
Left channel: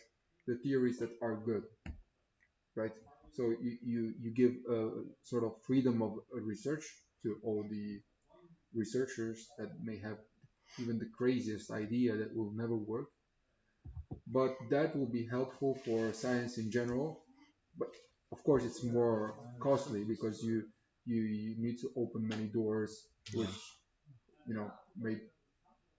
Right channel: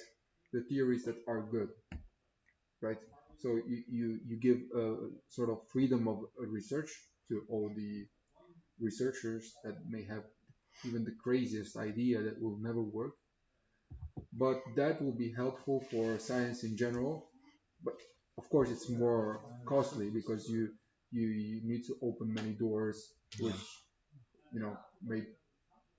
the theories that are good, right? So you give sort of freedom of research to all the researchers that may have even the craziest idea that will never work, but that will be helpful for science in general. But of course, it's more costly because you need to open many doors, which may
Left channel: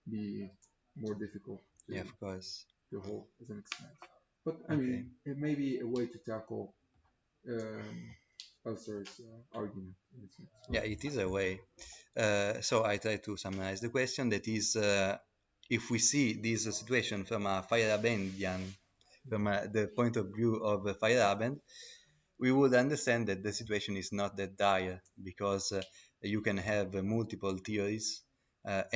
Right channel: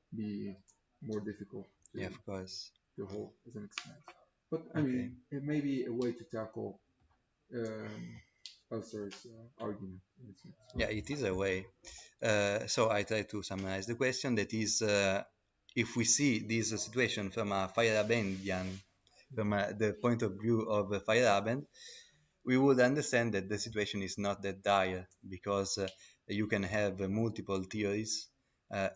be more difficult Yeah, of course. to hold as an expense. But I Okay. mean, it may be a way to tackle Husserl's argument in a sense. Yeah, it is a way. So I try to summarize the question that is, if we see this situation from a Feyerabendian, from the point of view of Feyerabend, we would understand that the situation is not that dire because you can have multiple theories,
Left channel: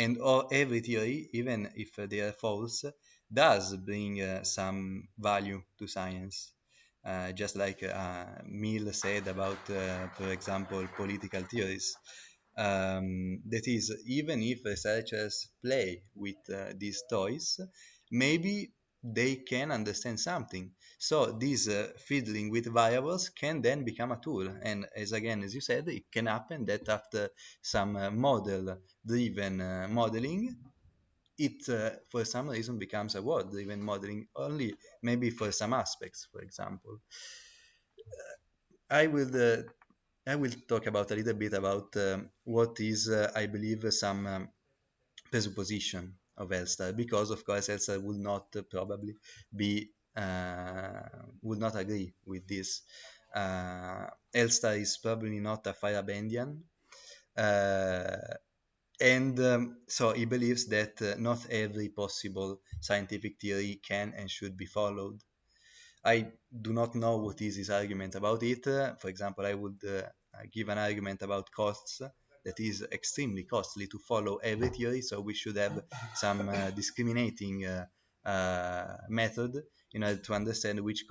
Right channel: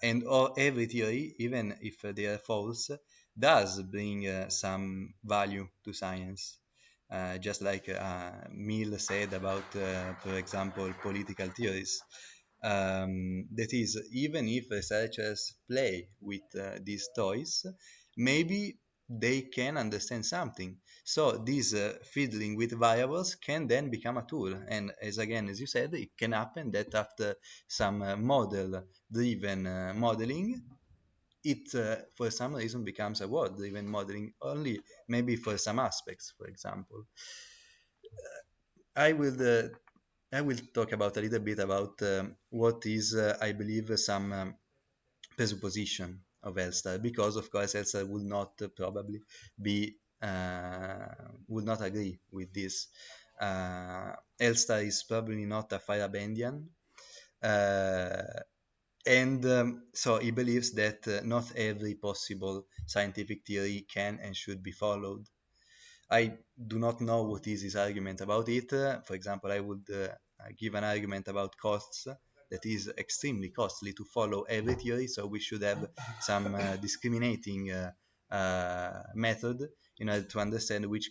and every theory, even if they are false, does bring some value to science. Just like Mill said about, for example, political theories, that is, even if researchers play with these toys, maybe they can understand something. So this fiddling with variables can then become a tool. And as again, as you said, it can happen that after some model-driven modeling, it for some reason becomes a word-driven modeling only, maybe for some aspects, for example. I will uh, I will talk about a little bit about what is, I believe, some presupposition of Elster, because of course Elster would not probably be would not agree with this. Elster is probably not a Feyerabedian, uh, and so he believes that not every possible scientific theory can and should be followed. I do not know what is his argument about it. For example, I would give an argument about costs, that is extremely costly to follow every theory, so we should have some discriminating method in order to understand which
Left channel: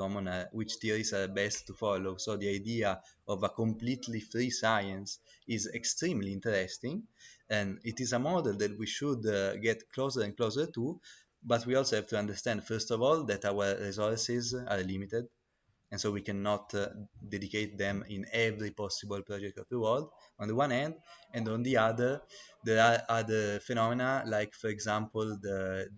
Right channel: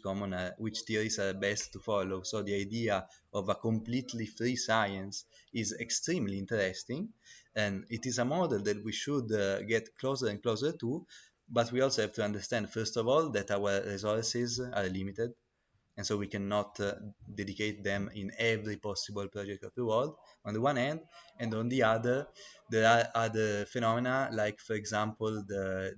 theories are best to follow. So the idea of a completely free science is extremely interesting, and it is a model that we should get closer and closer to, but we also have to understand, first of all, that our resources are limited, and so we cannot dedicate them in every possible project of the world, on the one hand, and on the other, there are other phenomena, like, for example, the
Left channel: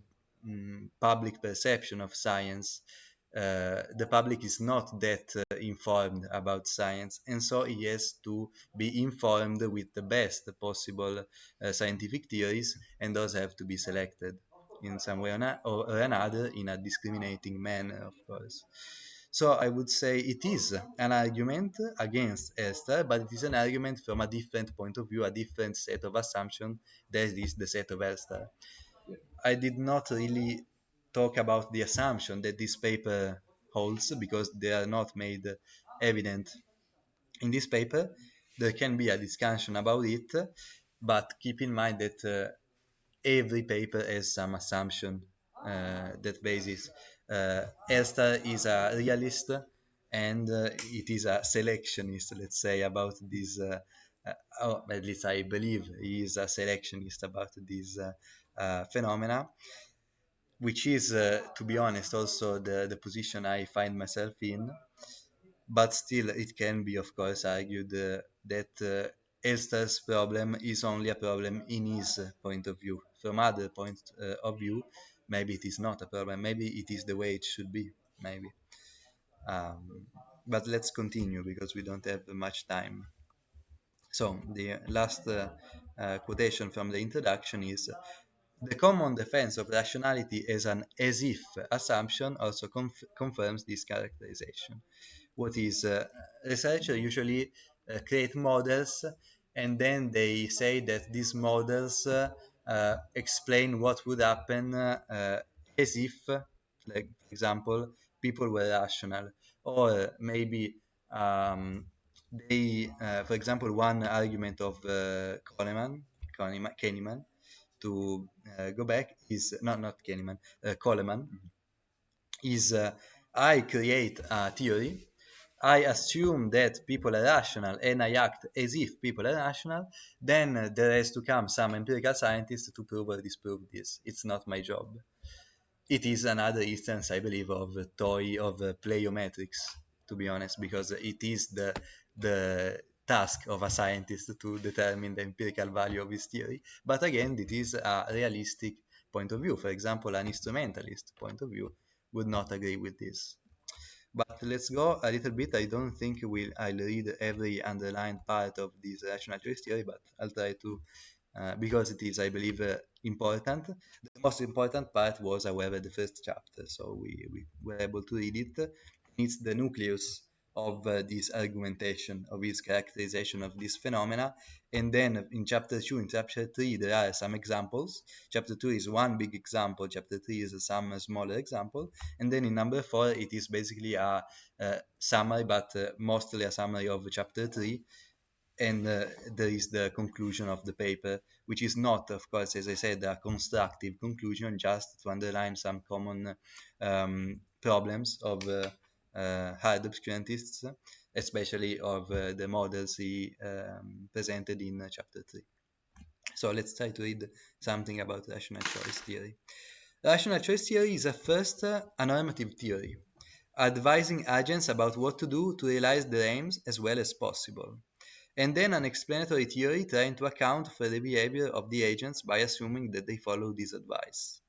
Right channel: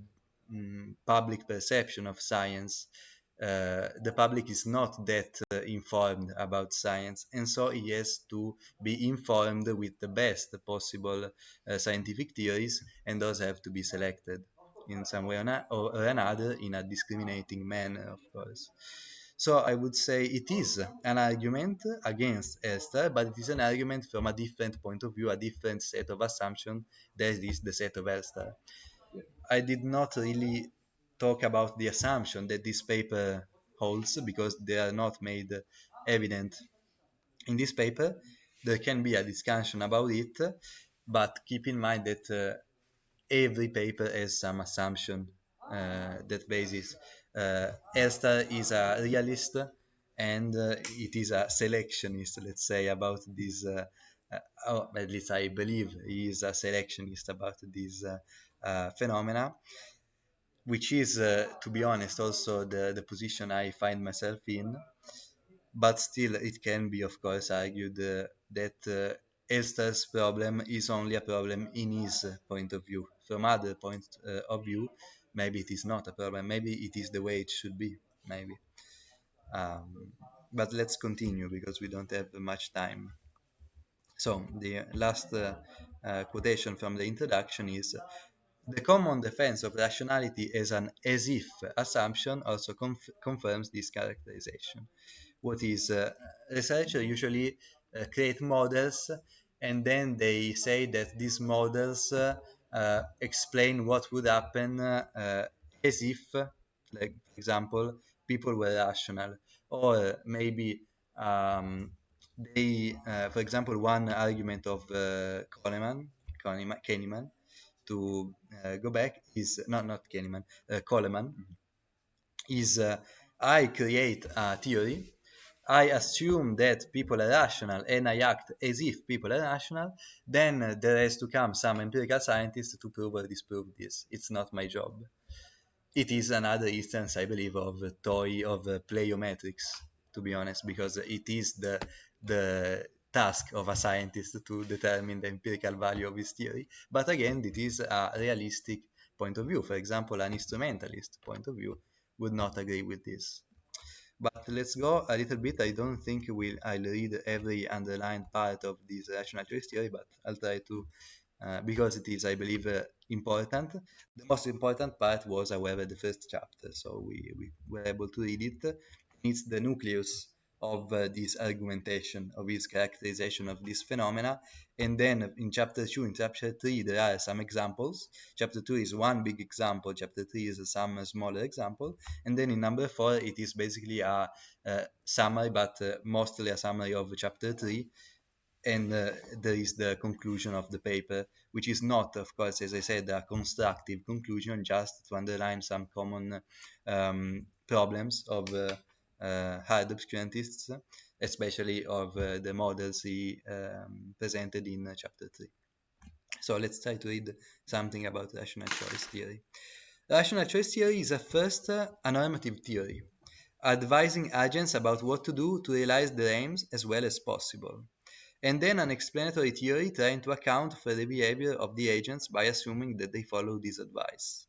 public perception of science. The public is not that informed about science, and so he has to be informed with the best possible scientific theories, and those have to be selected in some way or another in a discriminating manner, of course. So I would say it is an argument against Esther, but it is an argument from a different point of view, a different set of assumptions. That is the set of Esther. I did not really talk about the assumption that this paper holds because they are not made evident in this paper. There can be a discussion about it, but keep in mind that every paper has some assumption that basis. Esther is a realist, and it is a selectionist, let's say, about this. Or at least I believe he is a selectionist about these phenomena, which is, to be honest, also the position I find myself in. But still, it can be, of course, argued that Elster's problem is only a problem in his point of view. From other point of view, maybe it is not a problem. Maybe it is the way it should be. Maybe. Um, but let's continue because we don't have much time. So the last quotation from the introduction is, the common defense of rationality as an as-if assumption also confirms this characterization. What is researchers usually create models, and then they say that these models explain what would happen as if, like, for example, people were rational, or maybe um, for example, one argument of Kahneman, to go back, is not Kahneman, Coleman, is I create a theory, I assume that people are rational, and I act as if people are rational, then there has to come some empirical scientist to prove or disprove this. It's not my job. It is another instance, I believe, of the toy of pleiometrics, to be honest, because it is the task of a scientist to determine the empirical value of this theory. But again, it is a realistic point of view. For example, an instrumentalist point of view would not agree with this. But let's go a little bit. I don't think I'll read every underlined part of this rational choice theory, but I'll try to, because it is, I believe, important. The most important part was, however, the first chapter, so we were able to read it. It's the nucleus of this argumentation, of this characterization of this phenomena. And then in chapter 2, in chapter 3, there are some examples. Chapter 2 is one big example, chapter 3 is some smaller example, and then in number 4 it is basically a summary, but mostly a summary of chapter 3, and there is the conclusion of the paper, which is not, of course, as I said, a constructive conclusion, just to underline some common problems of hard obscurantists, especially of the models he presented in chapter 3. So let's try to read something about rational choice theory. Rational choice theory is a first normative theory, advising agents about what to do to realize their aims as well as possible, and then an explanatory theory trying to account for the behavior of the agents by assuming that they follow this advice.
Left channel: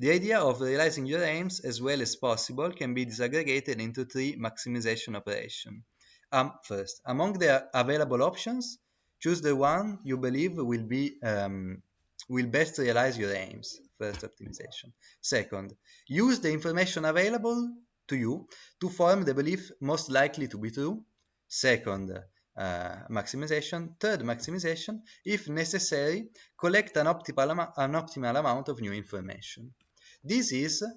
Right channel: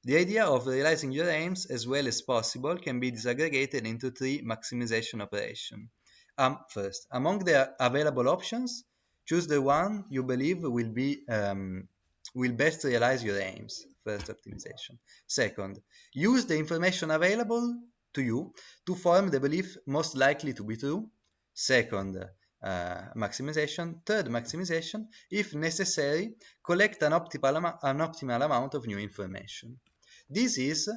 The idea of realizing your aims as well as possible can be disaggregated into three maximization operations. First, among the available options, choose the one you believe will best realize your aims. First optimization. Second, use the information available to you to form the belief most likely to be true. Second, maximization. Third maximization, if necessary, collect an optimal amount of new information. This is,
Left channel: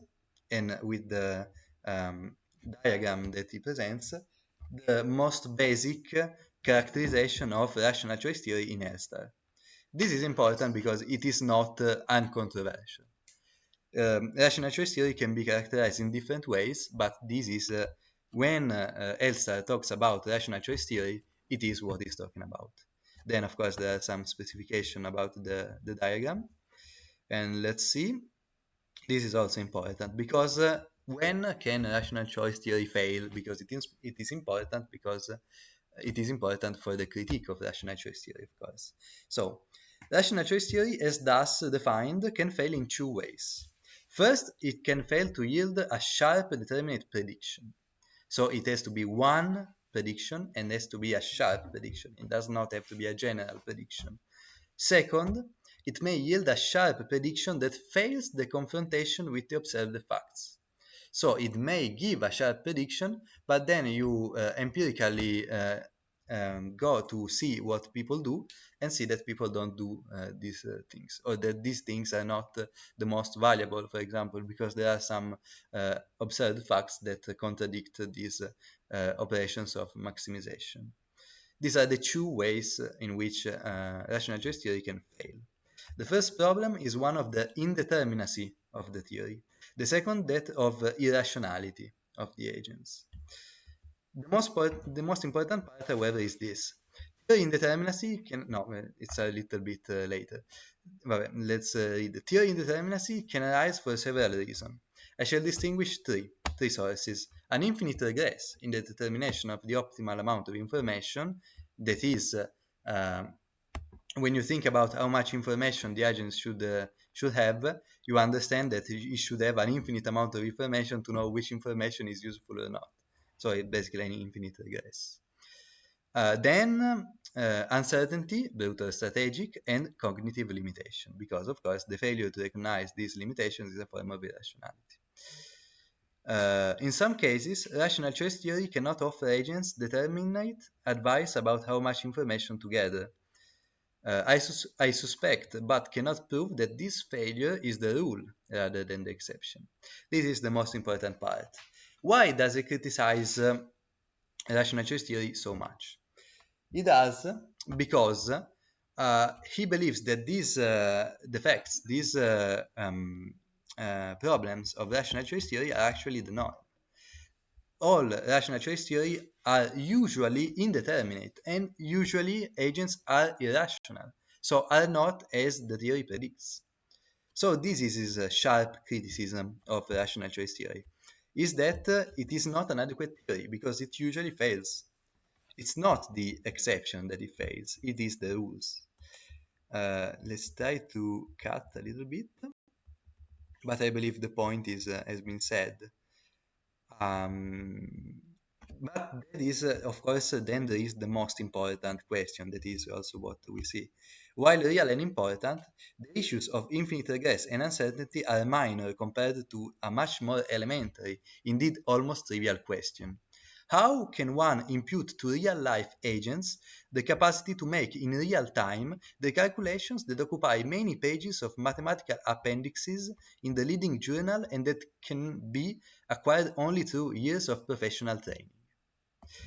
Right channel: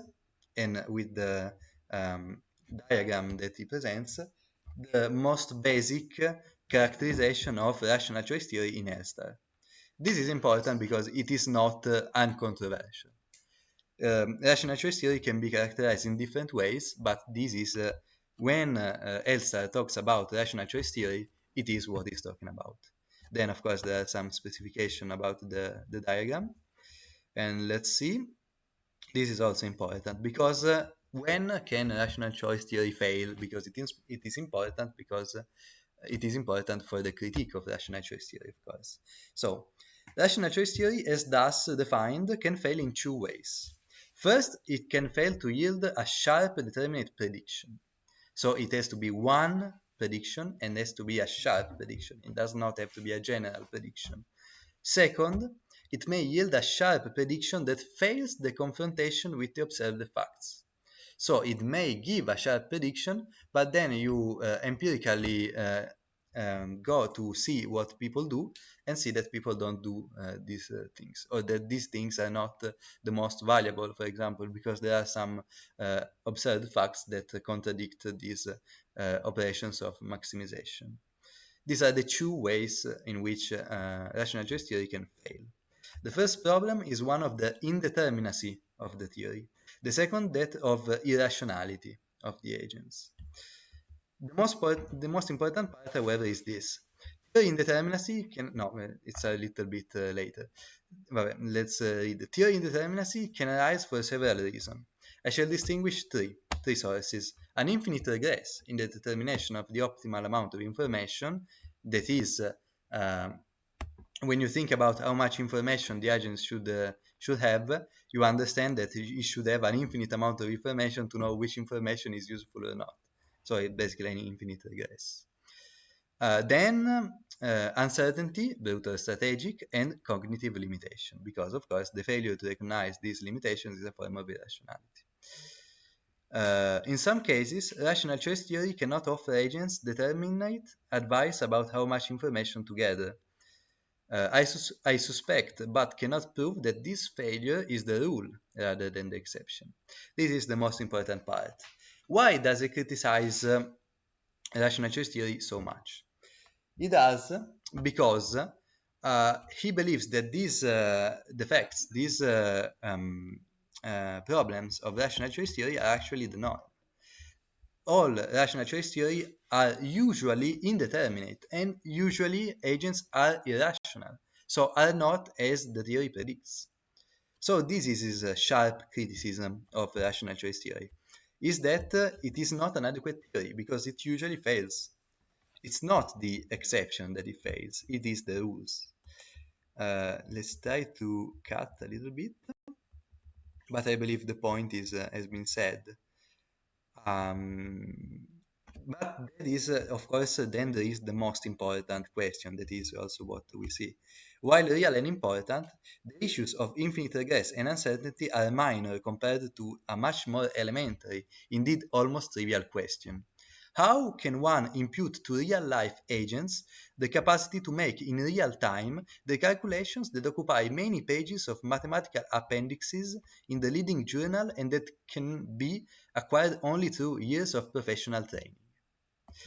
and with the diagram that it presents, the most basic characterization of rational choice theory in Elster. This is important because it is not uncontroversial. Rational choice theory can be characterized in different ways, but this is when Elster talks about rational choice theory, it is what he's talking about. Then, of course, there are some specification about the diagram. And let's see. This is also important because when can rational choice theory fail? Because it is important because it is important for the critique of rational choice theory, of course. So, rational choice theory, as thus defined, can fail in two ways. First, it can fail to yield a sharp determinate prediction. So it has to be one prediction and has to be a sharp prediction. It does not have to be a general prediction. Second, it may yield a sharp prediction that fails the confrontation with the observed facts. So it may give a sharp prediction, but then you empirically go to see what people do and see that people don't do these things, or that these things are not the most valuable, for example, because there are some observed facts that contradict these operations of maximization. These are the two ways in which rational choice theory can fail. The first problem is one of the indeterminacy of the theory. The second, that of irrationality of the agents. The most important part, however, is this. Theory indeterminacy can, no, it's a little bit later. Well, let's read. Theory indeterminacy can arise for several reasons. I shall distinguish three sources. An infinite regress in the determination of the optimal amount of information, that is, when you think about how much information the agent should have, you understand that you should have an infinite amount of information to know which information is useful or not. So it's basically an infinite regress. Then uncertainty, both strategic and cognitive limitation, because of course the failure to recognize these limitations is a form of irrationality. In some cases, rational choice theory cannot offer agents determinate advice about how much information to gather. I suspect, but cannot prove, that this failure is the rule rather than the exception. This is the most important part. Why does he criticize rational choice theory so much? He does because he believes that these defects, these problems of rational choice theory are actually not. All rational choice theory are usually indeterminate, and usually agents are irrational, so are not as the theory predicts. So this is a sharp criticism of rational choice theory, is that it is not an adequate theory because it usually fails. It's not the exception that it fails, it is the rules. Let's try to cut a little bit, but I believe the point has been said. But that is, of course, then there is the most important question, that is also what we see. While real and important, the issues of infinite regress and uncertainty are minor compared to a much more elementary, indeed almost trivial question. How can one impute to real-life agents the capacity to make in real time the calculations that occupy many pages of mathematical appendices in the leading journal and that can be acquired only through years of professional training?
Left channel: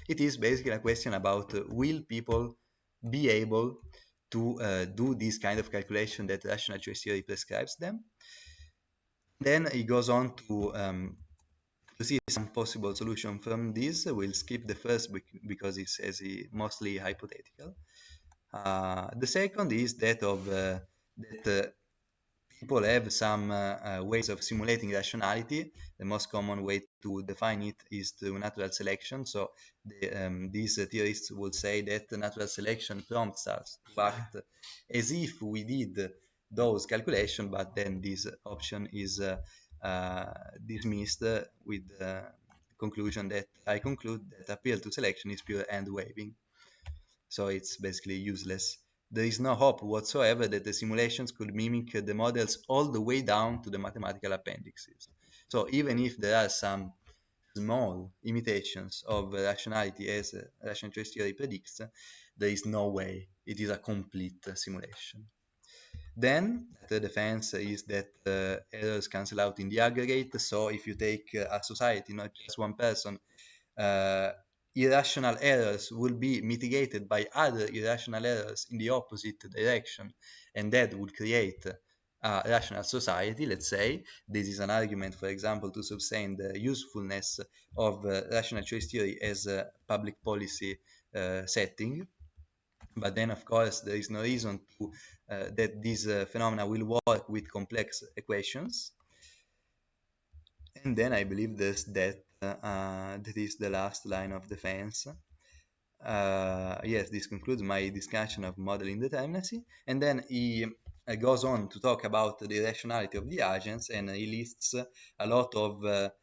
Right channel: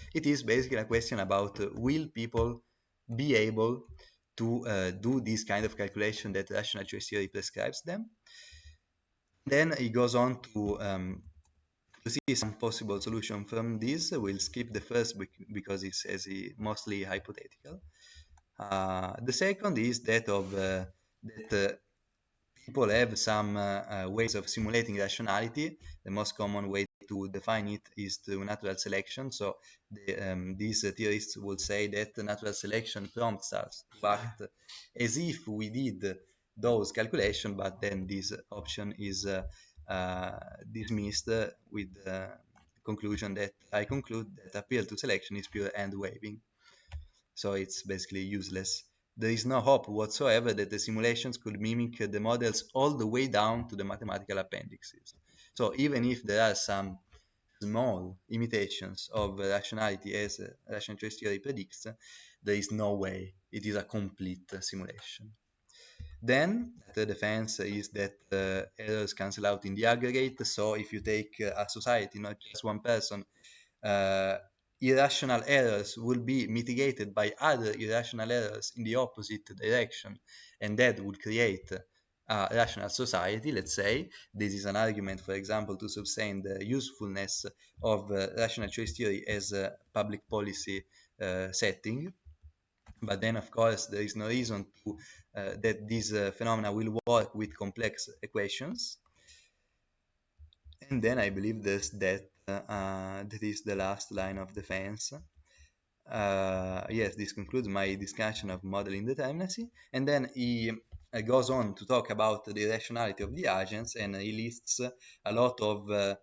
It is basically a question about will people be able to do this kind of calculation that rational choice theory prescribes them. Then it goes on to see some possible solution from this. We'll skip the first because it's mostly hypothetical. The second is that people have some ways of simulating rationality. The most common way to define it is through natural selection. So these theorists would say that natural selection prompts us to act as if we did those calculations, but then this option is dismissed with the conclusion that I conclude that appeal to selection is pure hand waving. So it's basically useless. There is no hope whatsoever that the simulations could mimic the models all the way down to the mathematical appendices. So even if there are some small imitations of rationality as rational choice theory predicts, there is no way it is a complete simulation. Then the defense is that errors cancel out in the aggregate. So if you take a society, not just one person, irrational errors would be mitigated by other irrational errors in the opposite direction, and that would create a rational society, let's say. This is an argument, for example, to sustain the usefulness of rational choice theory as a public policy setting. But then, of course, there is no reason to that these phenomena will work with complex equations. And then I believe this that this is the last line of defense. Yes, this concludes my discussion of modeling determinacy. And then he goes on to talk about the rationality of the agents, and he lists a lot of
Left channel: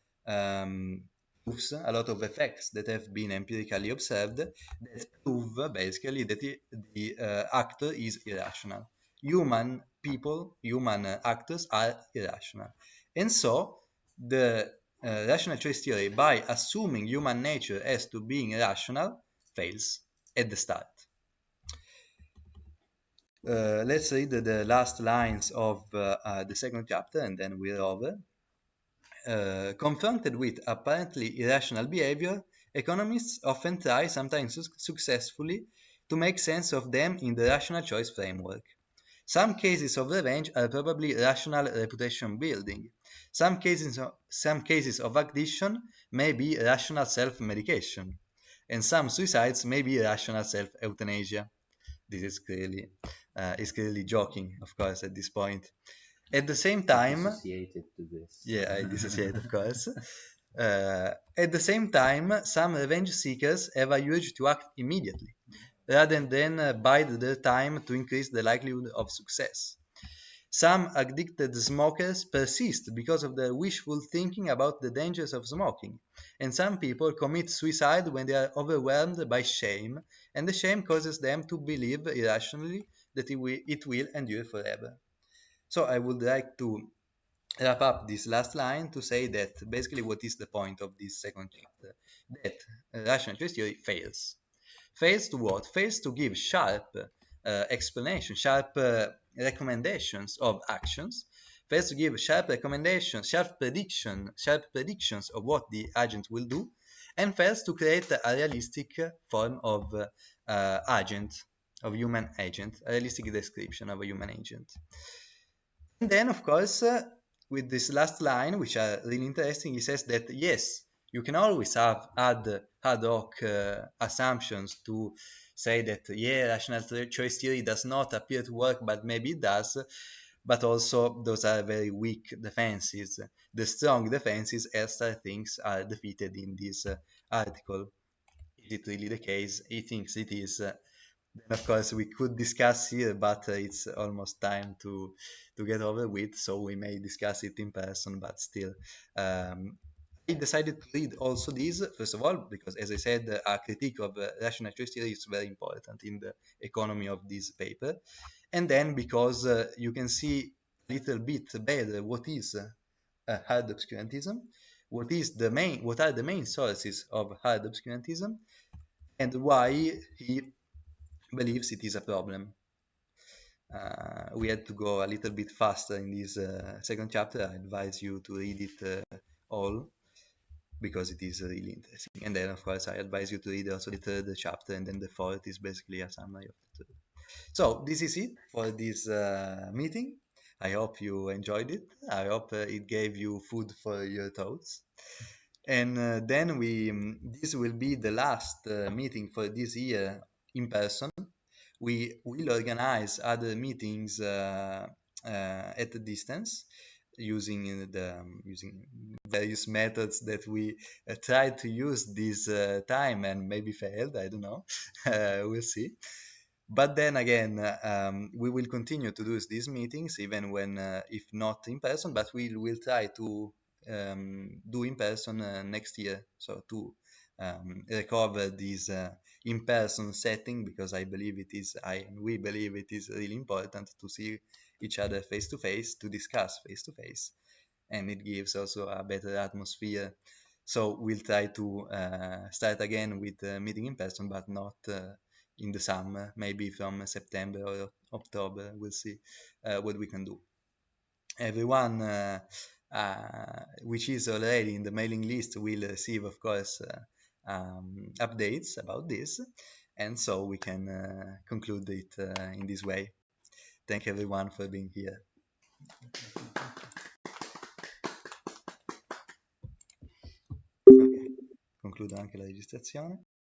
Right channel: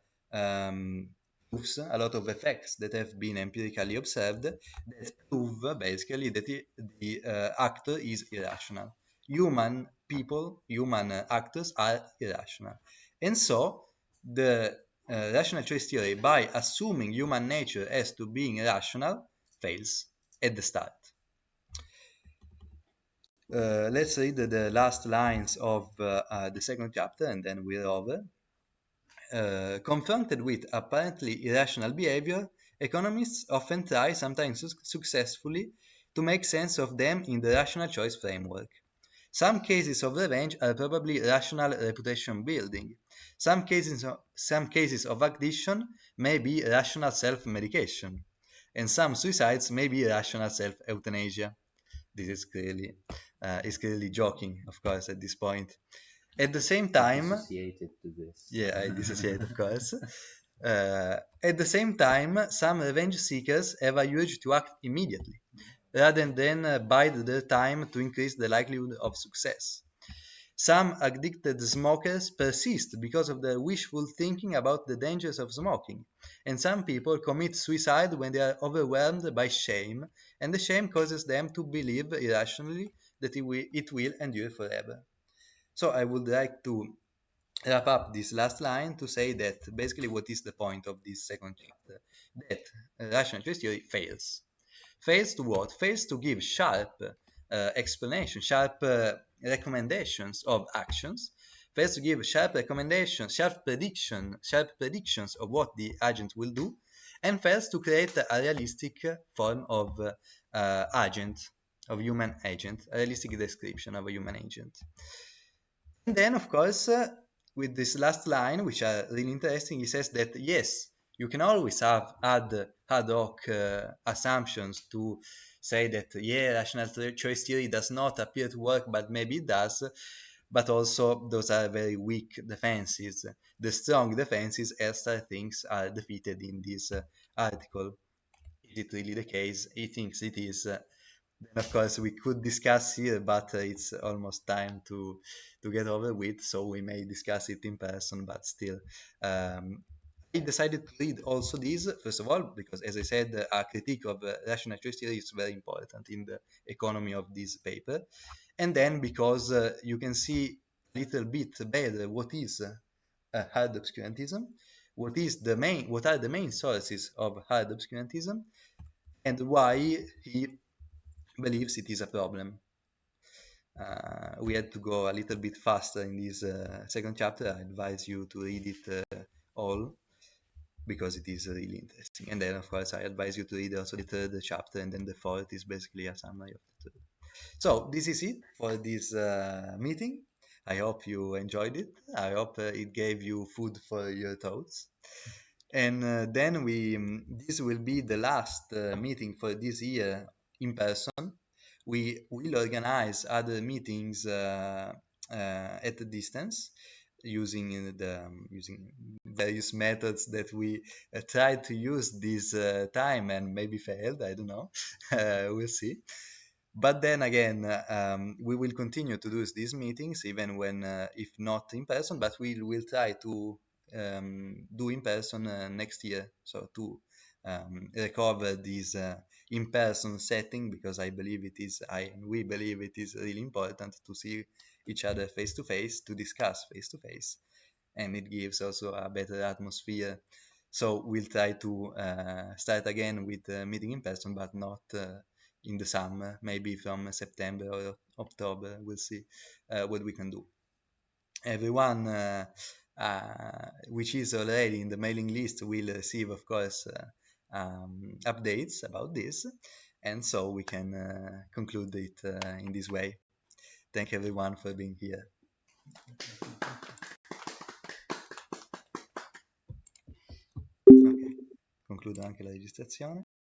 proofs, a lot of effects that have been empirically observed that prove basically that the actor is irrational. Human actors are irrational. And so the rational choice theory, by assuming human nature as to being rational, fails at the start. Let's read the last lines of the second chapter and then we're over. Confronted with apparently irrational behavior, economists often try, sometimes successfully, to make sense of them in the rational choice framework. Some cases of revenge are probably rational reputation building. Some cases of addiction may be rational self-medication, and some suicides may be rational self-euthanasia. This is clearly joking, of course, at this point. At the same time, yeah, I dissociate, of course. At the same time, some revenge seekers have a urge to act immediately, rather than bide their time to increase the likelihood of success. Some addicted smokers persist because of their wishful thinking about the dangers of smoking, and some people commit suicide when they are overwhelmed by shame, and the shame causes them to believe irrationally that it will endure forever. So I would like to wrap up this last line to say that basically what is the point of this second chapter? That rational choice theory fails. Fails to what? Fails to give sharp explanations, sharp recommendations of actions. Fails to give sharp recommendations, sharp predictions of what the agent will do, and fails to create a realistic form of agent, of human agent, a realistic description of a human agent. And then, of course, with this last line, which are really interesting, he says that yes, you can always have ad hoc assumptions to say that yeah, rational choice theory does not appear to work, but maybe it does. But also, those are very weak defenses. The strong defenses, as things are defeated in this article. Is it really the case? He thinks it is. Of course, we could discuss here, but it's almost time to get over with, so we may discuss it in person, but still. I decided to read also this, first of all, because as I said, a critique of rational choice theory is very important in the economy of this paper. And then because you can see a little bit better what is hard obscurantism, what are the main sources of hard obscurantism and why he believes it is a problem. We had to go a little bit faster in this second chapter. I advise you to read it all because it is really interesting. And then, of course, I advise you to read also the third chapter, and then the fourth is basically a summary of the third. So, this is it for this meeting. I hope you enjoyed it. I hope it gave you food for your thoughts. And then this will be the last meeting for this year in person. We will organize other meetings at a distance using various methods that we try to use this time and maybe failed. I don't know. We'll see. But then again, we will continue to do these meetings even when, if not in person, but we will try to do in person next year. So to recover this in-person setting, because we believe it is really important to see each other face to face, to discuss face to face, and it gives also a better atmosphere. So we'll try to start again with meeting in person, but not in the summer, maybe from September or October. We'll see what we can do. Everyone which is already in the mailing list will receive, of course, updates about this, and so we can conclude it in this way. Thank everyone for being here. Okay. Concludo anche la registrazione.